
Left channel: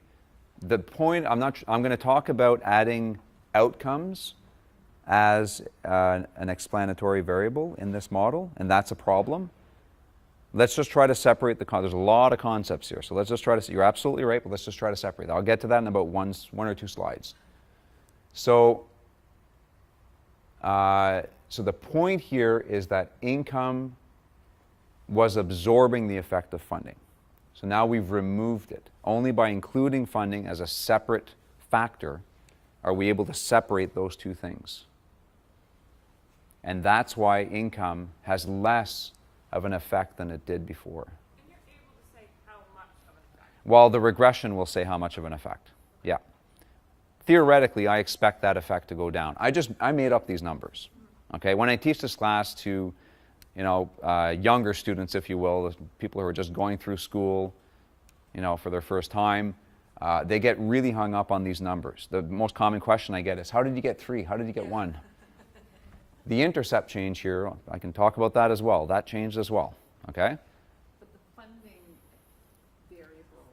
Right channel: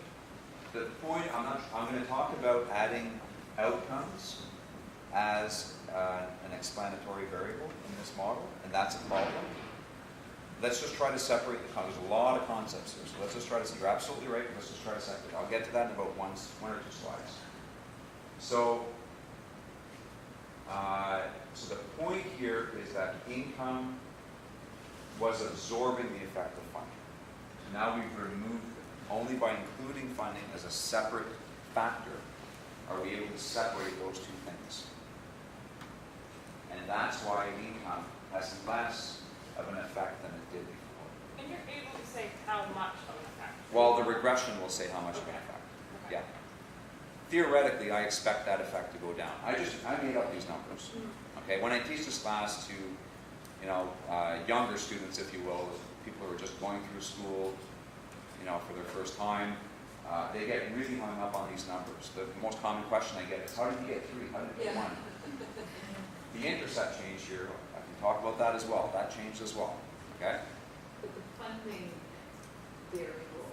The point, I'm going to talk about adding outcomes as an explanatory variable in this model, and that's a problem. Let's just try to separate there's a lot of concepts here, so let's just try to, you're absolutely right, but let's just try to separate. I'll get to that in about one or two slides. So, so the point here is that income was absorbing the effect of funding. So now we've removed it. Only by including funding as a separate factor are we able to separate those two things. And that's why income has less of an effect than it did before. And you're able to say how much of an effect? Well, the regression will say how much of an effect. Yeah. Theoretically, I expect that effect to go down. I made up these numbers. Okay, when I teach this class to, younger students, if you will, people who are just going through school, for their first time, they get really hung up on these numbers. The most common question I get is, how did you get 3? How did you get 1? The intercept change here, I can talk about that as well. That changed as well. Okay? But the funding variable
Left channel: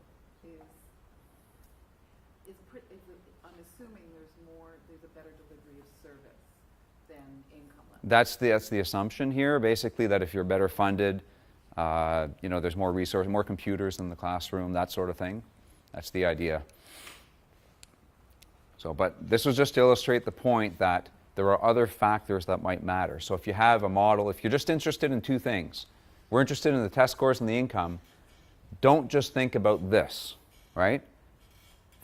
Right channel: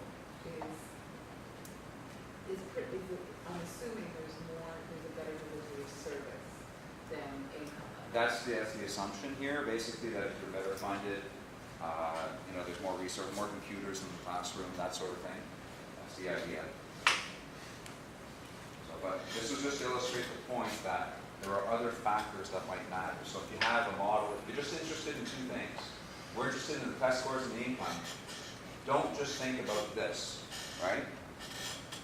is pretty, I'm assuming there's a better delivery of service than income. That's the assumption here, basically, that if you're better funded, there's more resources, more computers in the classroom, that sort of thing. That's the idea. So, but this was just to illustrate the point that there are other factors that might matter. So if you have a model, if you're just interested in two things, we're interested in the test scores and the income, don't just think about this, right?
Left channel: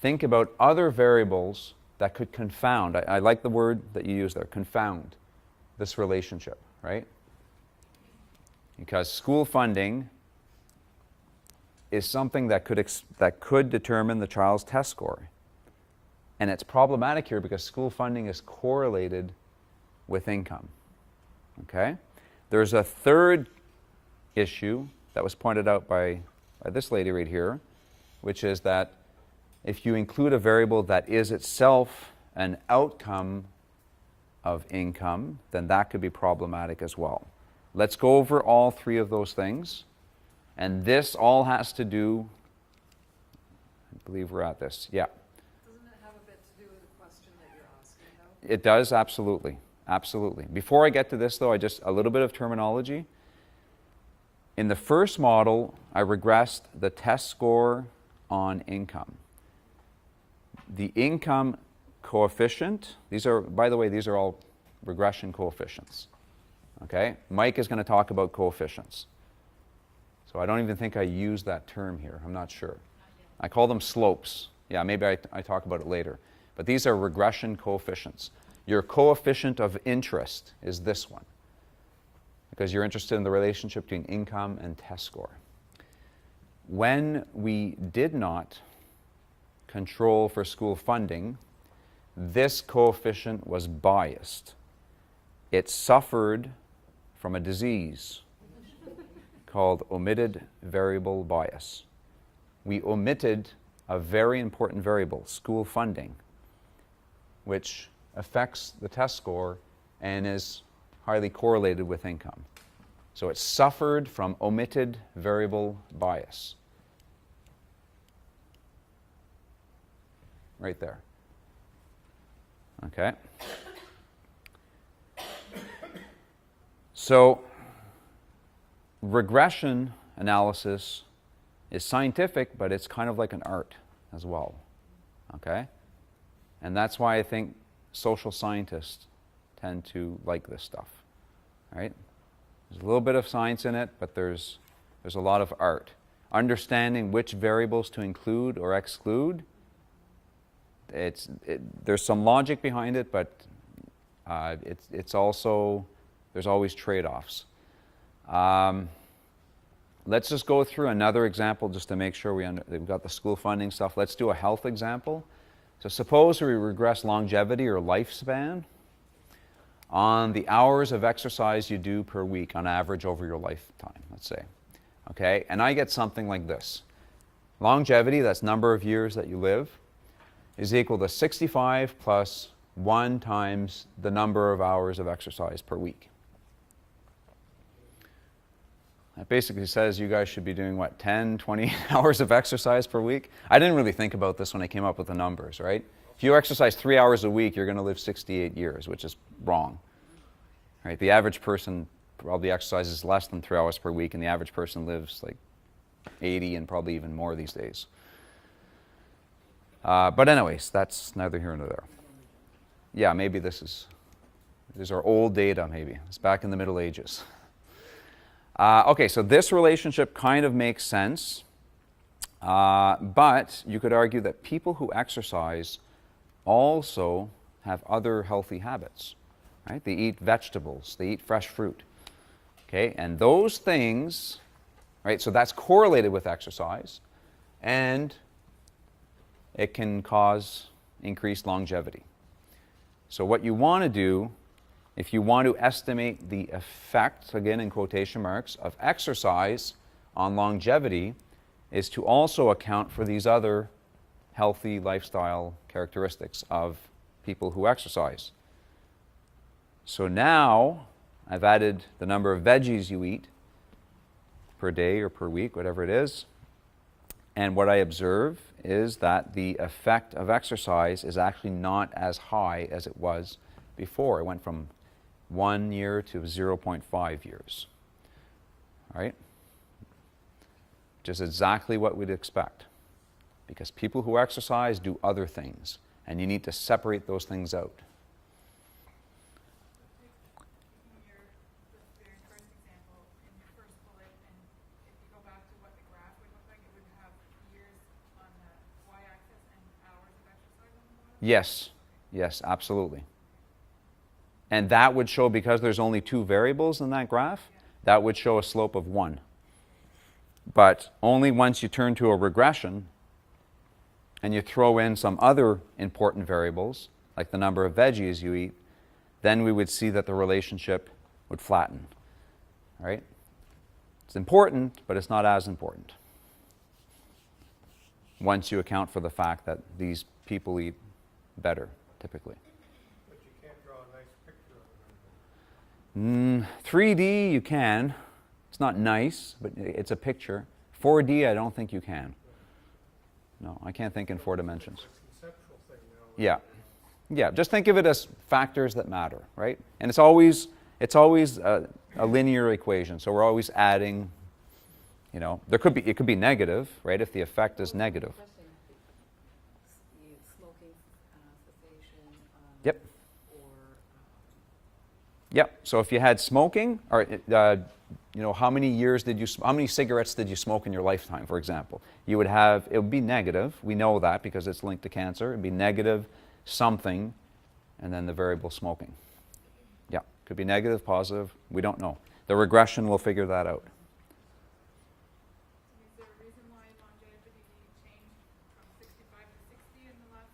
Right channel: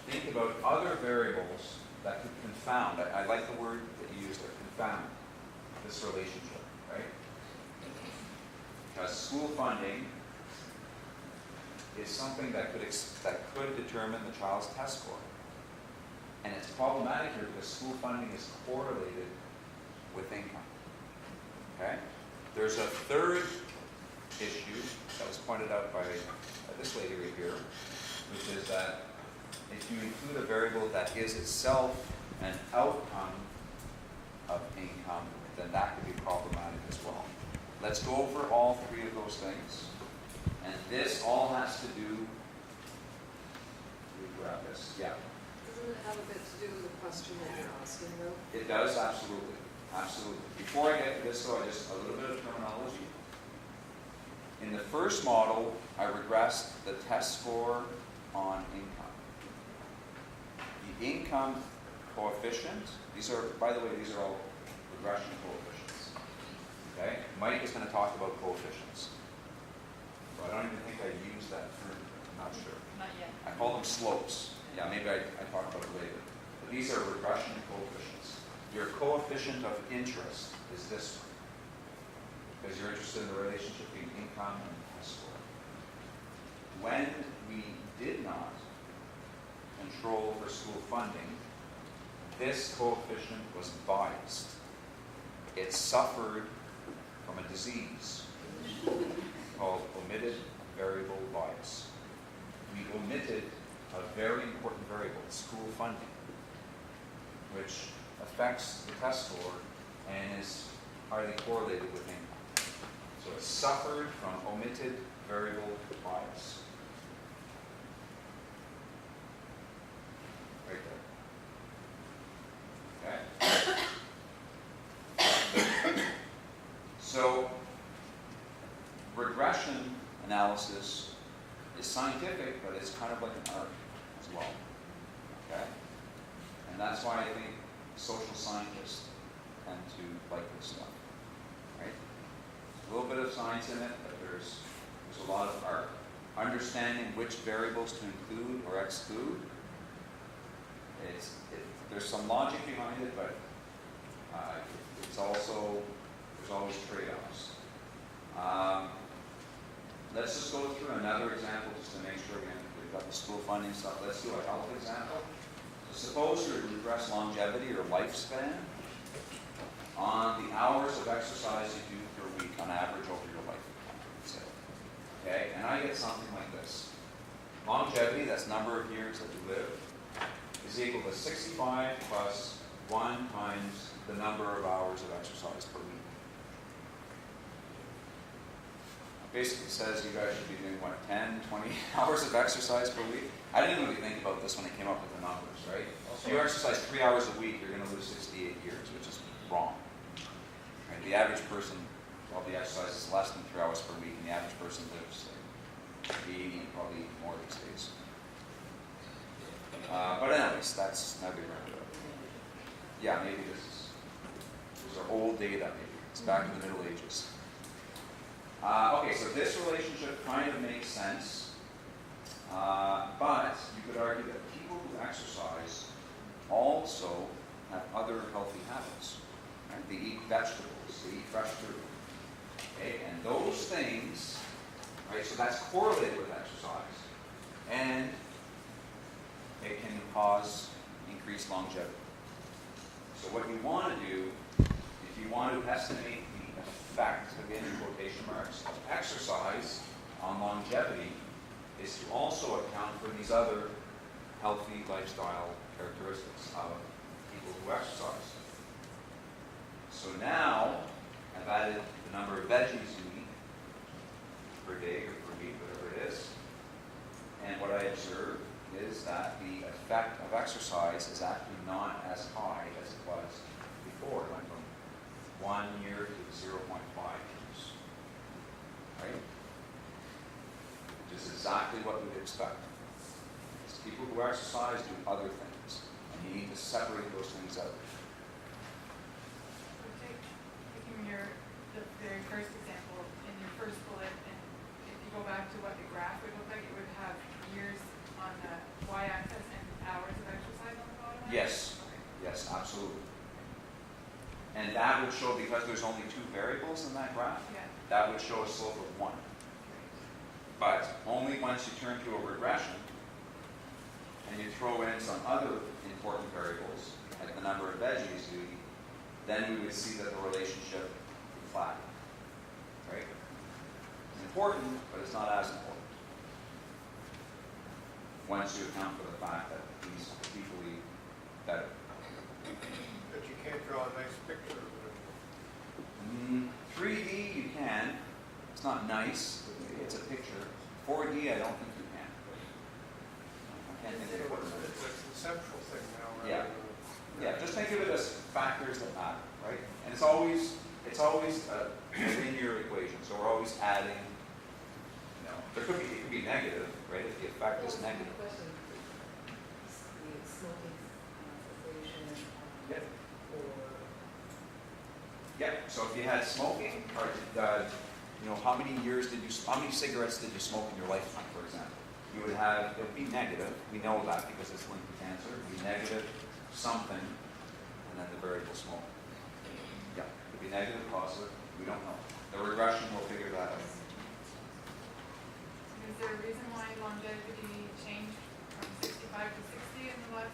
Think about other variables that could confound. I like the word that you used there, confound this relationship, right? Because school funding is something that could determine the child's test score. And it's problematic here because school funding is correlated with income. Okay? There's a third issue that was pointed out by this lady right here, which is that if you include a variable that is itself an outcome of income, then that could be problematic as well. Let's go over all three of those things. And this all has to do, I believe we're at this, yeah. Doesn't it have a bit to do with the question that you're asking, though? It does, absolutely. Absolutely. Before I get to this, though, a little bit of terminology. In the first model, I regressed the test score on income. The income coefficient, by the way, these are all regression coefficients. Okay? Mike is going to talk about coefficients. So I don't even think I use that term here. I'm not sure. Not yet. I call them slopes. Yeah, maybe I talk about it later. But these are regression coefficients. Your coefficient of interest is this one, because you're interested in the relationship between income and test score. When we did not control for school funding, this coefficient was biased. It suffered from a disease called omitted variable bias. We omitted a very important variable, school funding, which affects the test score and is highly correlated with income. So it suffered from omitted variable bias. Right there. Okay? So regression analysis is scientific, but it's kind of like an art as well. Okay? And that's why I think social scientists tend to like this stuff. Right? There's a little bit of science in it, but there's a lot of art. Understanding which variables to include or exclude, there's some logic behind it, but it's also, there's always trade-offs. Let's just go through another example just to make sure we've got the school funding stuff. Let's do a health example. So suppose we regress longevity or lifespan on the hours of exercise you do per week on average over your lifetime, let's say. Okay, and I get something like this. Longevity, that's number of years that you live, is equal to 65 plus 1 times the number of hours of exercise per week. That basically says you guys should be doing, what, 10, 20 hours of exercise per week? I didn't really think about this when I came up with the numbers, right? If you exercise 3 hours a week, you're going to live 68 years, which is wrong. Right? The average person probably exercises less than 3 hours per week, and the average person lives like 80 and probably even more these days. But anyways, that's neither here nor there. Yeah, maybe these are old data, maybe. It's back in the Middle Ages. Okay, so this relationship kind of makes sense, but you could argue that people who exercise also have other healthy habits. Right? They eat vegetables, they eat fresh fruit. Okay, and those things, right, so that's correlated with exercise, and it can cause increased longevity. So what you want to do, if you want to estimate the effect, again in quotation marks, of exercise on longevity, is to also account for these other healthy lifestyle characteristics of people who exercise. So now I've added the number of veggies you eat per day or per week, whatever it is, and what I observe is that the effect of exercise is actually not as high as it was before. It went from 1 year to 0.5 years. Right? Just exactly what we'd expect. Because people who exercise do other things, and you need to separate those things out. Taking the very first example, in your first bullet, and if you go back to what the graph would look like, it would have years on the y-axis and hours of exercise on the bottom? Yes, yes, absolutely. And that would show, because there's only 2 variables in that graph, that would show a slope of 1. But only once you turn to a regression and you throw in some other important variables, like the number of veggies you eat, then we would see that the relationship would flatten. Right? It's important, but it's not as important once you account for the fact that these people eat better, typically. But you can't draw a nice picture of it. 3D you can. It's not nice, but it's a picture. 4D I don't think you can. No, I can't think in 4 dimensions. It's a conceptual thing now. Yeah. Yeah, just think of it as factors that matter, right? And it's always a linear equation, so we're always adding, you know, it could be negative, right, if the effect is negative. Yep. Yep, so if you had smoking, or you know, how many cigarettes did you smoke in your lifetime, for example? You would have, it would be negative, we know that because it's linked to cancer, it would be negative something, and then the variable smoking. Yeah, could be negative, positive, we don't know. The regression will figure that out. Is there a reason why longevity changed from 65 to 60 in the last?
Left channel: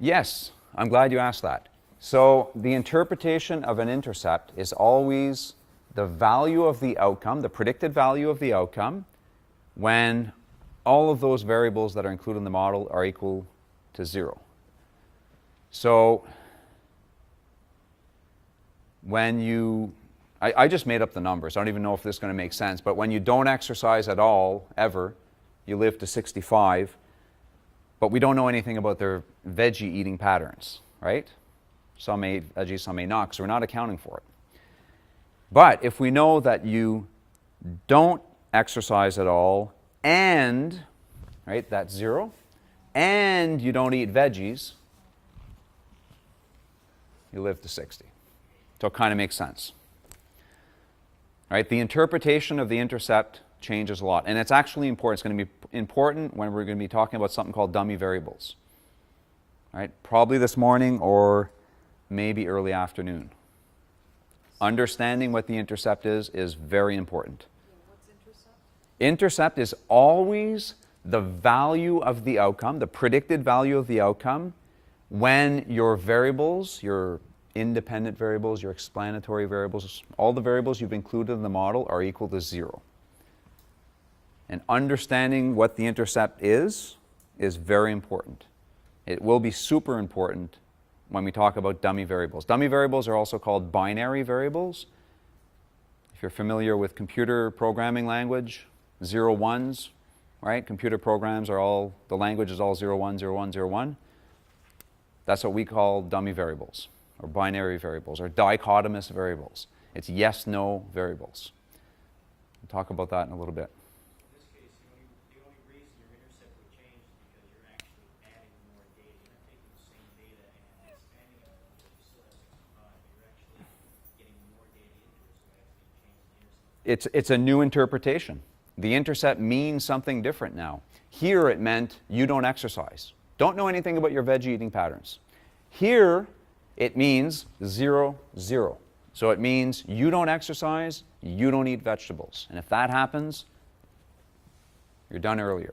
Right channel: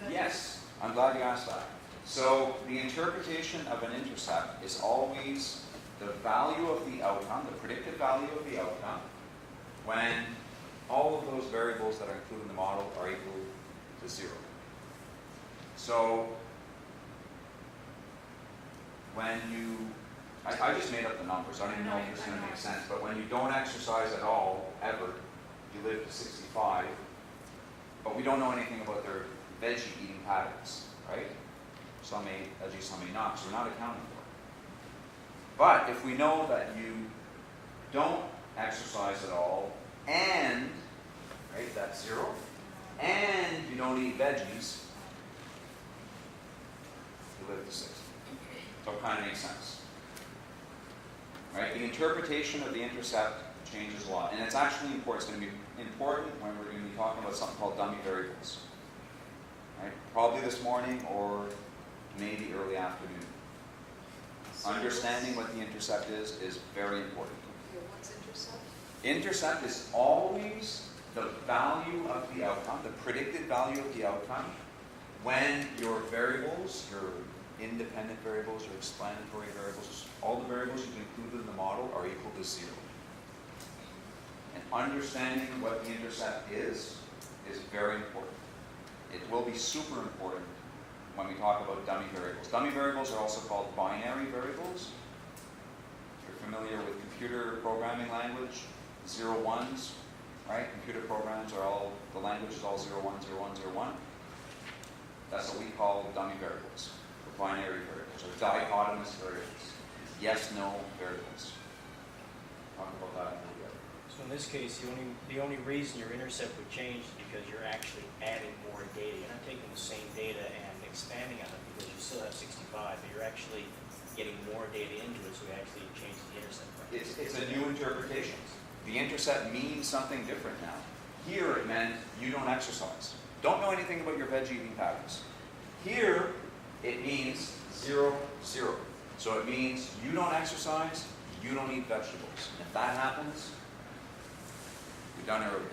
Yes, I'm glad you asked that. So the interpretation of an intercept is always the value of the outcome, the predicted value of the outcome, when all of those variables that are included in the model are equal to 0. So when you, I just made up the numbers, I don't even know if this is going to make sense, but when you don't exercise at all, ever, you live to 65, but we don't know anything about their veggie eating patterns, right? Some may eat veggies, some may not, because we're not accounting for it. But if we know that you don't exercise at all, and, right, that's 0, and you don't eat veggies, you live to 60. So it kind of makes sense. Right? The interpretation of the intercept changes a lot. And it's actually important. It's going to be important when we're going to be talking about something called dummy variables. Right? Probably this morning or maybe early afternoon. Understanding what the intercept is very important. What's intercept? Intercept is always the value of the outcome, the predicted value of the outcome, when your variables, your independent variables, your explanatory variables, all the variables you've included in the model are equal to 0. And understanding what the intercept is very important. It will be super important when we talk about dummy variables. Dummy variables are also called binary variables. If you're familiar with computer programming language, 0, 1s, right? Computer programs are all, the language is all 0, 1, 0, 1, 0, 1. That's what we call dummy variables, or binary variables, or dichotomous variables. It's yes-no variables. We'll talk about that in a little bit. So in this case, the only reason your intercept would change is because you're actually adding more data. You're not taking the same data and expanding on it because you still have 65, but you're actually getting more data into it, so you actually change the intercept. It's a new interpretation. The intercept means something different now. Here it meant you don't exercise. Don't know anything about your veg eating patterns. Here it means 0, 0. So it means you don't exercise, you don't eat vegetables. And if that happens, you're done earlier.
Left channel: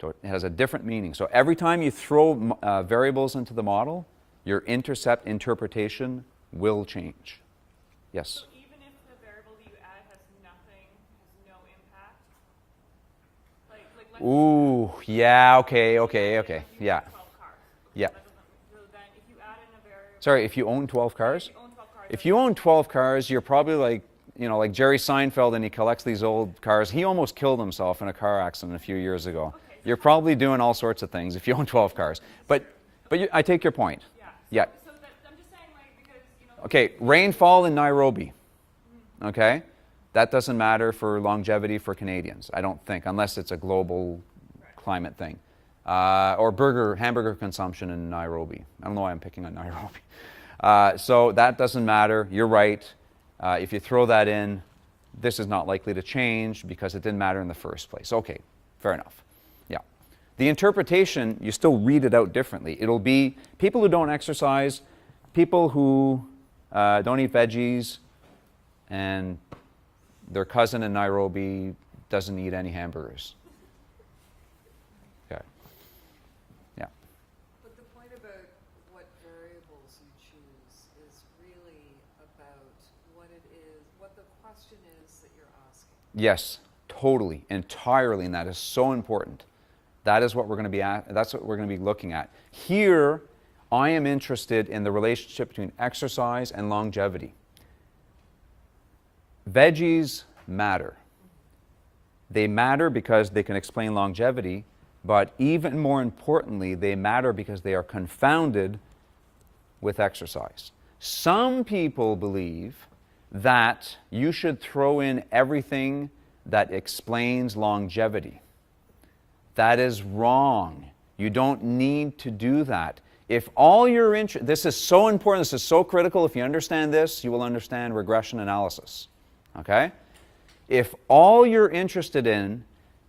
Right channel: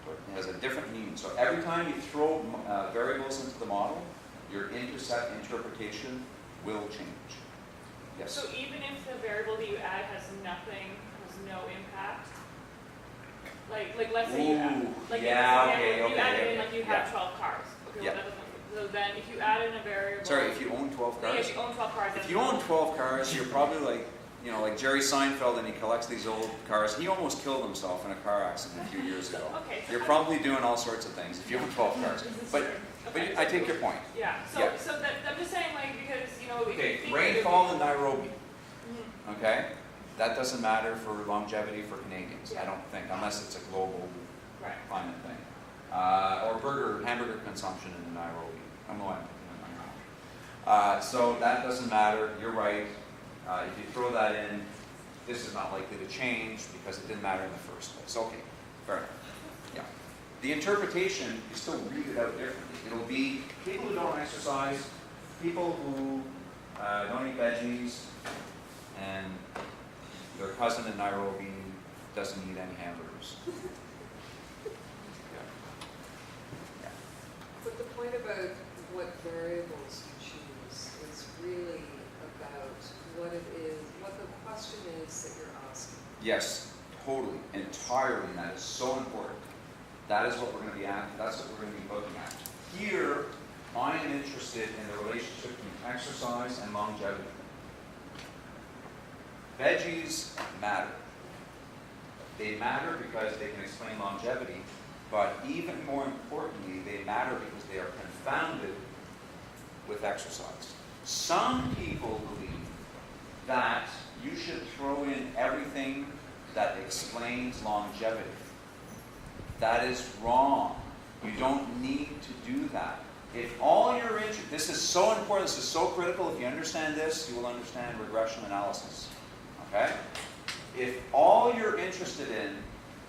So it has a different meaning. So every time you throw variables into the model, your intercept interpretation will change. Yes? So even if the variable that you add has nothing, has no impact, like let's Ooh, say you yeah, have, okay, you okay, add in, okay, like you yeah. have 12 cars. Okay, Yeah. that doesn't- So then if you add in a variable. Sorry, if you own 12 cars? If you own 12 cars. If then you own 12 cars, you're probably like, you know, like Jerry Seinfeld, and he collects these old cars. He almost killed himself in a car accident a few years ago. Okay. You're probably doing all sorts of things if you own 12 cars. But I take your point. Yeah. So, Yeah. So that, I'm just saying, like, because, you know. Okay, rainfall in Nairobi. Okay? That doesn't matter for longevity for Canadians, I don't think, unless it's a global Right. climate thing. Or hamburger consumption in Nairobi. I don't know why I'm picking on Nairobi. So that doesn't matter. You're right. If you throw that in, this is not likely to change because it didn't matter in the first place. Okay, fair enough. Yeah. The interpretation, you still read it out differently. It'll be people who don't exercise, people who don't eat veggies, and their cousin in Nairobi doesn't eat any hamburgers. Okay. Yeah. But the point about what variables you choose is really about what it is, what the question is that you're asking. Yes, totally, entirely, and that is so important. That is what we're going to be at. That's what we're going to be looking at. Here, I am interested in the relationship between exercise and longevity. Veggies matter. They matter because they can explain longevity, but even more importantly, they matter because they are confounded with exercise. Some people believe that you should throw in everything that explains longevity. That is wrong. You don't need to do that. If all you're interested, this is so important, this is so critical. If you understand this, you will understand regression analysis. Okay? If all you're interested in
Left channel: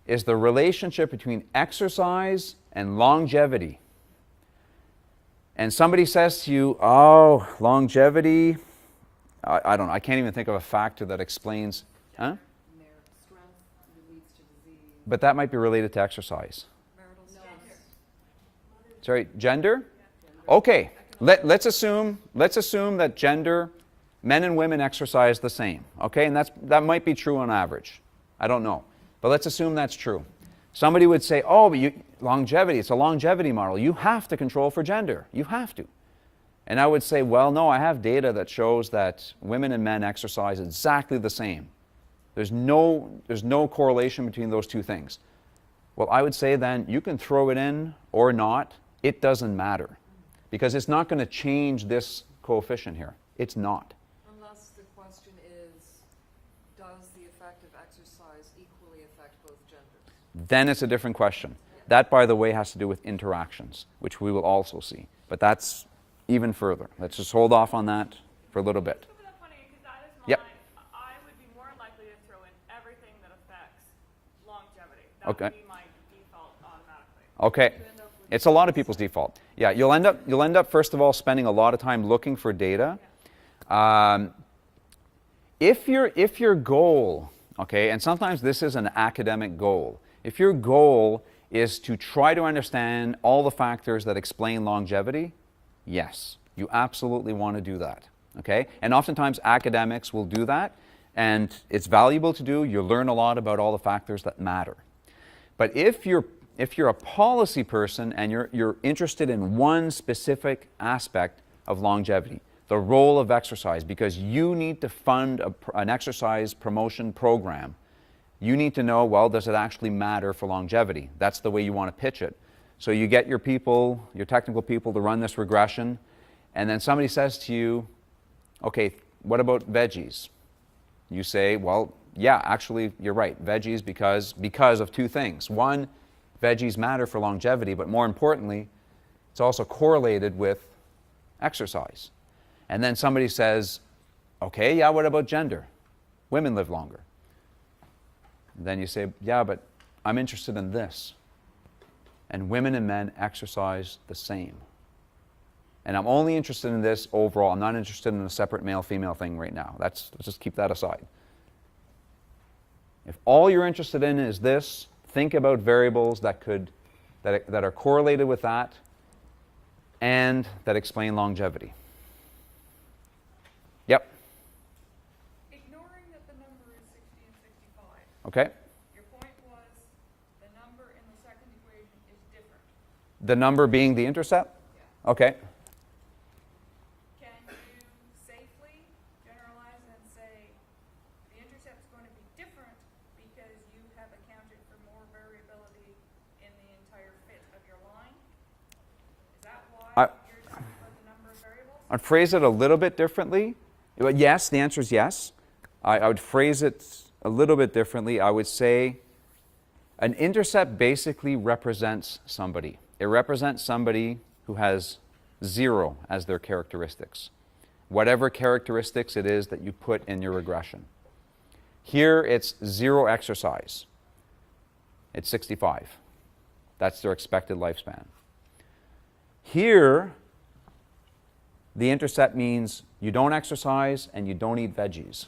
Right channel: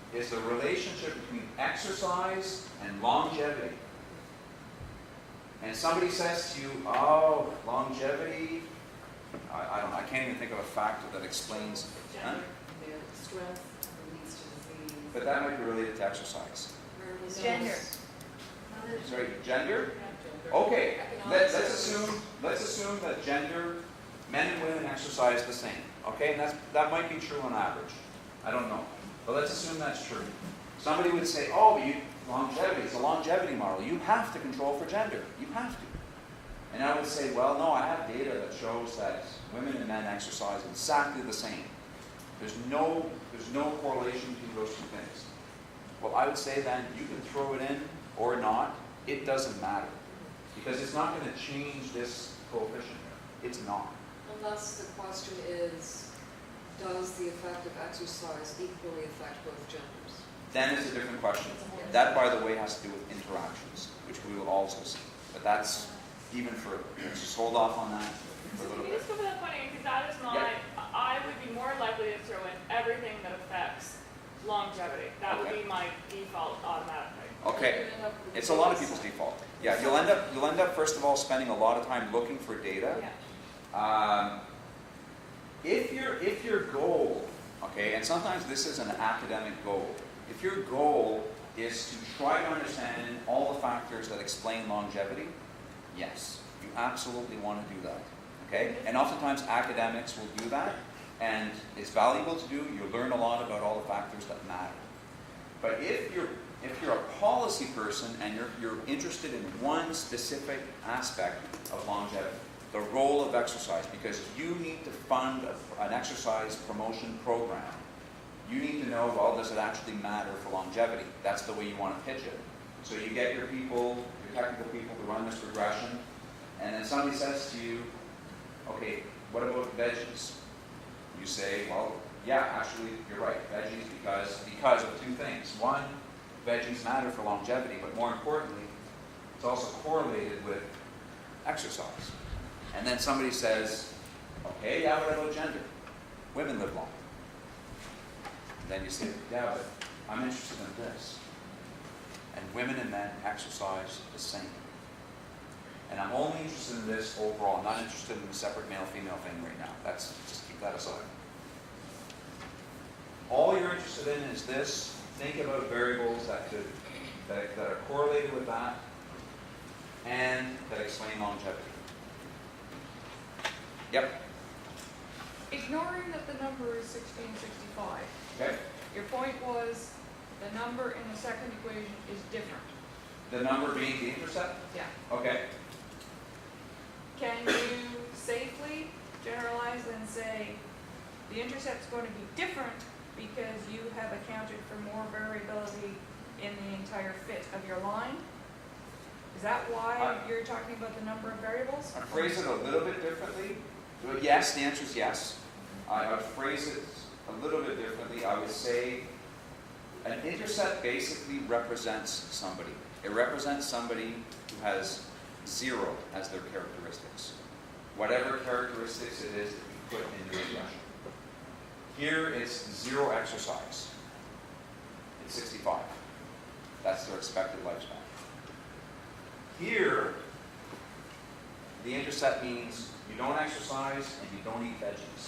is the relationship between exercise and longevity, and somebody says to you, oh, longevity, I don't know, I can't even think of a factor that explains, huh? Strength leads to disease. But that might be related to exercise. Gender. Sorry, gender? Okay, let's assume that gender, men and women exercise the same. Okay, and that might be true on average. I don't know, but let's assume that's true. Somebody would say, oh, but longevity, it's a longevity model. You have to control for gender. You have to. And I would say, well, no, I have data that shows that women and men exercise exactly the same. There's no correlation between those two things. Well, I would say then you can throw it in or not. It doesn't matter because it's not going to change this coefficient here. It's not. Unless the question is, does the effect of exercise equally affect both genders? Then it's a different question. That, by the way, has to do with interactions, which we will also see. But that's even further. Let's just hold off on that for a little bit. Just go for that point, because that is Yep. I would be more likely to throw in everything that affects longevity. That Okay. would be my default automatically. Okay. It's a lot of people's default. Yeah, you'll end up first of all spending a lot of time looking for data. If your goal, okay, and sometimes this is an academic goal. If your goal is to try to understand all the factors that explain longevity, yes, you absolutely want to do that. Okay? And oftentimes academics will do that, and it's valuable to do. You learn a lot about all the factors that matter. But if you're a policy person and you're interested in one specific aspect of longevity, the role of exercise, because you need to fund an exercise promotion program, you need to know, well, does it actually matter for longevity? That's the way you want to pitch it. So you get your people, your technical people to run this regression, and then somebody says to you, okay, what about veggies? You say, well, yeah, actually, you're right, veggies because of two things. One, veggies matter for longevity, but more importantly, it's also correlated with exercise. And then somebody says, okay, yeah, what about gender? Women live longer. And then you say, yeah, but I'm interested in this. And women and men exercise the same. And I'm only interested in this overall. I'm not interested in a separate male-female thing right now. Let's just keep that aside. If all you're interested in is this, think about variables that are correlated with that and that explain longevity. Yep. Ignoring that the number is 1665. Okay. Your point was the number in the second equation is different. The number being the intercept? Yeah. Okay. Can you safely generalize and say the intercept's going to be different because you have accounted for more variability in the entire fit of your line? Is that why you're talking about the number of variables? I'd phrase it a little bit differently. But yes, the answer is yes. I would phrase it a little bit differently. I would say an intercept basically represents somebody. It represents somebody who has 0 as their characteristics. Whatever characteristics it is that you put in your regression. Here it's 0 exercise. It's 65. That's their expected lifespan. Here, the intercept means you don't exercise and you don't eat veggies.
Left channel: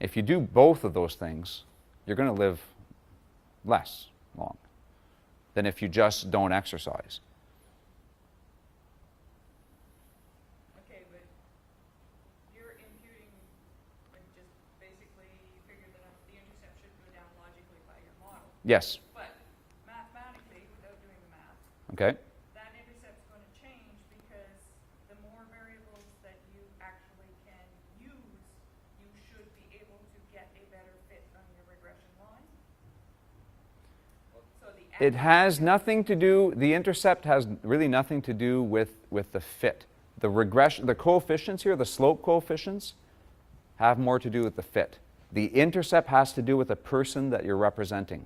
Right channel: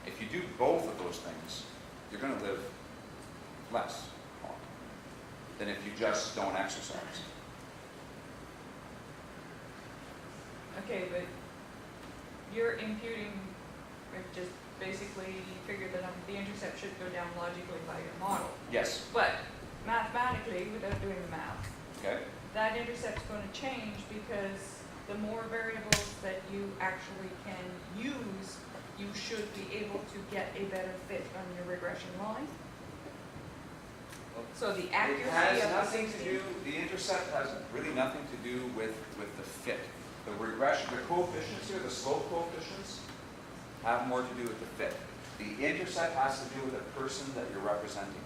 If you do both of those things, you're going to live less long than if you just don't exercise. Okay, but you're imputing, or just basically you figure that the intercept should go down logically by your model. Yes. But mathematically, without doing the math, Okay. that intercept's going to change because the more variables that you actually can use, you should be able to get a better fit on your regression line. So the It has accuracy of nothing to do, the intercept has really nothing to do with the fit. The regression, the coefficients here, the slope coefficients, have more to do with the fit. The intercept has to do with the person that you're representing.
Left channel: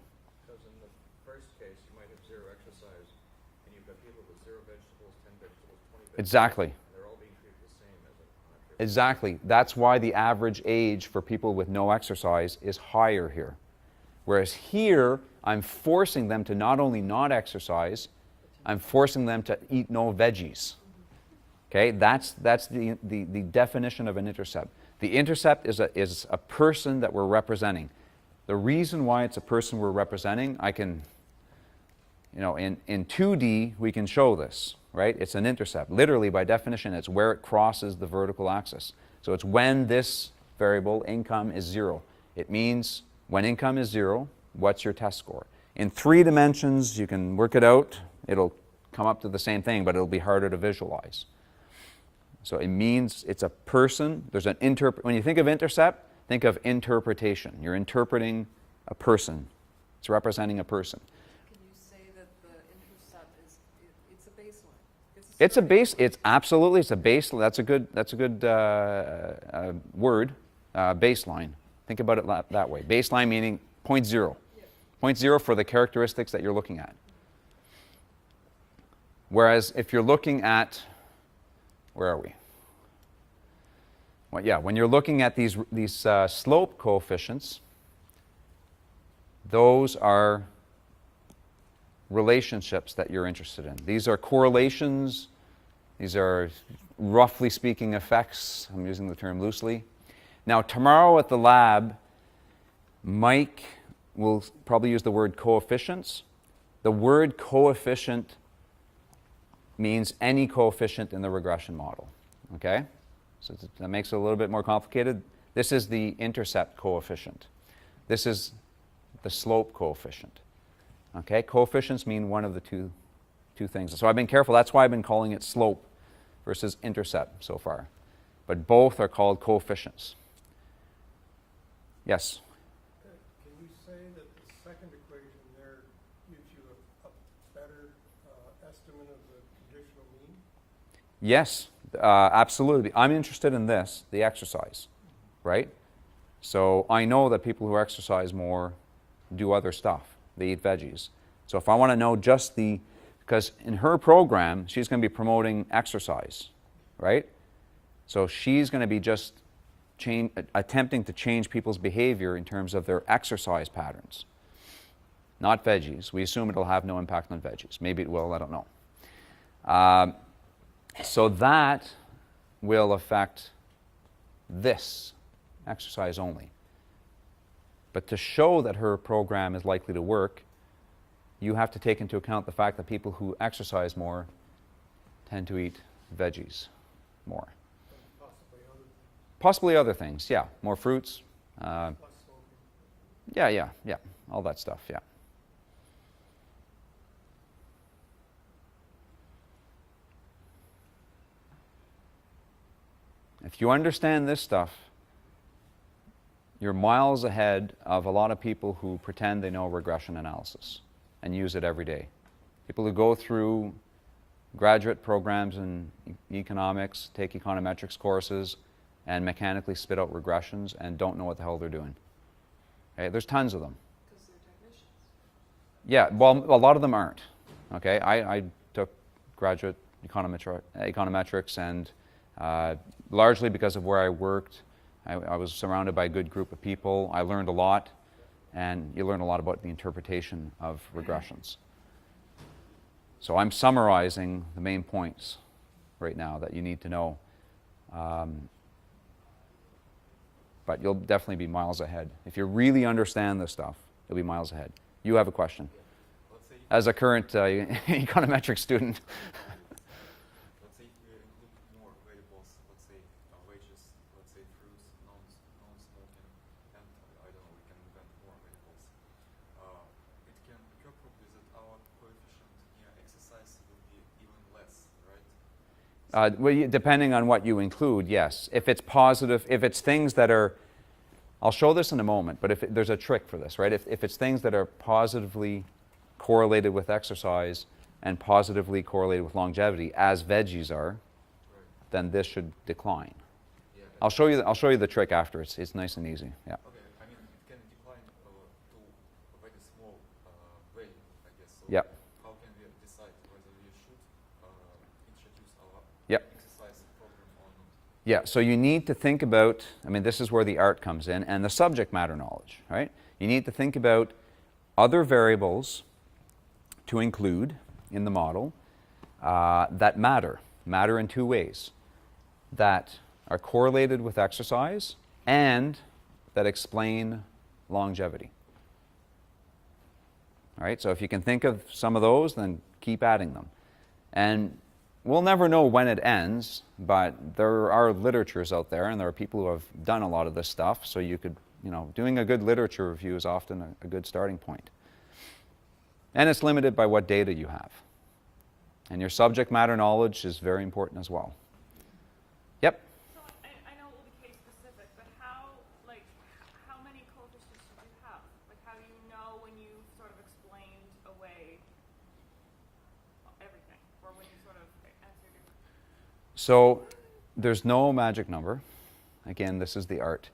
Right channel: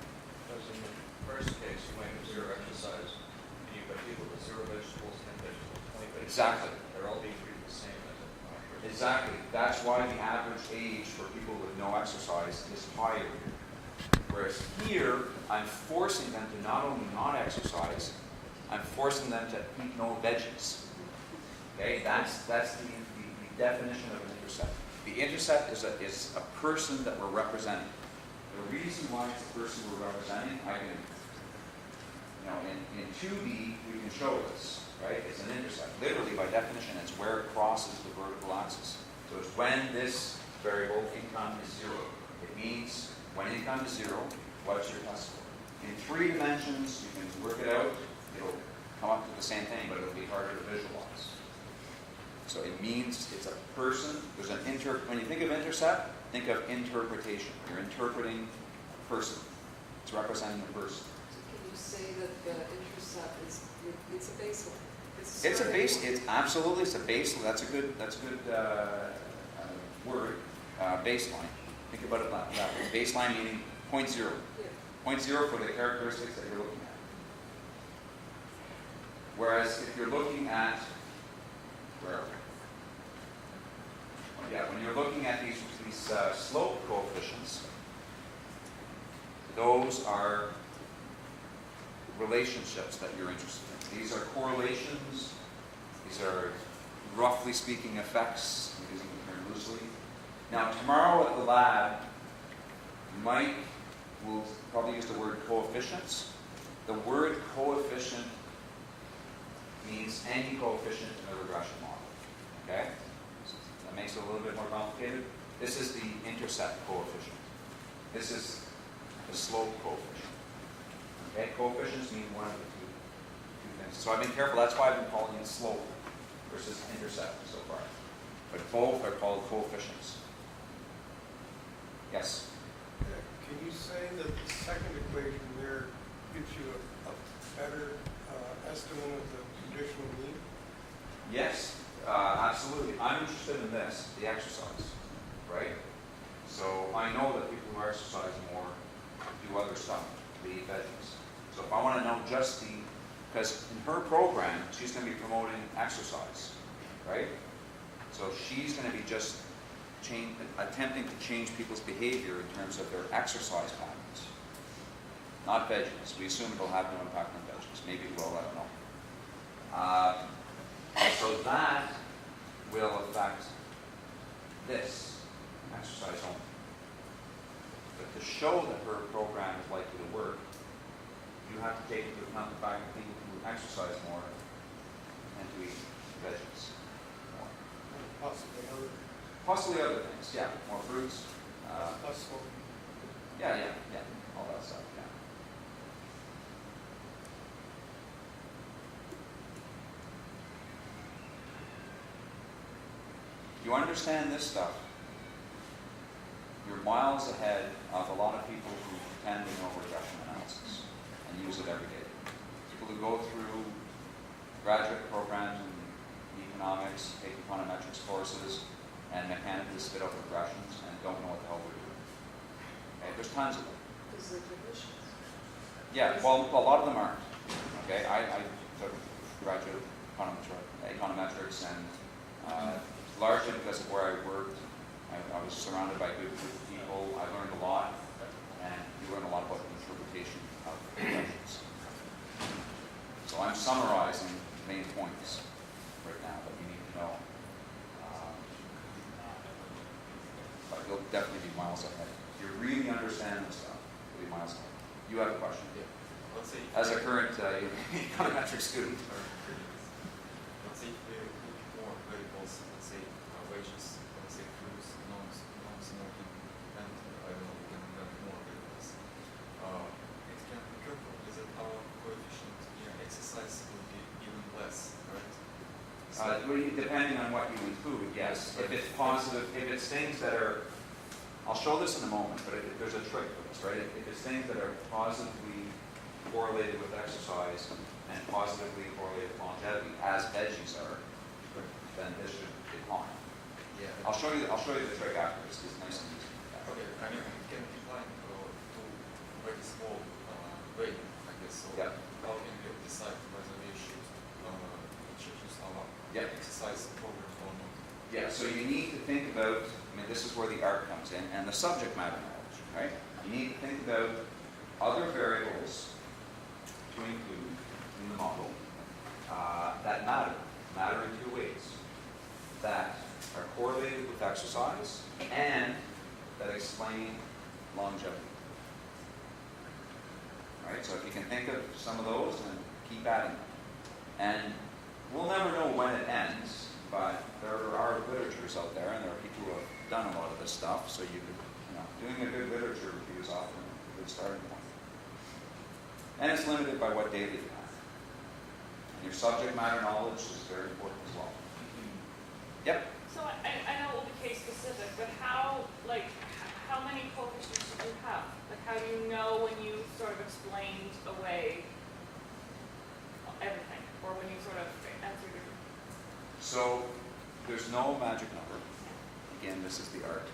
As in the first case, you might have 0 exercise, and you've got people with 0 vegetables, 10 vegetables, 20 vegetables. Exactly. They're all being treated the same as a Exactly. That's why the average age for people with no exercise is higher here. Whereas here, I'm forcing them to not only not exercise, I'm forcing them to eat no veggies. Okay, that's the definition of an intercept. The intercept is a person that we're representing. The reason why it's a person we're representing, I can, in 2D, we can show this, right? It's an intercept. Literally, by definition, it's where it crosses the vertical axis. So it's when this variable, income, is 0. It means when income is 0, what's your test score? In 3 dimensions, you can work it out. It'll come up to the same thing, but it'll be harder to visualize. So it means it's a person. There's an when you think of intercept, think of interpretation. You're interpreting a person. It's representing a person. Can you say that the intercept is, it's a baseline? It's a base. It's absolutely. It's a base. That's a good word. Baseline. Think about it that way. Baseline meaning 0.0. Yeah. 0.0 for the characteristics that you're looking at. Whereas if you're looking at, where are we? Well, yeah, when you're looking at these slope coefficients, those are relationships that you're interested in. These are correlations. These are, roughly speaking, effects. I'm using the term loosely. Now, tomorrow at the lab, Mike will probably use the word coefficients. The word coefficient means any coefficient in the regression model. Okay? So that makes it a little bit more complicated. This is the intercept coefficient. This is the slope coefficient. Okay? Coefficients mean one of the two things. So I've been careful. That's why I've been calling it slope versus intercept so far. But both are called coefficients. Yes? Can you say that the second equation there gives you a better Yes, absolutely. I'm interested in this, the exercise, right? So I know that people who exercise more do other stuff. They eat veggies. So if I want to know just the, because in her program, she's going to be promoting exercise, right? So she's going to be just attempting to change people's behavior in terms of their exercise patterns, not veggies. We assume it'll have no impact on veggies. Maybe it will, I don't know. So that will affect this, exercise only. But to show that her program is likely to work, you have to take into account the fact that people who exercise more tend to eat veggies more. Possibly other things, yeah. More fruits. Yeah, all that stuff, yeah. If you understand this stuff, you're miles ahead of a lot of people who pretend they know regression analysis and use it every day. People who go through graduate programs in economics, take econometrics courses, and mechanically spit out regressions and don't know what the hell they're doing. Okay, there's tons of them. Yeah, well, a lot of them aren't. Okay, I took graduate econometrics, and largely because of where I worked, I was surrounded by a good group of people. I learned a lot, and you learn a lot about the interpretation of regressions. So I'm summarizing the main points right now that you need to know. But you'll definitely be miles ahead. If you really understand this stuff, you'll be miles ahead. You have a question. As a current econometric student. Let's say if we include more variables, let's say wages, let's say fruits, non-smoking, and I don't know, we can have more variables. It can be careful is that our coefficient near exercise will be even less, right? Well, depending on what you include, yes. If it's positive, if it's things that are, I'll show this in a moment, but there's a trick for this, right? If it's things that are positively correlated with exercise and positively correlated with longevity, as veggies are, then this should decline. Yeah. I'll show you the trick after. It's nice and easy. Yeah. Okay, I mean it can decline to very small rate, I guess. So Yep. how can we decide whether we should choose our Yep. exercise program or not? Yeah, so you need to think about, I mean, this is where the art comes in, and the subject matter knowledge, right? You need to think about other variables to include in the model that matter in two ways, that are correlated with exercise and that explain longevity. All right, so if you can think of some of those, then keep adding them. And we'll never know when it ends, but there are literatures out there, and there are people who have done a lot of this stuff, so you could, doing a good literature review is often a good starting point. And it's limited by what data you have. And your subject matter knowledge is very important as well. Yep? So I know it will be case specific, but how many coefficients do you have? Like, how do you know when you sort of explained away everything, or when you sort of answered your... So there's no magic number. Again, this is the art.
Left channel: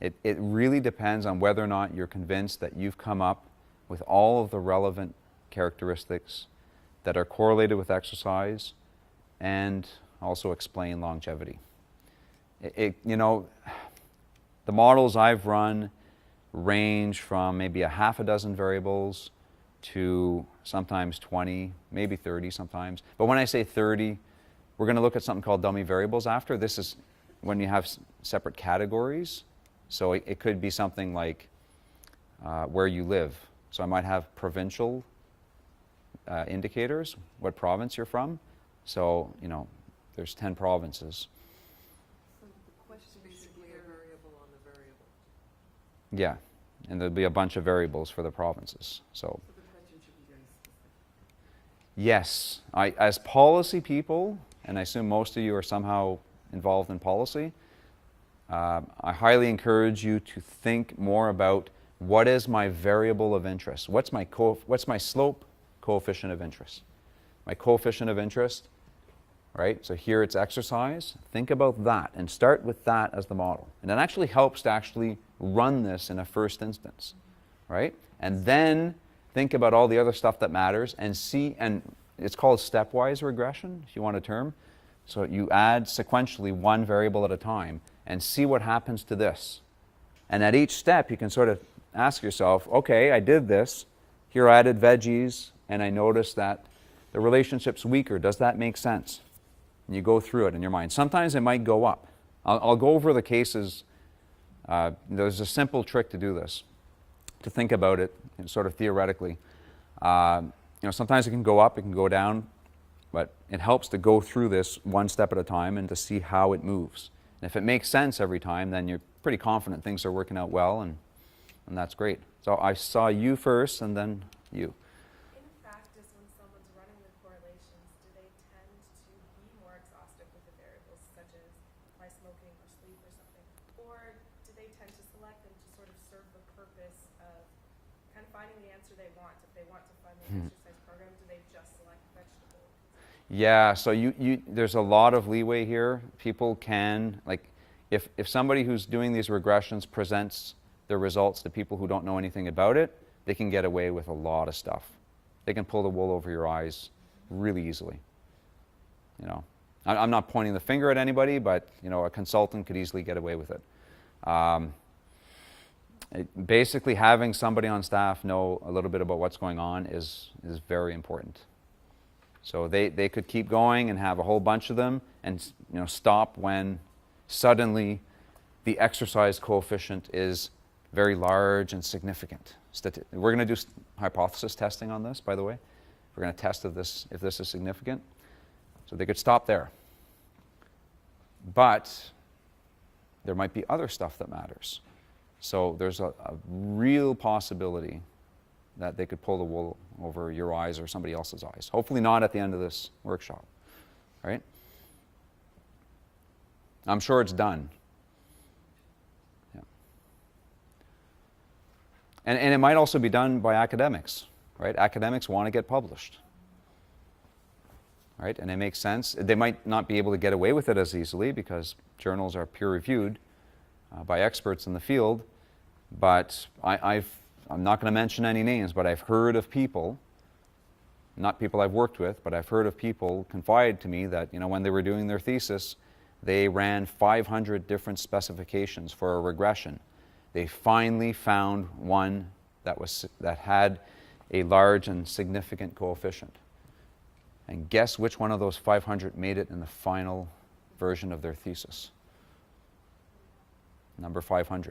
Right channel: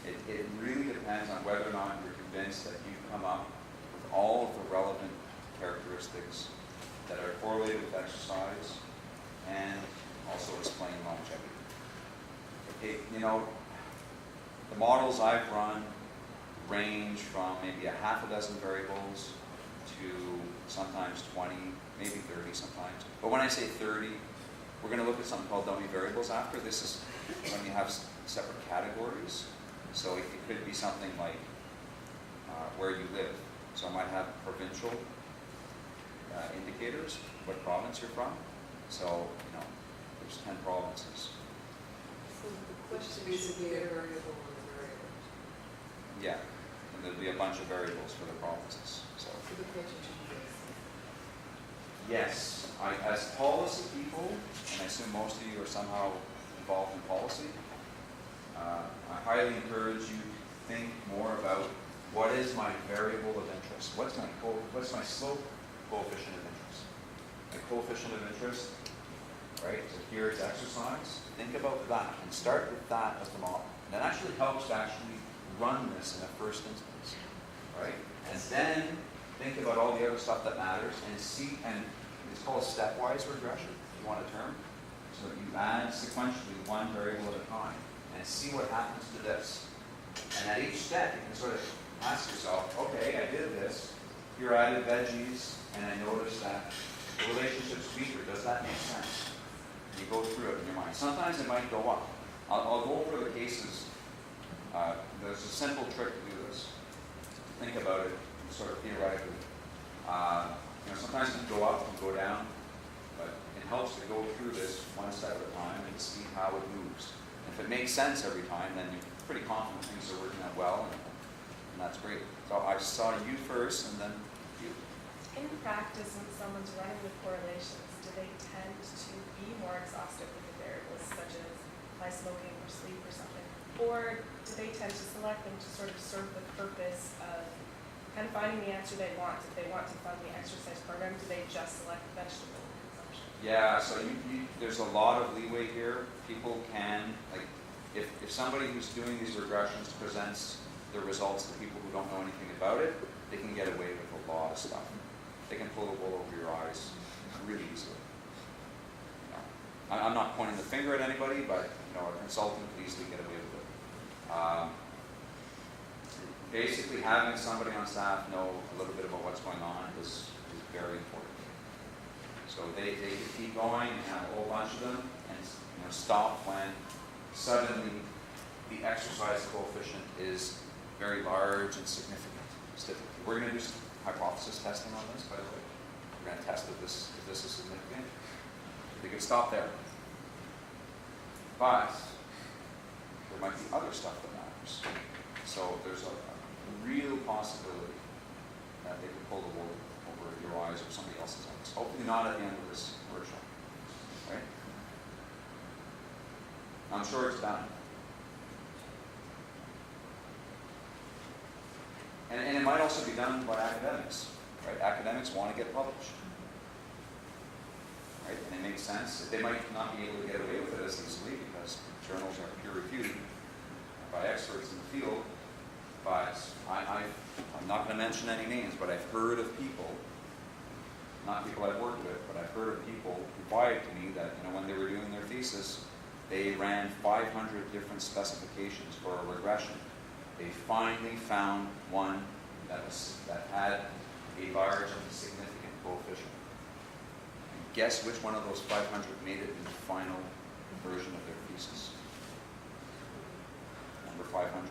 It really depends on whether or not you're convinced that you've come up with all of the relevant characteristics that are correlated with exercise and also explain longevity. The models I've run range from maybe a half a dozen variables to sometimes 20, maybe 30 sometimes. But when I say 30, we're going to look at something called dummy variables after. This is when you have separate categories. So it could be something like where you live. So I might have provincial indicators, what province you're from. So, there's 10 provinces. So the question is basically a variable or a variable. Yeah, and there'll be a bunch of variables for the provinces. So So the question should be this. yes, as policy people, and I assume most of you are somehow involved in policy, I highly encourage you to think more about what is my variable of interest? What's my slope coefficient of interest? My coefficient of interest right? So here it's exercise. Think about that and start with that as the model. And it actually helps to actually run this in a first instance, right? And then think about all the other stuff that matters and see, and it's called stepwise regression, if you want a term. So you add sequentially one variable at a time and see what happens to this. And at each step, you can sort of ask yourself, okay, I did this. Here I added veggies, and I noticed that the relationship's weaker. Does that make sense? And you go through it in your mind. Sometimes it might go up. I'll go over the cases. There's a simple trick to do this, to think about it sort of theoretically. Sometimes it can go up, it can go down, but it helps to go through this one step at a time and to see how it moves. And if it makes sense every time, then you're pretty confident things are working out well, and that's great. So I saw you first, and then you. In practice, when someone's running with correlations, do they tend to be more exhaustive with the variables, such as by smoking or sleep or something? Or do they tend to select them to sort of serve the purpose of kind of finding the answer they want? If they want to fund the exercise program, do they just select vegetable consumption? Yeah, so there's a lot of leeway here. People can, like, if somebody who's doing these regressions presents their results to people who don't know anything about it, they can get away with a lot of stuff. They can pull the wool over your eyes really easily. I'm not pointing the finger at anybody, but a consultant could easily get away with it. Basically, having somebody on staff know a little bit about what's going on is very important. So they could keep going and have a whole bunch of them, and stop when suddenly the exercise coefficient is very large and significant. We're going to do hypothesis testing on this, by the way. We're going to test if this is significant. So they could stop there. But there might be other stuff that matters. So there's a real possibility that they could pull the wool over your eyes or somebody else's eyes. Hopefully not at the end of this workshop, right? I'm sure it's done. And it might also be done by academics, right? Academics want to get published, right? And it makes sense. They might not be able to get away with it as easily because journals are peer-reviewed by experts in the field. But I'm not going to mention any names, but I've heard of people, not people I've worked with, but I've heard of people confide to me that when they were doing their thesis, they ran 500 different specifications for a regression. They finally found one that had a large and significant coefficient. And guess which one of those 500 made it in the final version of their thesis? Number 500.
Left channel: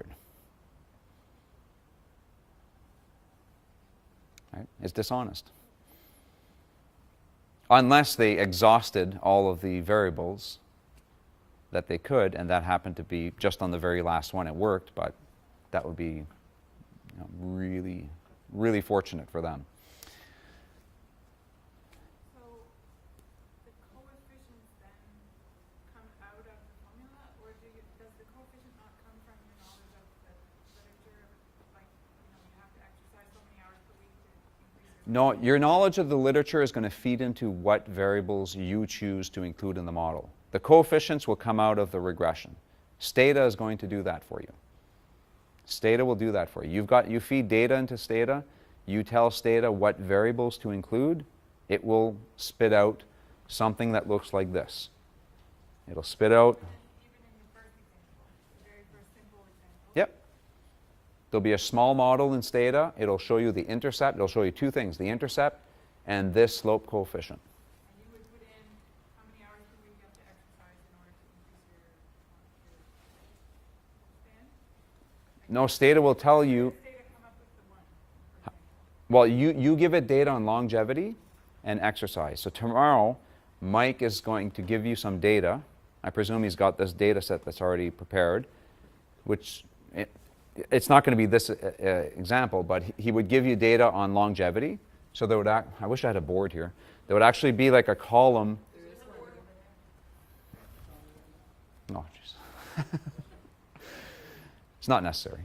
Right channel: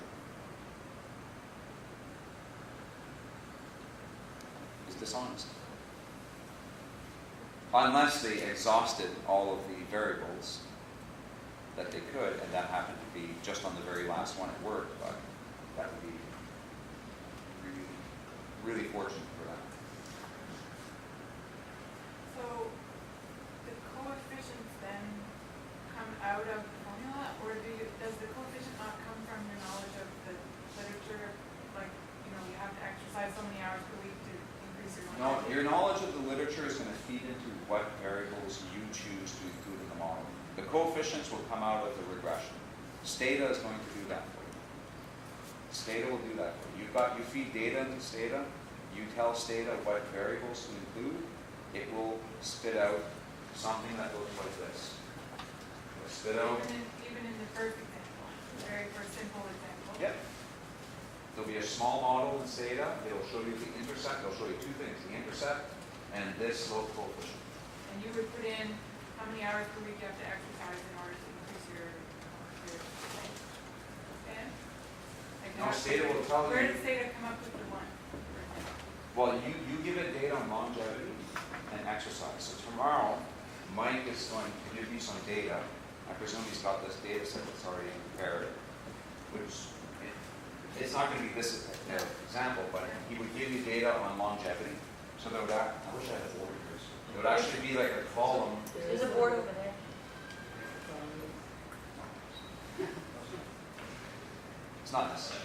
Right? It's dishonest. Unless they exhausted all of the variables that they could, and that happened to be just on the very last one it worked, but that would be really, really fortunate for them. So the coefficients then come out of the formula, or does the coefficient not come from your knowledge of the literature? Like, you have to exercise so many hours per week to increase your No, your knowledge of the literature is going to feed into what variables you choose to include in the model. The coefficients will come out of the regression. Stata is going to do that for you. Stata will do that for you. You feed data into Stata, you tell Stata what variables to include, it will spit out something that looks like this. It'll spit out. Even in the first example, the very first simple example. Yep. There'll be a small model in Stata. It'll show you the intercept. It'll show you two things, the intercept and this slope coefficient. And you would put in how many hours per week you have to exercise in order to increase your No, Stata will tell you. Where does Stata come up with the one? Well, you give it data on longevity and exercise. So tomorrow, Mike is going to give you some data. I presume he's got this data set that's already prepared, which it's not going to be this example, but he would give you data on longevity. So there would I wish I had a board here. There would actually be like a column. There's a board over there. No, it's not necessary.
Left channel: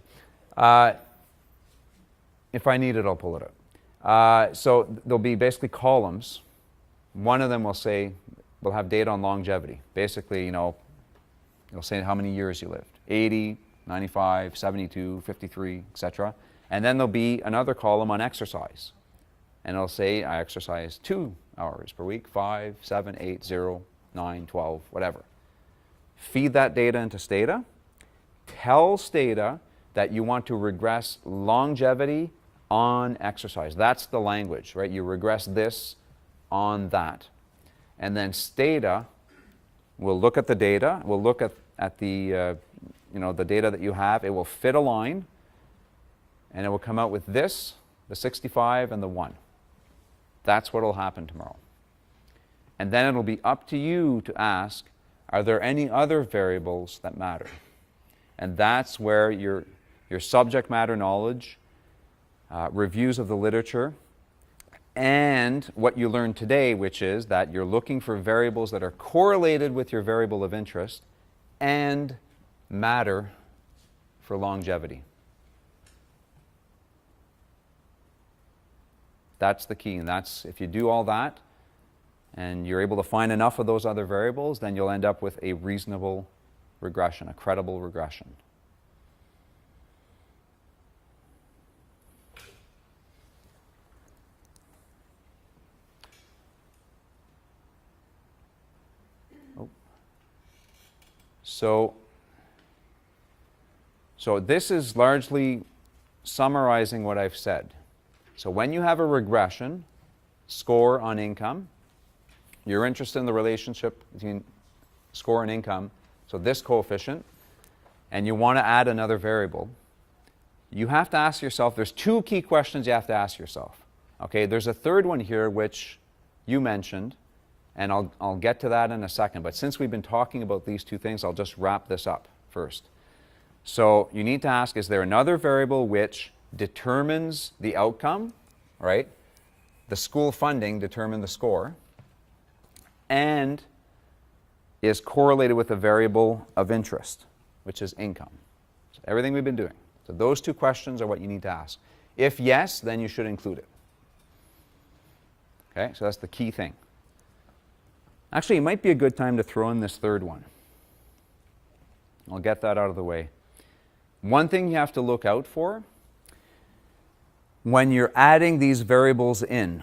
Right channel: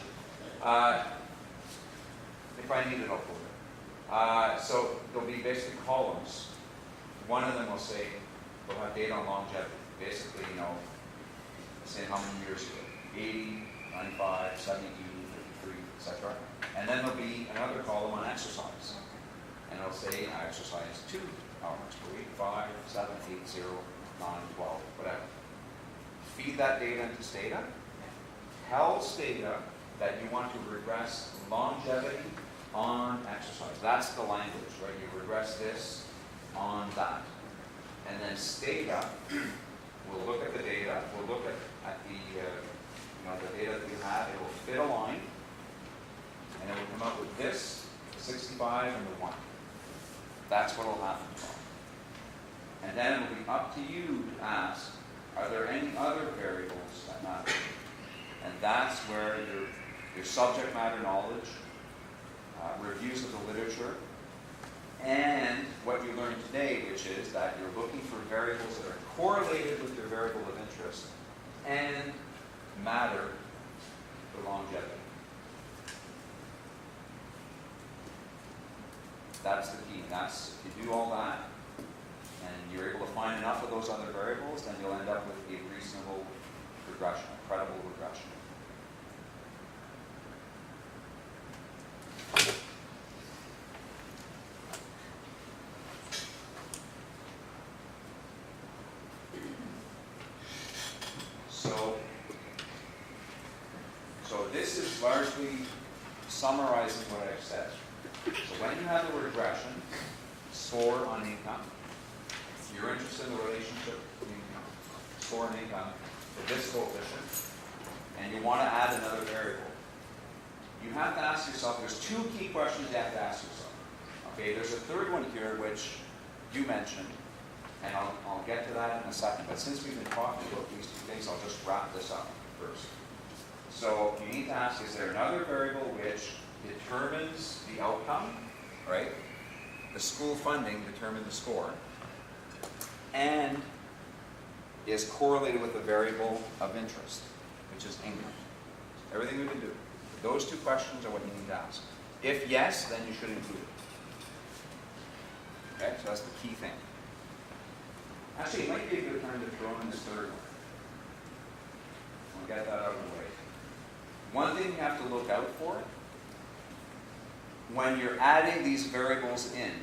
If I need it, I'll pull it up. So there'll be basically columns. One of them will say we'll have data on longevity. Basically, it'll say how many years you live. 80, 95, 72, 53, etc. And then there'll be another column on exercise. And it'll say, I exercise 2 hours per week, 5, 7, 8, 0, 9, 12, whatever. Feed that data into Stata. Tell Stata that you want to regress longevity on exercise. That's the language, right? You regress this on that. And then Stata will look at the data, will look at the, the data that you have. It will fit a line, and it will come out with this, the 65 and the 1. That's what will happen tomorrow. And then it'll be up to you to ask, are there any other variables that matter? And that's where your subject matter knowledge, reviews of the literature, and what you learned today, which is that you're looking for variables that are correlated with your variable of interest and matter for longevity. That's the key. And that's, if you do all that and you're able to find enough of those other variables, then you'll end up with a reasonable regression, a credible regression. So this is largely summarizing what I've said. So when you have a regression, score on income, you're interested in the relationship between score and income, so this coefficient, and you want to add another variable, you have to ask yourself, there's 2 key questions you have to ask yourself. Okay, there's a third one here which you mentioned, and I'll get to that in a second, but since we've been talking about these 2 things, I'll just wrap this up first. So you need to ask, is there another variable which determines the outcome, right? The school funding determines the score, and is correlated with a variable of interest, which is income. Everything we've been doing. So those 2 questions are what you need to ask. If yes, then you should include it. Okay, so that's the key thing. Actually, it might be a good time to throw in this third one. I'll get that out of the way. One thing you have to look out for when you're adding these variables in,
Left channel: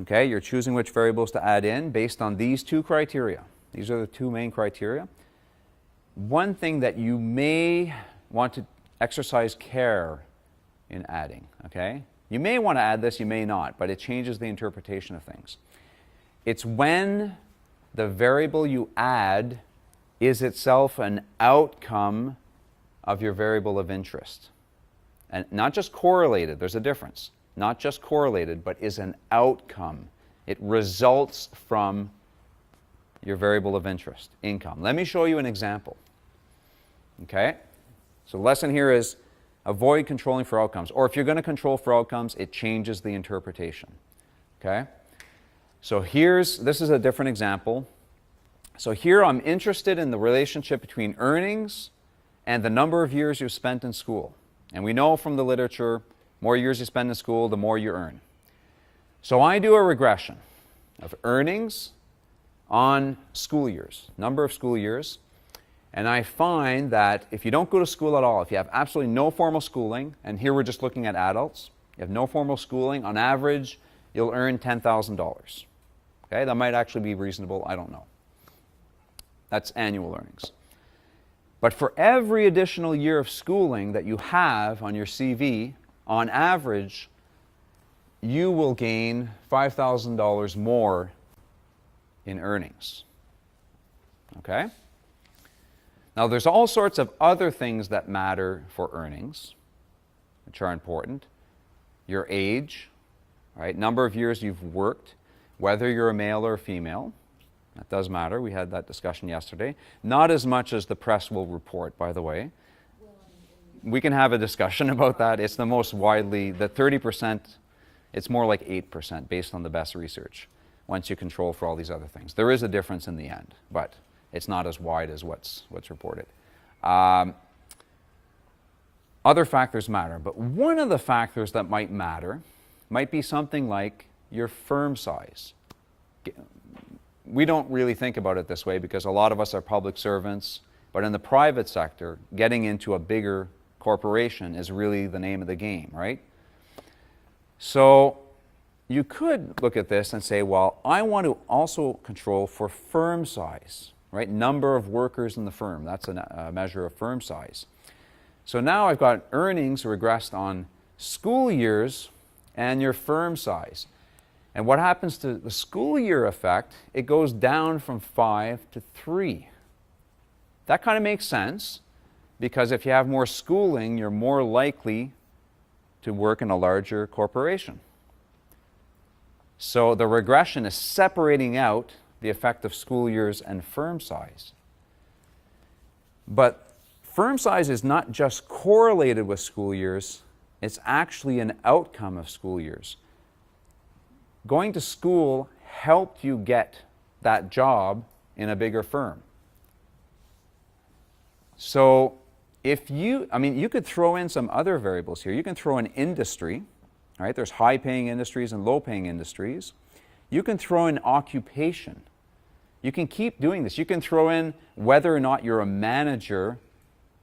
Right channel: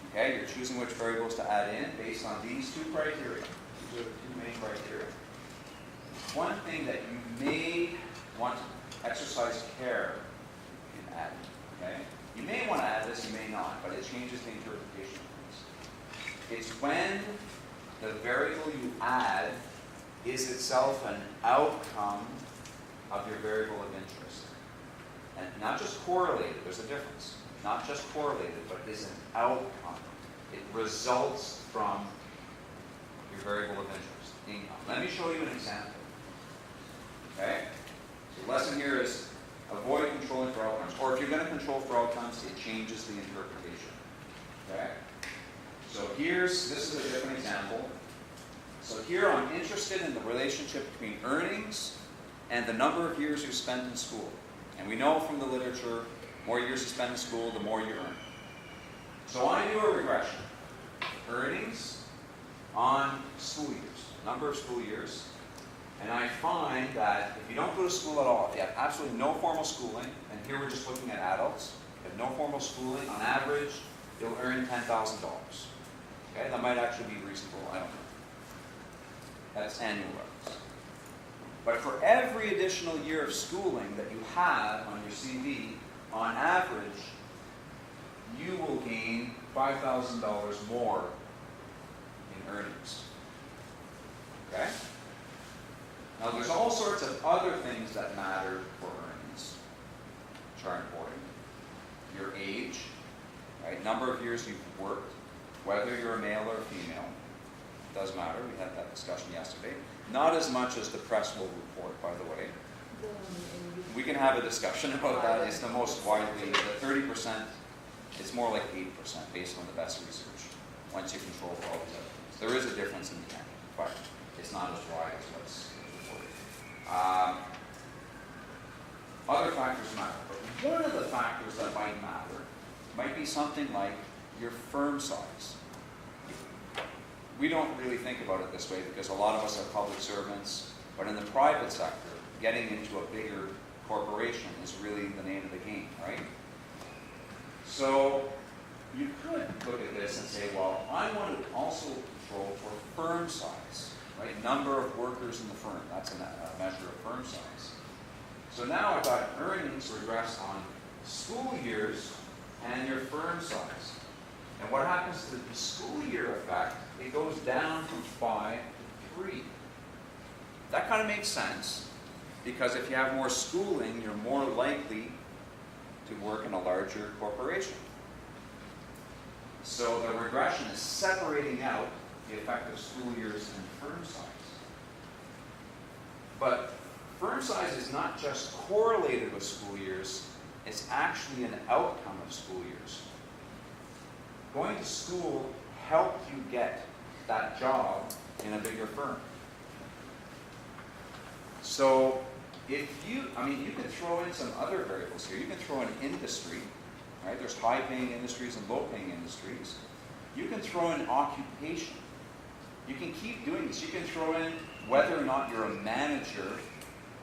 okay, you're choosing which variables to add in based on these 2 criteria. These are the 2 main criteria. One thing that you may want to exercise care in adding, okay? You may want to add this, you may not, but it changes the interpretation of things. It's when the variable you add is itself an outcome of your variable of interest. And not just correlated, there's a difference. Not just correlated, but is an outcome. It results from your variable of interest, income. Let me show you an example. Okay? So the lesson here is avoid controlling for outcomes. Or if you're going to control for outcomes, it changes the interpretation. Okay? So this is a different example. So here I'm interested in the relationship between earnings and the number of years you've spent in school. And we know from the literature, more years you spend in school, the more you earn. So I do a regression of earnings on school years, number of school years, and I find that if you don't go to school at all, if you have absolutely no formal schooling, and here we're just looking at adults, you have no formal schooling, on average, you'll earn $10,000. Okay, that might actually be reasonable, I don't know. That's annual earnings. But for every additional year of schooling that you have on your CV, on average, you will gain $5,000 more in earnings. Okay? Now, there's all sorts of other things that matter for earnings, which are important. Your age, right? Number of years you've worked, whether you're a male or a female. That does matter. We had that discussion yesterday. Not as much as the press will report, by the way. We can have a discussion about that. It's the most widely, the 30%, it's more like 8% based on the best research, once you control for all these other things. There is a difference in the end, but it's not as wide as what's reported. Other factors matter, but one of the factors that might matter might be something like your firm size. we don't really think about it this way because a lot of us are public servants, but in the private sector, getting into a bigger corporation is really the name of the game, right? So you could look at this and say, well, I want to also control for firm size, right? Number of workers in the firm. That's a measure of firm size. So now I've got earnings regressed on school years and your firm size. And what happens to the school year effect? It goes down from 5 to 3. That kind of makes sense because if you have more schooling, you're more likely to work in a larger corporation. So the regression is separating out the effect of school years and firm size. But firm size is not just correlated with school years, it's actually an outcome of school years. Going to school helped you get that job in a bigger firm. So if you, you could throw in some other variables here. You can throw in industry, right? There's high-paying industries and low-paying industries. You can throw in occupation. You can keep doing this. You can throw in whether or not you're a manager,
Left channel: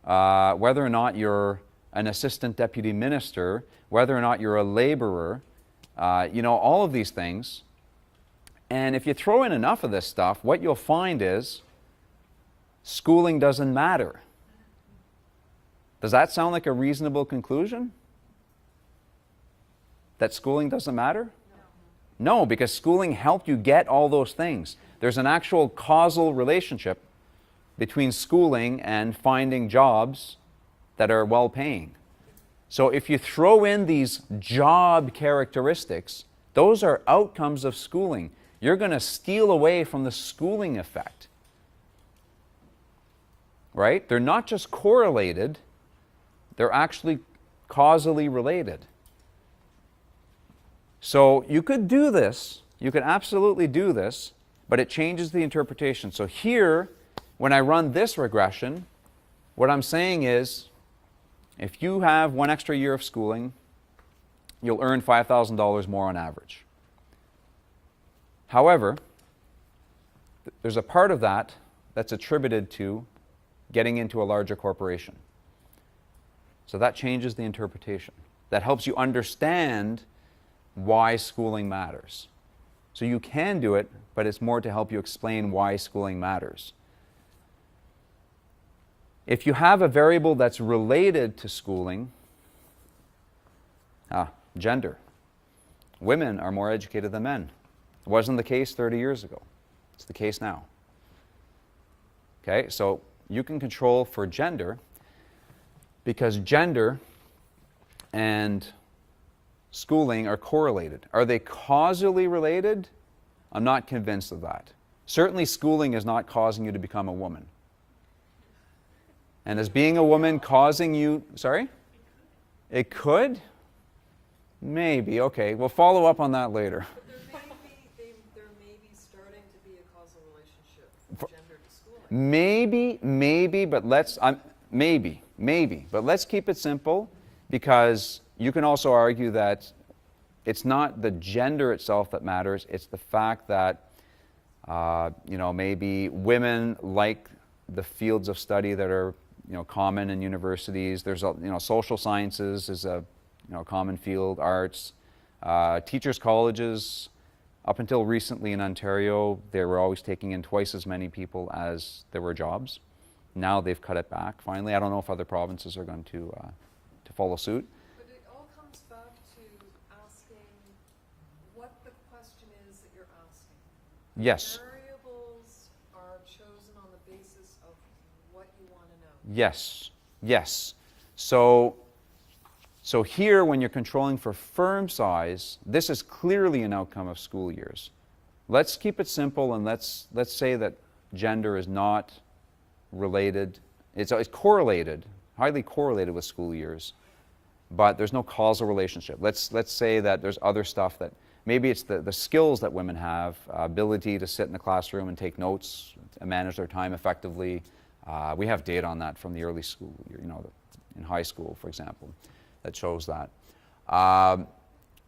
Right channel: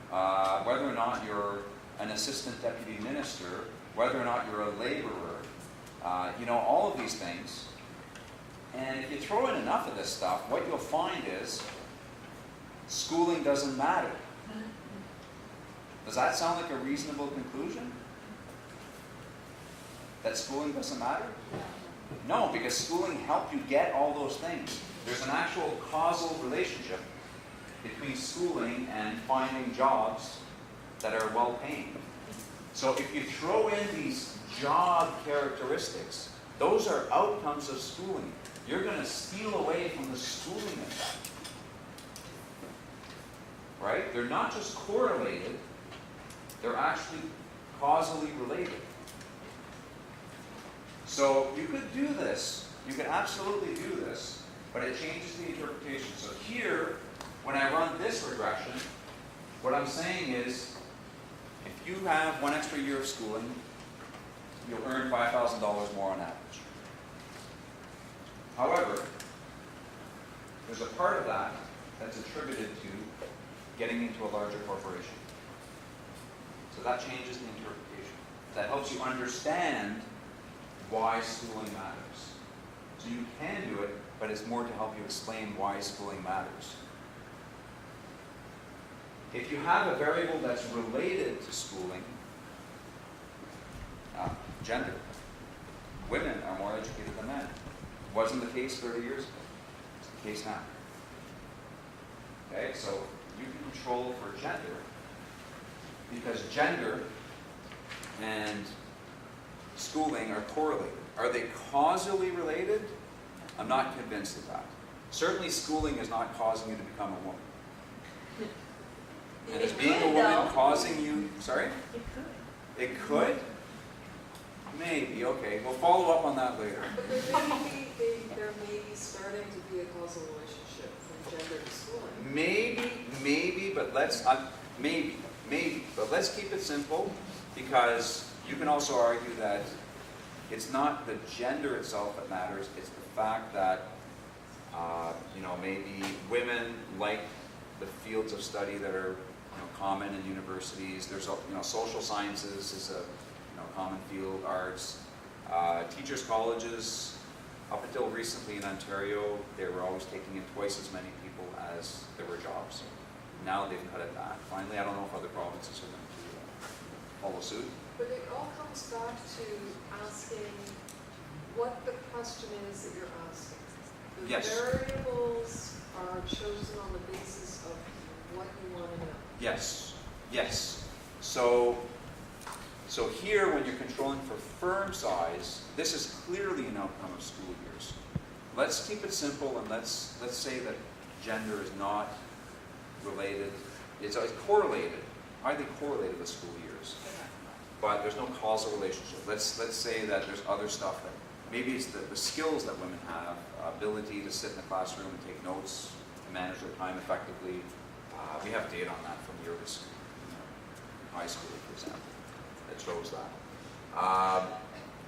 whether or not you're an assistant deputy minister, whether or not you're a laborer, all of these things. And if you throw in enough of this stuff, what you'll find is schooling doesn't matter. Does that sound like a reasonable conclusion? That schooling doesn't matter? No, because schooling helped you get all those things. There's an actual causal relationship between schooling and finding jobs that are well-paying. So if you throw in these job characteristics, those are outcomes of schooling. You're going to steal away from the schooling effect. Right? They're not just correlated, they're actually causally related. So you could do this, you could absolutely do this, but it changes the interpretation. So here, when I run this regression, what I'm saying is, if you have one extra year of schooling, you'll earn $5,000 more on average. However, there's a part of that that's attributed to getting into a larger corporation. So that changes the interpretation. That helps you understand why schooling matters. So you can do it, but it's more to help you explain why schooling matters. If you have a variable that's related to schooling, gender. Women are more educated than men. It wasn't the case 30 years ago. It's the case now. Okay, so you can control for gender because gender and schooling are correlated. Are they causally related? I'm not convinced of that. Certainly schooling is not causing you to become a woman. And is being a woman causing you, sorry? It could? Maybe, okay. We'll follow up on that later. But there may be starting to be a causal relationship from gender to schooling. Maybe, but let's keep it simple because you can also argue that it's not the gender itself that matters, it's the fact that maybe women like the fields of study that are common in universities. There's social sciences is a common field, arts, teachers' colleges. Up until recently in Ontario, they were always taking in twice as many people as there were jobs. Now they've cut it back. Finally, I don't know if other provinces are going to follow suit. But it all comes back to asking what the question is that you're asking. Yes. Variables are chosen on the basis of what you want to know. Yes. So here, when you're controlling for firm size, this is clearly an outcome of school years. Let's keep it simple and let's say that gender is not related. It's correlated, highly correlated with school years, but there's no causal relationship. Let's say that there's other stuff that maybe it's the skills that women have, ability to sit in the classroom and take notes and manage their time effectively. We have data on that from the early school, in high school, for example, that shows that.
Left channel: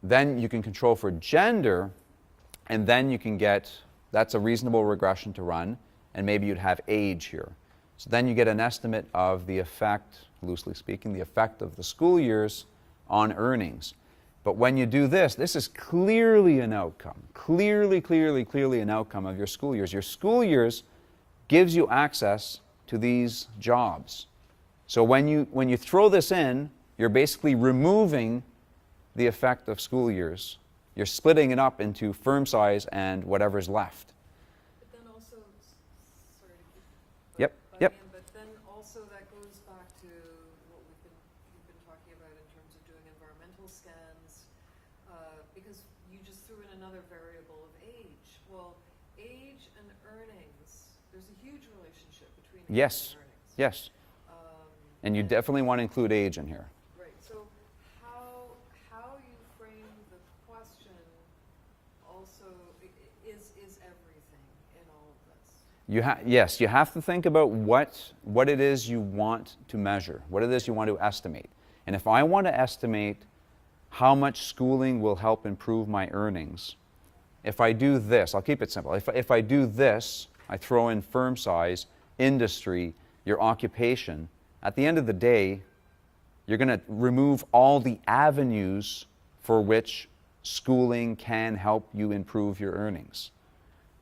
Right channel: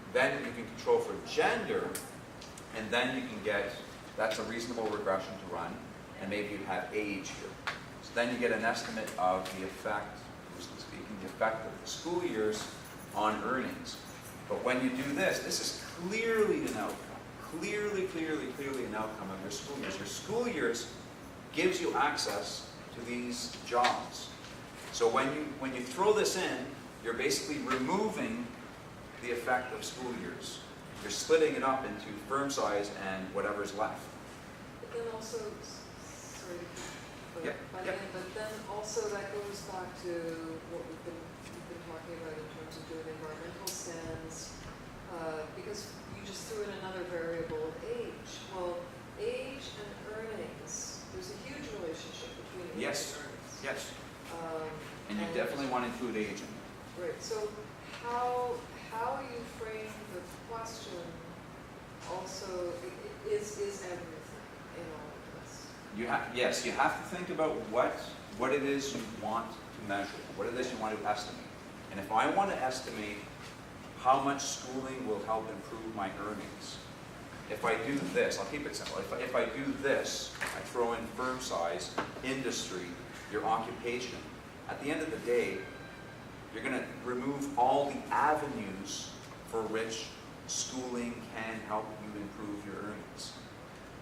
Then you can control for gender, and then you can get That's a reasonable regression to run, and maybe you'd have age here. So then you get an estimate of the effect, loosely speaking, the effect of the school years on earnings. But when you do this, this is clearly an outcome. Clearly an outcome of your school years. Your school years gives you access to these jobs. So when you throw this in, you're basically removing the effect of school years. You're splitting it up into firm size and whatever's left. But then also, sorry to keep Yep, back yep. in, but then also that goes back to what we've been talking about in terms of doing environmental stands, because you just threw in another variable of age. Well, age and earnings, there's a huge relationship between age Yes, and earnings. yes. And you definitely want to include age in here. Right, so how you frame the question also is everything in all of this. Yes, you have to think about what it is you want to measure, what it is you want to estimate. And if I want to estimate how much schooling will help improve my earnings, if I do this, I'll keep it simple. If I do this, I throw in firm size, industry, your occupation, at the end of the day, you're going to remove all the avenues for which schooling can help you improve your earnings.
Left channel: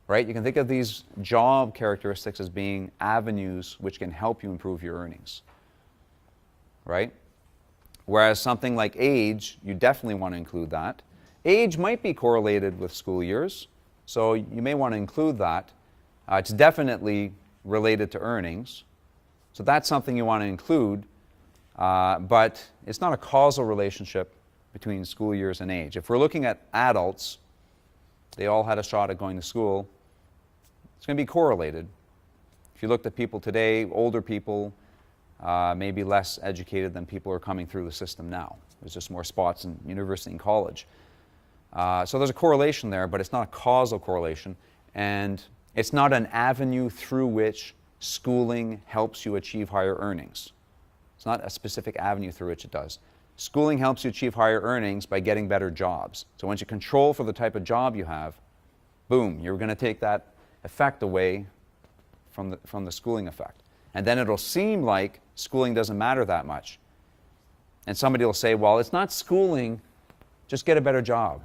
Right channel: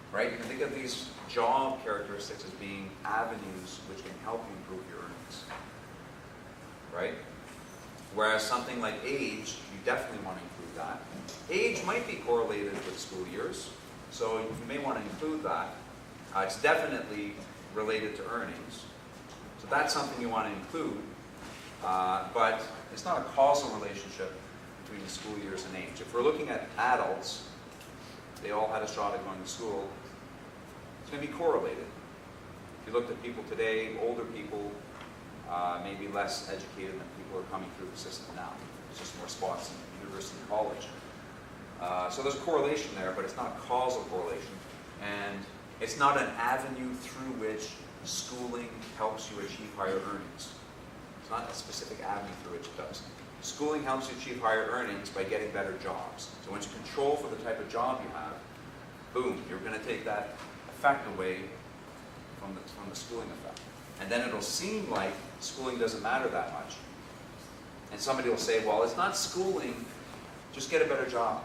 Right? You can think of these job characteristics as being avenues which can help you improve your earnings. Right? Whereas something like age, you definitely want to include that. Age might be correlated with school years, so you may want to include that. It's definitely related to earnings. So that's something you want to include, but it's not a causal relationship between school years and age. If we're looking at adults, they all had a shot at going to school, it's going to be correlated. If you looked at people today, older people, maybe less educated than people who are coming through the system now. There's just more spots in university and college. So there's a correlation there, but it's not a causal correlation. And it's not an avenue through which schooling helps you achieve higher earnings. It's not a specific avenue through which it does. Schooling helps you achieve higher earnings by getting better jobs. So once you control for the type of job you have, boom, you're going to take that effect away from the schooling effect. And then it'll seem like schooling doesn't matter that much. And somebody will say, well, it's not schooling, just get a better job.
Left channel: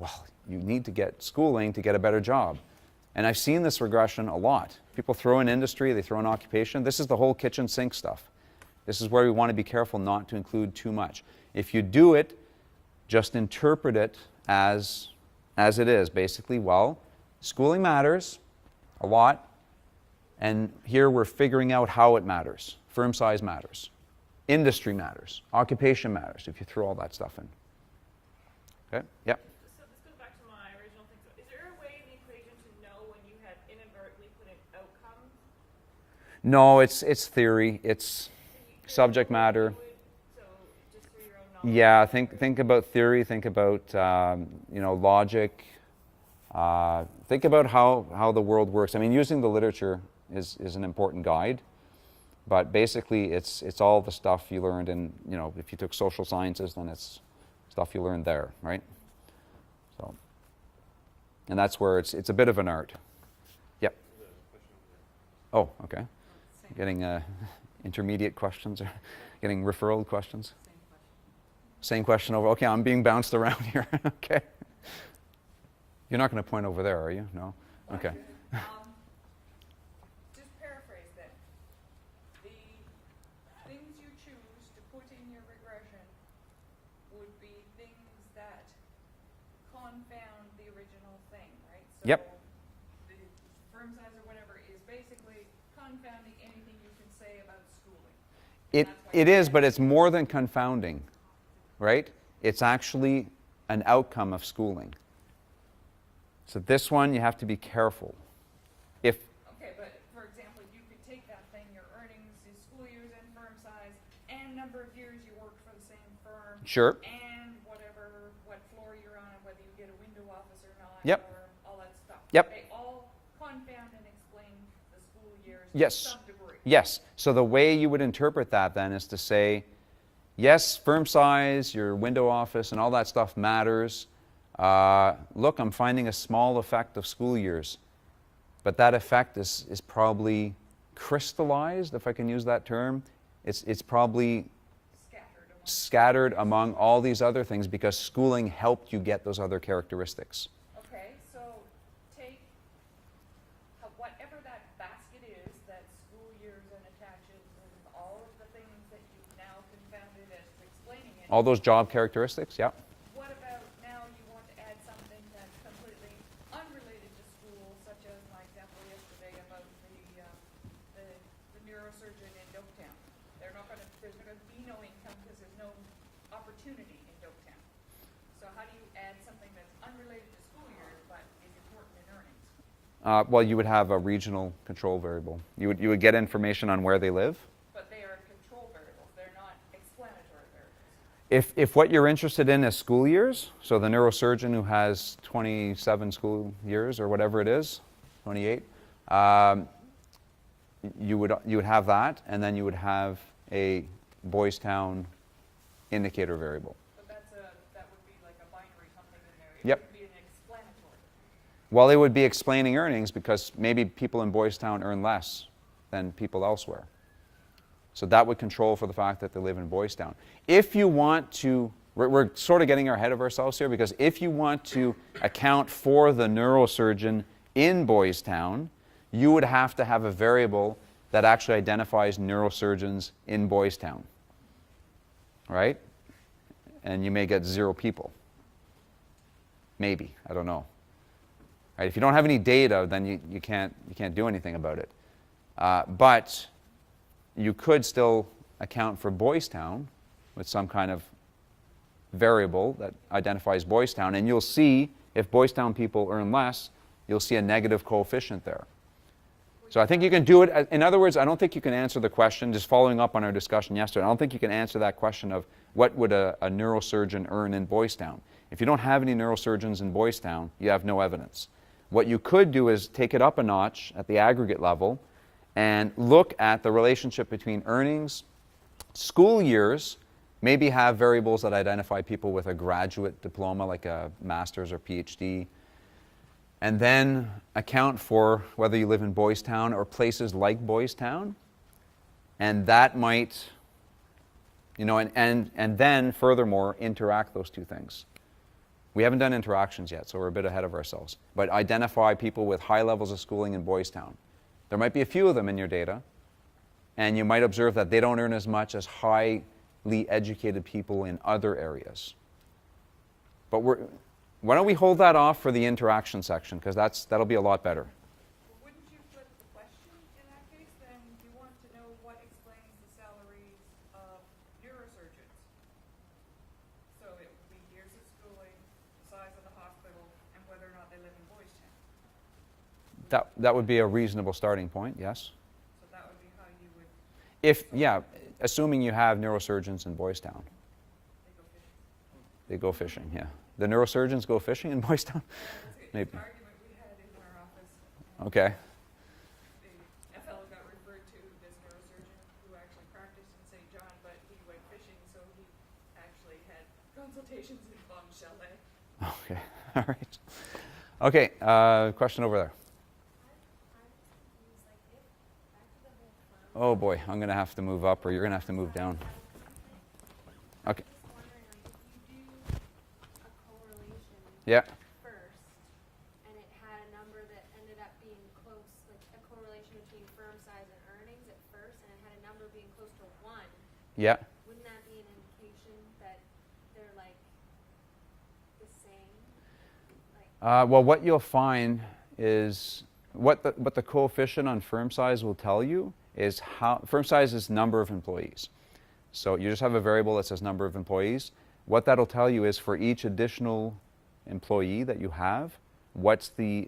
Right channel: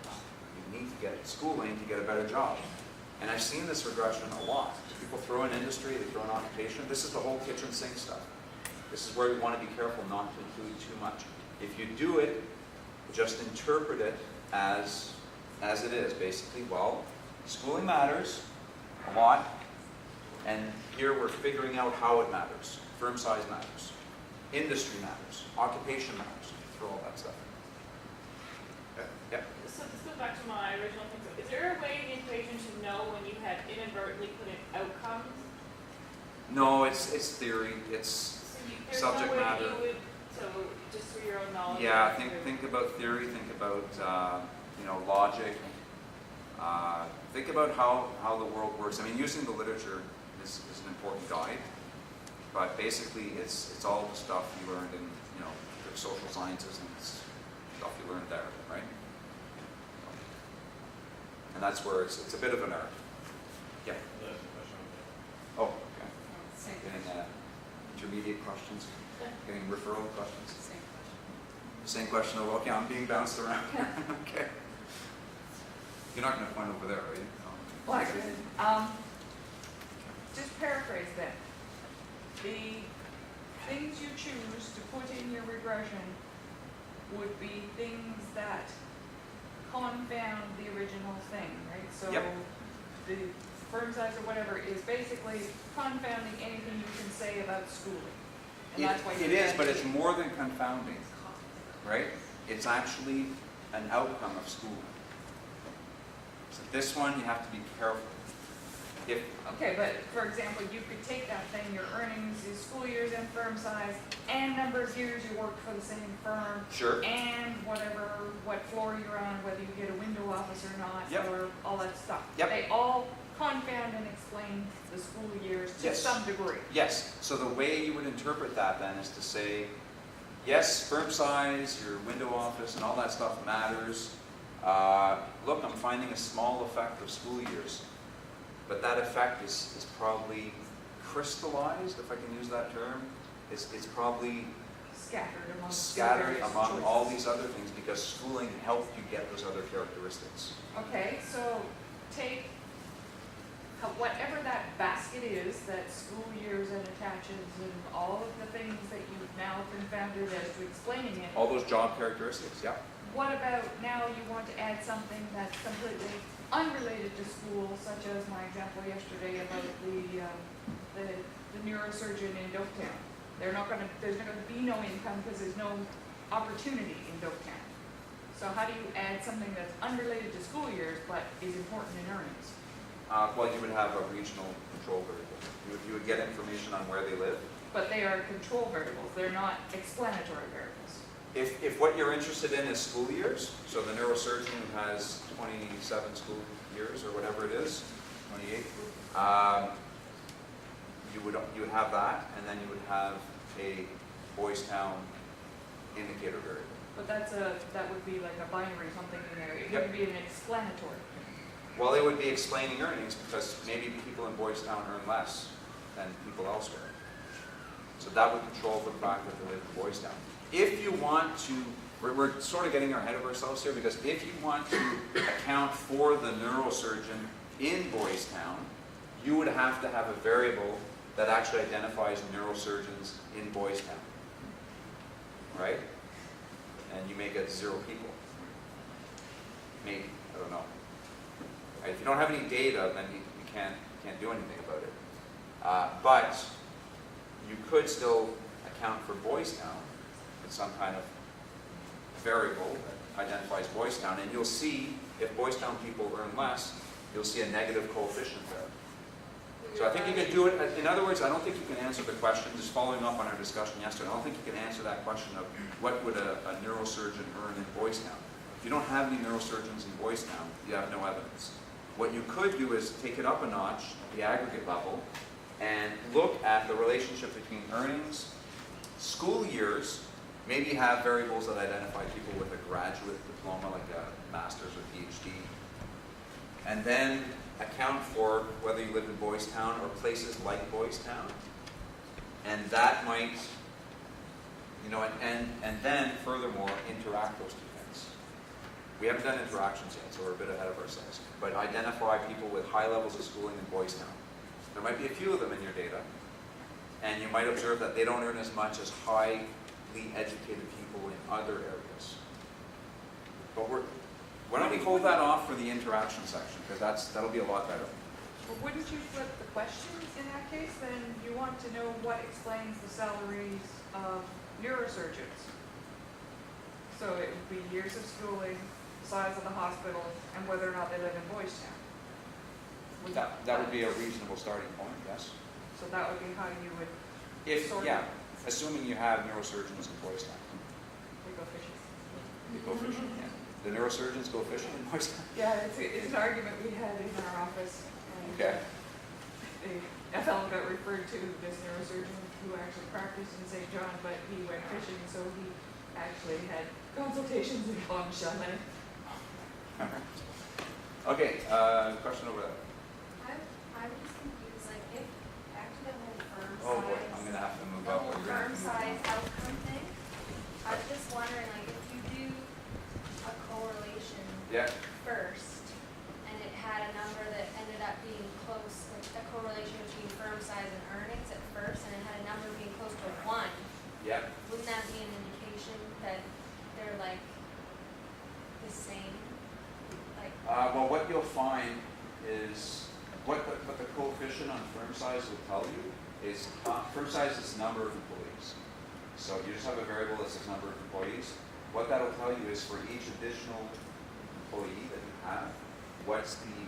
Well, you need to get schooling to get a better job. And I've seen this regression a lot. People throw in industry, they throw in occupation. This is the whole kitchen sink stuff. This is where we want to be careful not to include too much. If you do it, just interpret it as it is. Basically, well, schooling matters a lot, and here we're figuring out how it matters. Firm size matters. Industry matters. Occupation matters, if you throw all that stuff in. Okay? Yep. So this goes back to my original thing. So is there a way in the equation to know when you had inadvertently put in outcomes? No, it's theory. It's So there's subject no way matter. you would, so just for your own knowledge. Yeah, think about theory. Think about logic. Think about how the world works. I mean, using the literature is an important guide, but basically it's all the stuff you learned in, if you took social sciences, then it's stuff you learned there, right? So, and that's where it's a bit of an art. Yeah. Oh, okay. Getting intermediate questions, getting referral questions. Same question over. Okay, I'm being bounced around here. Okay. You're not going to point over there, are you? No. Okay. Just paraphrase that. The things you choose to put in your regression would be things that confound the original thing, right? So Yep. the firm size or whatever is basically confounding anything you can say about schooling. That's what It you is, get. but it's more than confounding, right? It's actually an outcome of schooling. So this one, you have to be careful. Okay, but for example, you could take that thing, your earnings is school years and firm size, and number of years you worked for the same firm, Sure. and what floor you're on, whether you get a window office or not, Yep. or all that stuff. Yep. They all confound and explain the school years Yes. to some degree. Yes. So the way you would interpret that then is to say, yes, firm size, your window office, and all that stuff matters. Look, I'm finding a small effect of school years. but that effect is probably crystallized, if I can use that term. It's probably scattered among all these other things because schooling helped you get those other characteristics. Okay, so take whatever that basket is that school years and attaches and all of the things that you've now confounded as to explaining it. All those job characteristics, yeah. What about now you want to add something that's completely unrelated to school, such as my example yesterday about the neurosurgeon in Doketown. There's not going to be no income because there's no opportunity in Doketown. So how do you add something that's unrelated to school years but is important in earnings? Well, you would have a regional control variable. You would get information on where they live. But they are control variables. They're not explanatory variables. If what you're interested in is school years, so the neurosurgeon who has 27 school years or whatever it is, 28, you would have that, and then you would have a Boys Town indicator variable. But that would be like a binary something in there. It Yep. wouldn't be an explanatory. Well, it would be explaining earnings because maybe people in Boys Town earn less than people elsewhere. So that would control for the fact that they live in Boys Town. If you want to, we're sort of getting ahead of ourselves here because if you want to account for the neurosurgeon in Boys Town, you would have to have a variable that actually identifies neurosurgeons in Boys Town, right? And you may get 0 people. Maybe, I don't know. Right? If you don't have any data, then you can't do anything about it. But you could still account for Boys Town with some kind of variable that identifies Boys Town, and you'll see if Boys Town people earn less, you'll see a negative coefficient there. So I think you can do it. In other words, I don't think you can answer the question, just following up on our discussion yesterday, I don't think you can answer that question of what would a neurosurgeon earn in Boys Town. If you don't have any neurosurgeons in Boys Town, you have no evidence. What you could do is take it up a notch at the aggregate level and look at the relationship between earnings. School years maybe have variables that identify people with a graduate diploma, like a master's or PhD, and then account for whether you live in Boys Town or places like Boys Town. And that might, and then furthermore, interact those two things. We haven't done interactions yet, so we're a bit ahead of ourselves. But identify people with high levels of schooling in Boys Town. There might be a few of them in your data, and you might observe that they don't earn as much as highly educated people in other areas. But why don't we hold that off for the interaction section, because that'll be a lot better. But wouldn't you flip the question in that case? Then you want to know what explains the salaries of neurosurgeons. So it would be years of schooling, the size of the hospital, and whether or not they live in Boys Town. That would be a reasonable starting point, yes. So that would be how you would Assuming you have neurosurgeons in Boys Town. they go fishing. They go fishing, yeah. The neurosurgeons go fishing in Boys Town? Yeah, it's an argument we had in our office. And Okay. A fellow got referred to this neurosurgeon who actually practiced in St. John, but he went fishing, so he actually had consultations in Palm Chalet. Okay, all right. Okay, question over there. I'm just confused, like, if, back to the whole firm Oh boy, size- I'm gonna have to move up or you're gonna have to move down. firm size outcome thing, I was Okay. just wondering, like, if you do a correlation Yeah, first, and it had a number that ended up being close, like a correlation between firm size and earnings at first, and it had a number being close to 1, yeah. wouldn't that be an indication that they're like the same? Like, Well, what you'll find is what the coefficient on firm size will tell you is how firm size is number of employees. So you just have a variable that says number of employees. What that'll tell you is for each additional employee that you have, what's the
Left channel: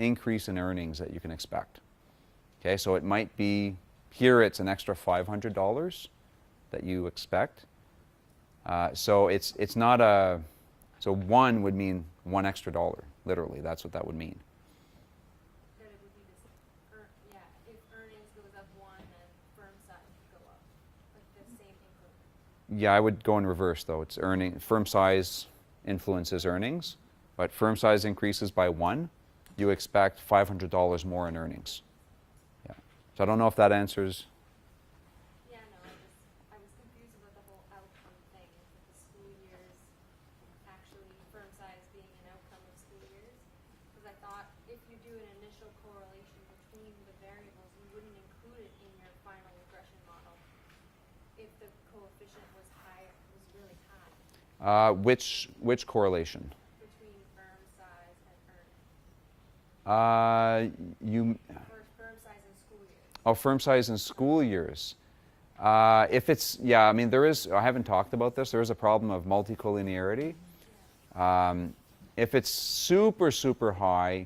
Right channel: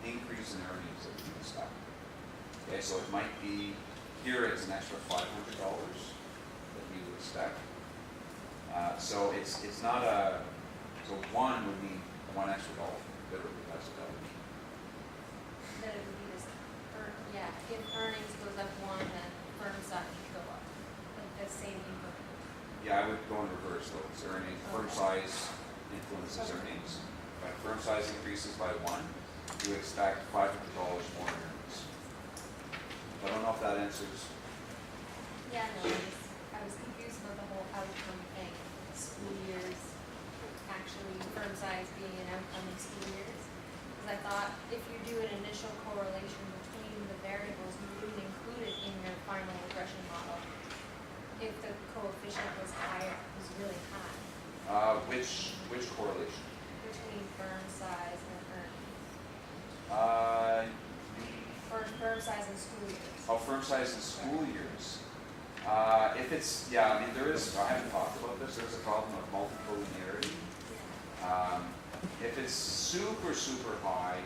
increase in earnings that you can expect. Okay, so it might be, here it's an extra $500 that you expect. So it's not a, so 1 would mean $1 extra, literally, that's what that would mean. that it would be this, if earnings goes up 1, then firm size would go up, like the same increment. Yeah, I would go in reverse though. It's earning, firm size influences earnings, but firm size increases by 1, you expect $500 more in earnings. So I don't know if that answers. Yeah, no, I was confused about the whole outcome thing, school years, actually firm size being an outcome in school years. Because I thought if you do an initial correlation between the variables, you wouldn't include it in your final regression model if the coefficient was higher, was really high, Which correlation? between firm size and firm size and school years. Oh, firm size in school years. If it's, yeah, I mean, there is, I haven't talked about this, there is a problem of multicollinearity. If it's super, super high,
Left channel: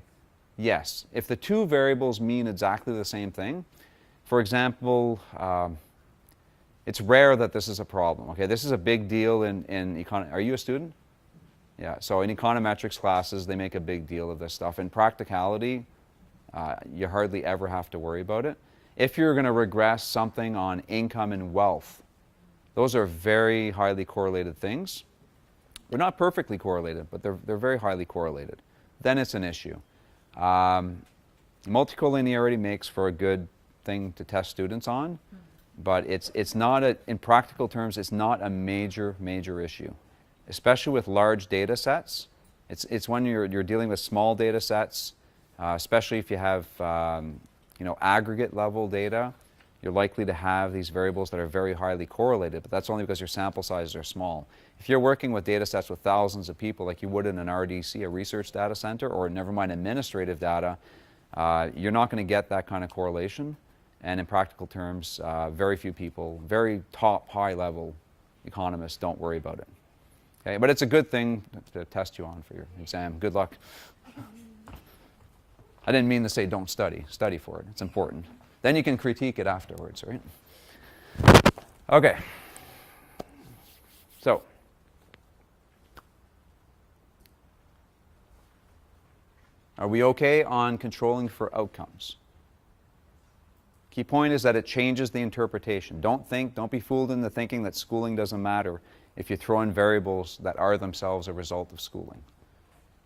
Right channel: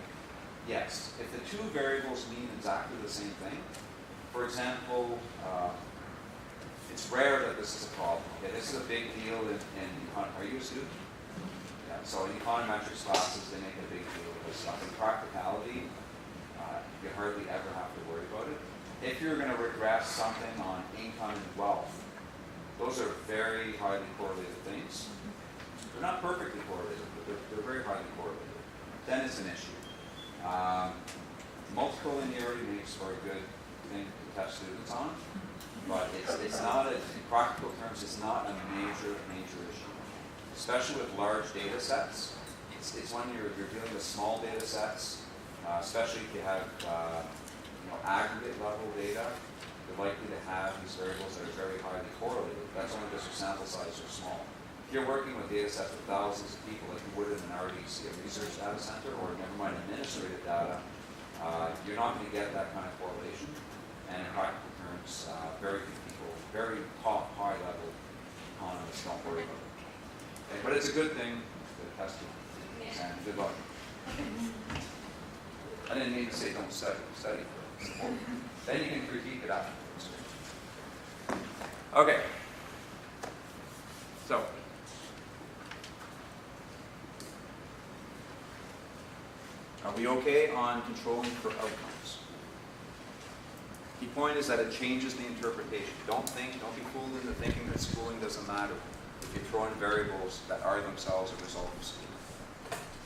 yes. If the two variables mean exactly the same thing, for example, it's rare that this is a problem. Okay, this is a big deal in are you a student? Yeah, so in econometrics classes, they make a big deal of this stuff. In practicality, you hardly ever have to worry about it. If you're going to regress something on income and wealth, those are very highly correlated things. They're not perfectly correlated, but they're very highly correlated. Then it's an issue. Multicollinearity makes for a good thing to test students on, but it's not, in practical terms, it's not a major issue. Especially with large data sets. It's when you're dealing with small data sets, especially if you have aggregate level data, you're likely to have these variables that are very highly correlated, but that's only because your sample sizes are small. If you're working with data sets with thousands of people like you would in an RDC, a research data center, or never mind administrative data, you're not going to get that kind of correlation. And in practical terms, very few people, very top, high-level economists don't worry about it. Okay? But it's a good thing to test you on for your exam. Good luck. I didn't mean to say don't study. Study for it. It's important. Then you can critique it afterwards, right? Okay. So, are we okay on controlling for outcomes? Key point is that it changes the interpretation. Don't be fooled into thinking that schooling doesn't matter if you throw in variables that are themselves a result of schooling.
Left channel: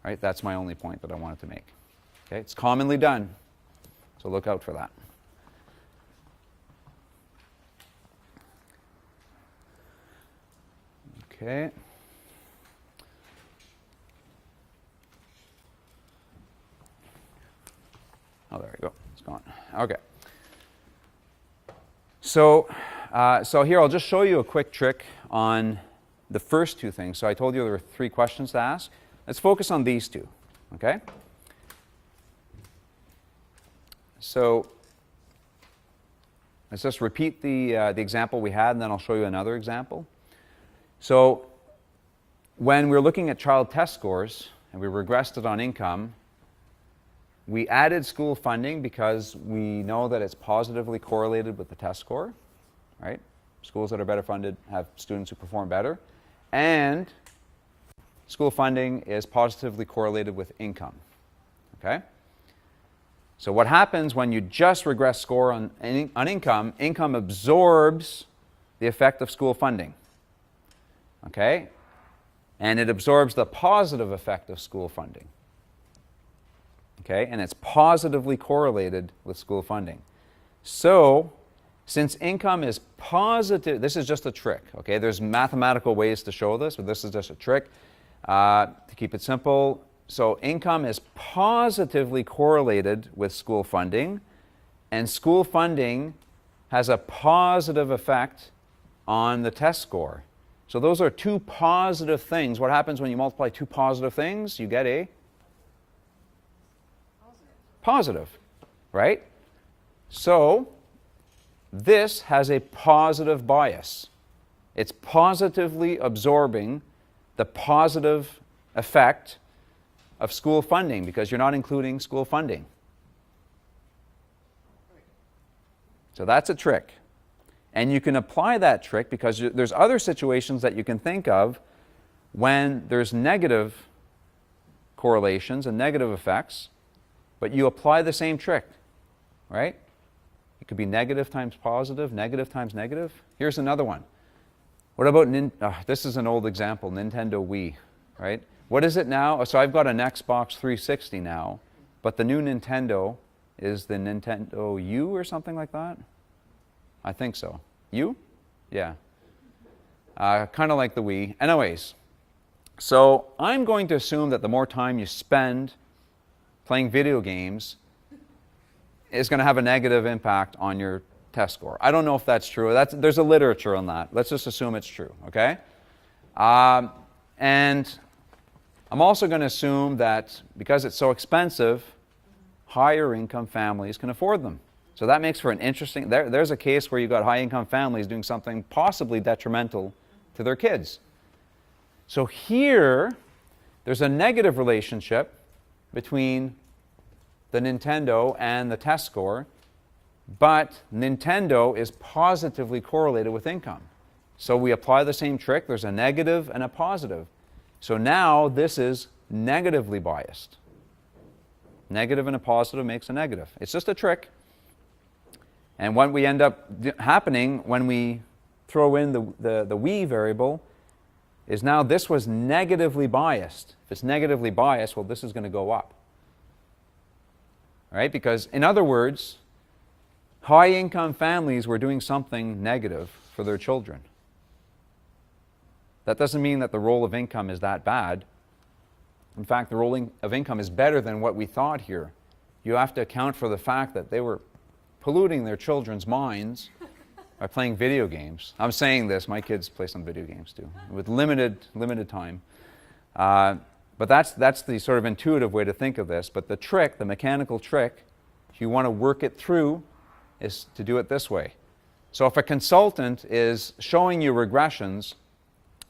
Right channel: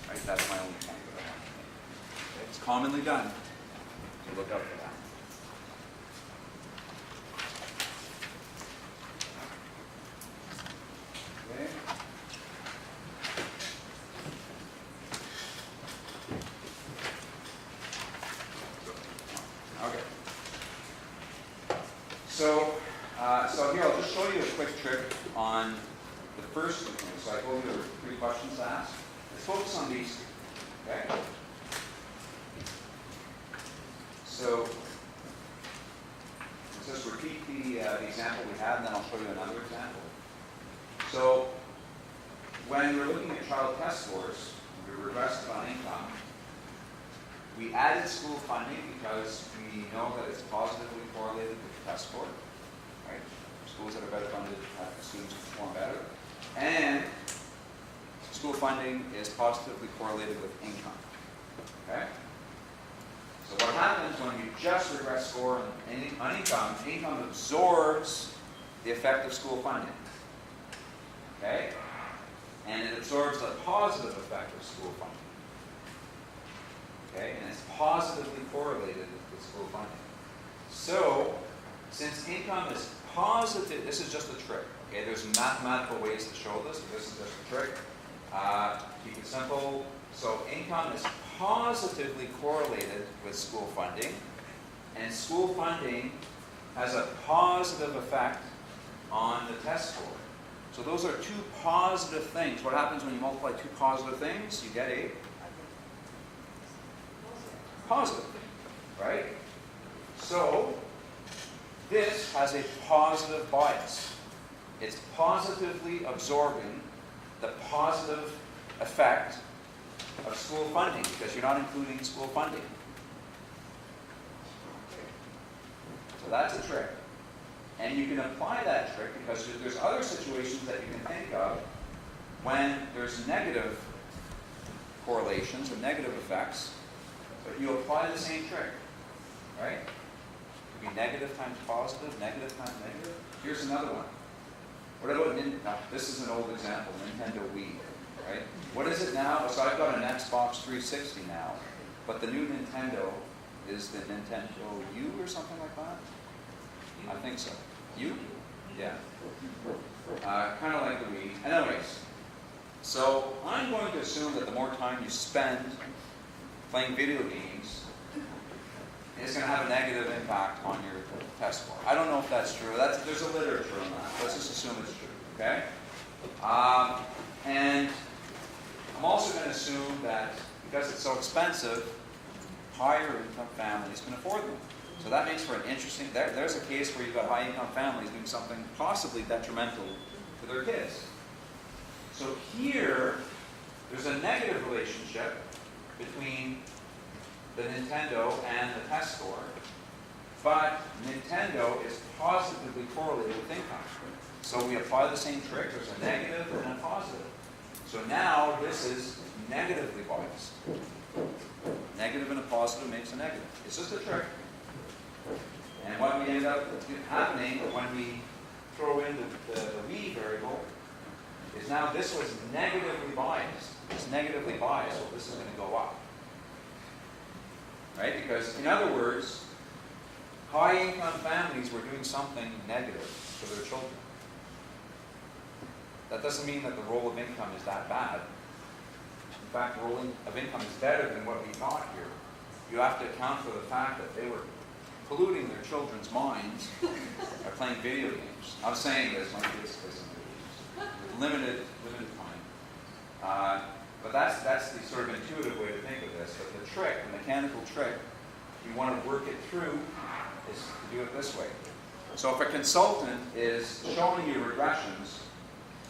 Right? That's my only point that I wanted to make. Okay? It's commonly done, so look out for that. Okay. Oh, there we go. It's gone. Okay. So here I'll just show you a quick trick on the first two things. So I told you there were 3 questions to ask. Let's focus on these 2. Okay? So let's just repeat the example we had, and then I'll show you another example. So when we're looking at child test scores, and we regressed it on income, we added school funding because we know that it's positively correlated with the test score, right? Schools that are better funded have students who perform better. And school funding is positively correlated with income, okay? So what happens when you just regress score on income, income absorbs the effect of school funding, okay? And it absorbs the positive effect of school funding. Okay, and it's positively correlated with school funding. So, since income is positive, this is just a trick, okay? There's mathematical ways to show this, but this is just a trick. To keep it simple, so income is positively correlated with school funding, and school funding has a positive effect on the test score. So those are 2 positive things. What happens when you multiply 2 positive things? You get a positive, right? So this has a positive bias. It's positively absorbing the positive effect of school funding because you're not including school funding. So that's a trick. And you can apply that trick because there's other situations that you can think of when there's negative correlations and negative effects, but you apply the same trick, right? It could be negative times positive, negative times negative. Here's another one. What about, this is an old example, Nintendo Wii, right? What is it now? So I've got an Xbox 360 now. but the new Nintendo is the Nintendo U or something like that? I think so. U? Yeah. Kind of like the Wii. Anyways, so I'm going to assume that the more time you spend playing video games is going to have a negative impact on your test score. I don't know if that's true. There's a literature on that. Let's just assume it's true, okay? And I'm also going to assume that because it's so expensive, higher income families can afford them. So that makes for an interesting, there's a case where you've got high income families doing something possibly detrimental to their kids. So here, there's a negative relationship between the Nintendo and the test score, but Nintendo is positively correlated with income. So we apply the same trick. There's a negative and a positive. So now this is negatively biased. Negative and a positive makes a negative. It's just a trick. And what we end up happening when we throw in the Wii variable is now this was negatively biased. It's negatively biased, well, this is going to go up. Right? Because in other words, high income families were doing something negative for their children. That doesn't mean that the role of income is that bad. In fact, the role of income is better than what we thought here. You have to account for the fact that they were polluting their children's minds by playing video games. I'm saying this, my kids play some video games too, with limited time. But that's the sort of intuitive way to think of this. But the trick, the mechanical trick, if you want to work it through, is to do it this way. So if a consultant is showing you regressions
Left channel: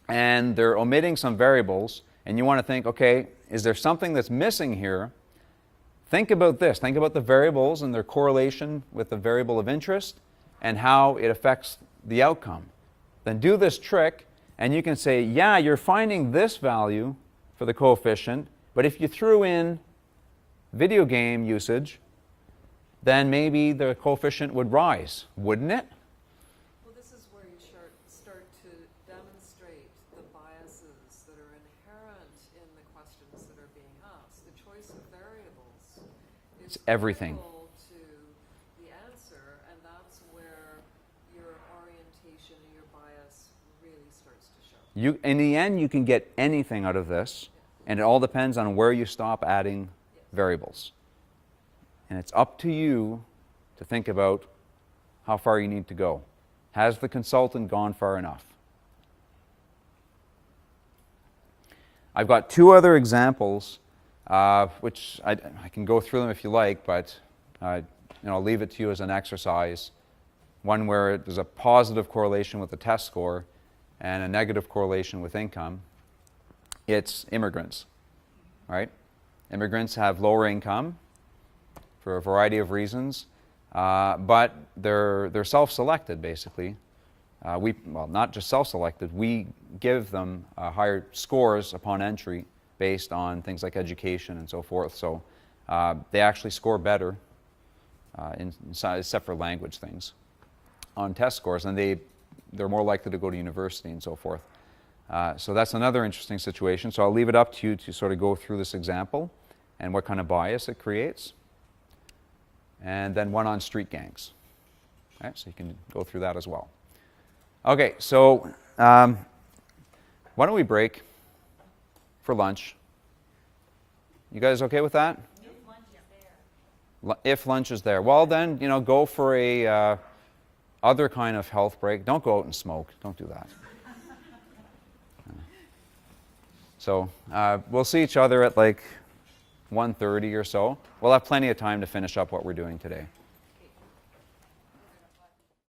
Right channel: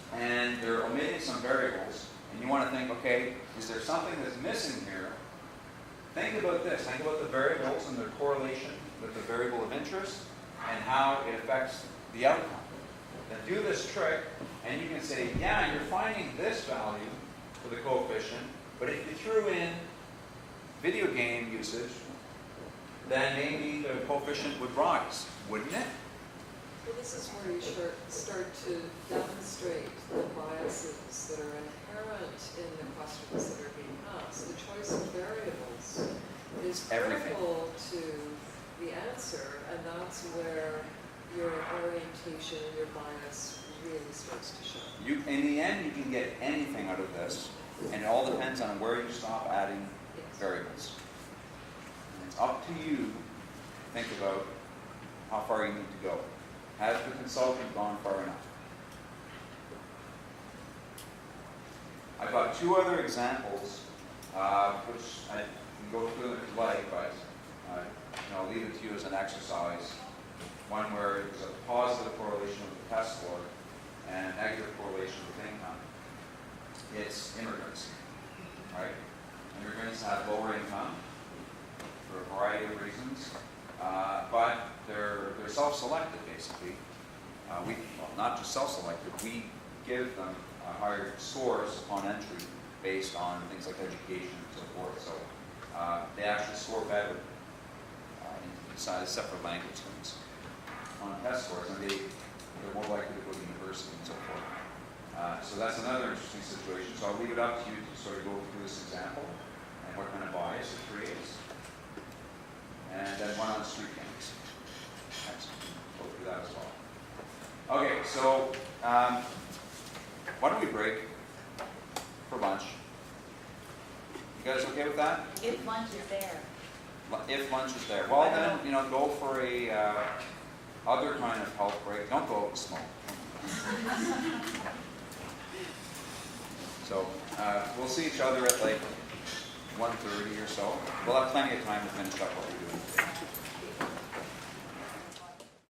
and they're omitting some variables, and you want to think, okay, is there something that's missing here? Think about this. Think about the variables and their correlation with the variable of interest and how it affects the outcome. Then do this trick, and you can say, yeah, you're finding this value for the coefficient, but if you threw in video game usage, then maybe the coefficient would rise, wouldn't it? Well, this is where you start to demonstrate the biases that are inherent in the questions that are being asked. The choice of variables is everything critical to the answer, and that's where your orientation, your bias really starts to show. In the end, you can get anything out of this, and it all depends on where you stop adding variables. And it's up to you to think about how far you need to go. Has the consultant gone far enough? I've got two other examples, which I can go through them if you like, but I'll leave it to you as an exercise. One where there's a positive correlation with the test score and a negative correlation with income. It's immigrants, right? Immigrants have lower income for a variety of reasons, but they're self-selected, basically. Well, not just self-selected, we give them higher scores upon entry based on things like education and so forth. So they actually score better, except for language things, on test scores, and they're more likely to go to university and so forth. So that's another interesting situation. So I'll leave it up to you to sort of go through this example and what kind of bias it creates. And then one on street gangs. All right, so you can go through that as well. Okay, so why don't we break for lunch? You guys okay with that? If lunch is there. If lunch is there. Well then, go for a other kind of health break. Don't go out and smoke. Don't do that. So we'll see each other at like 1:30 or so. We'll have plenty of time to finish up what we're doing today.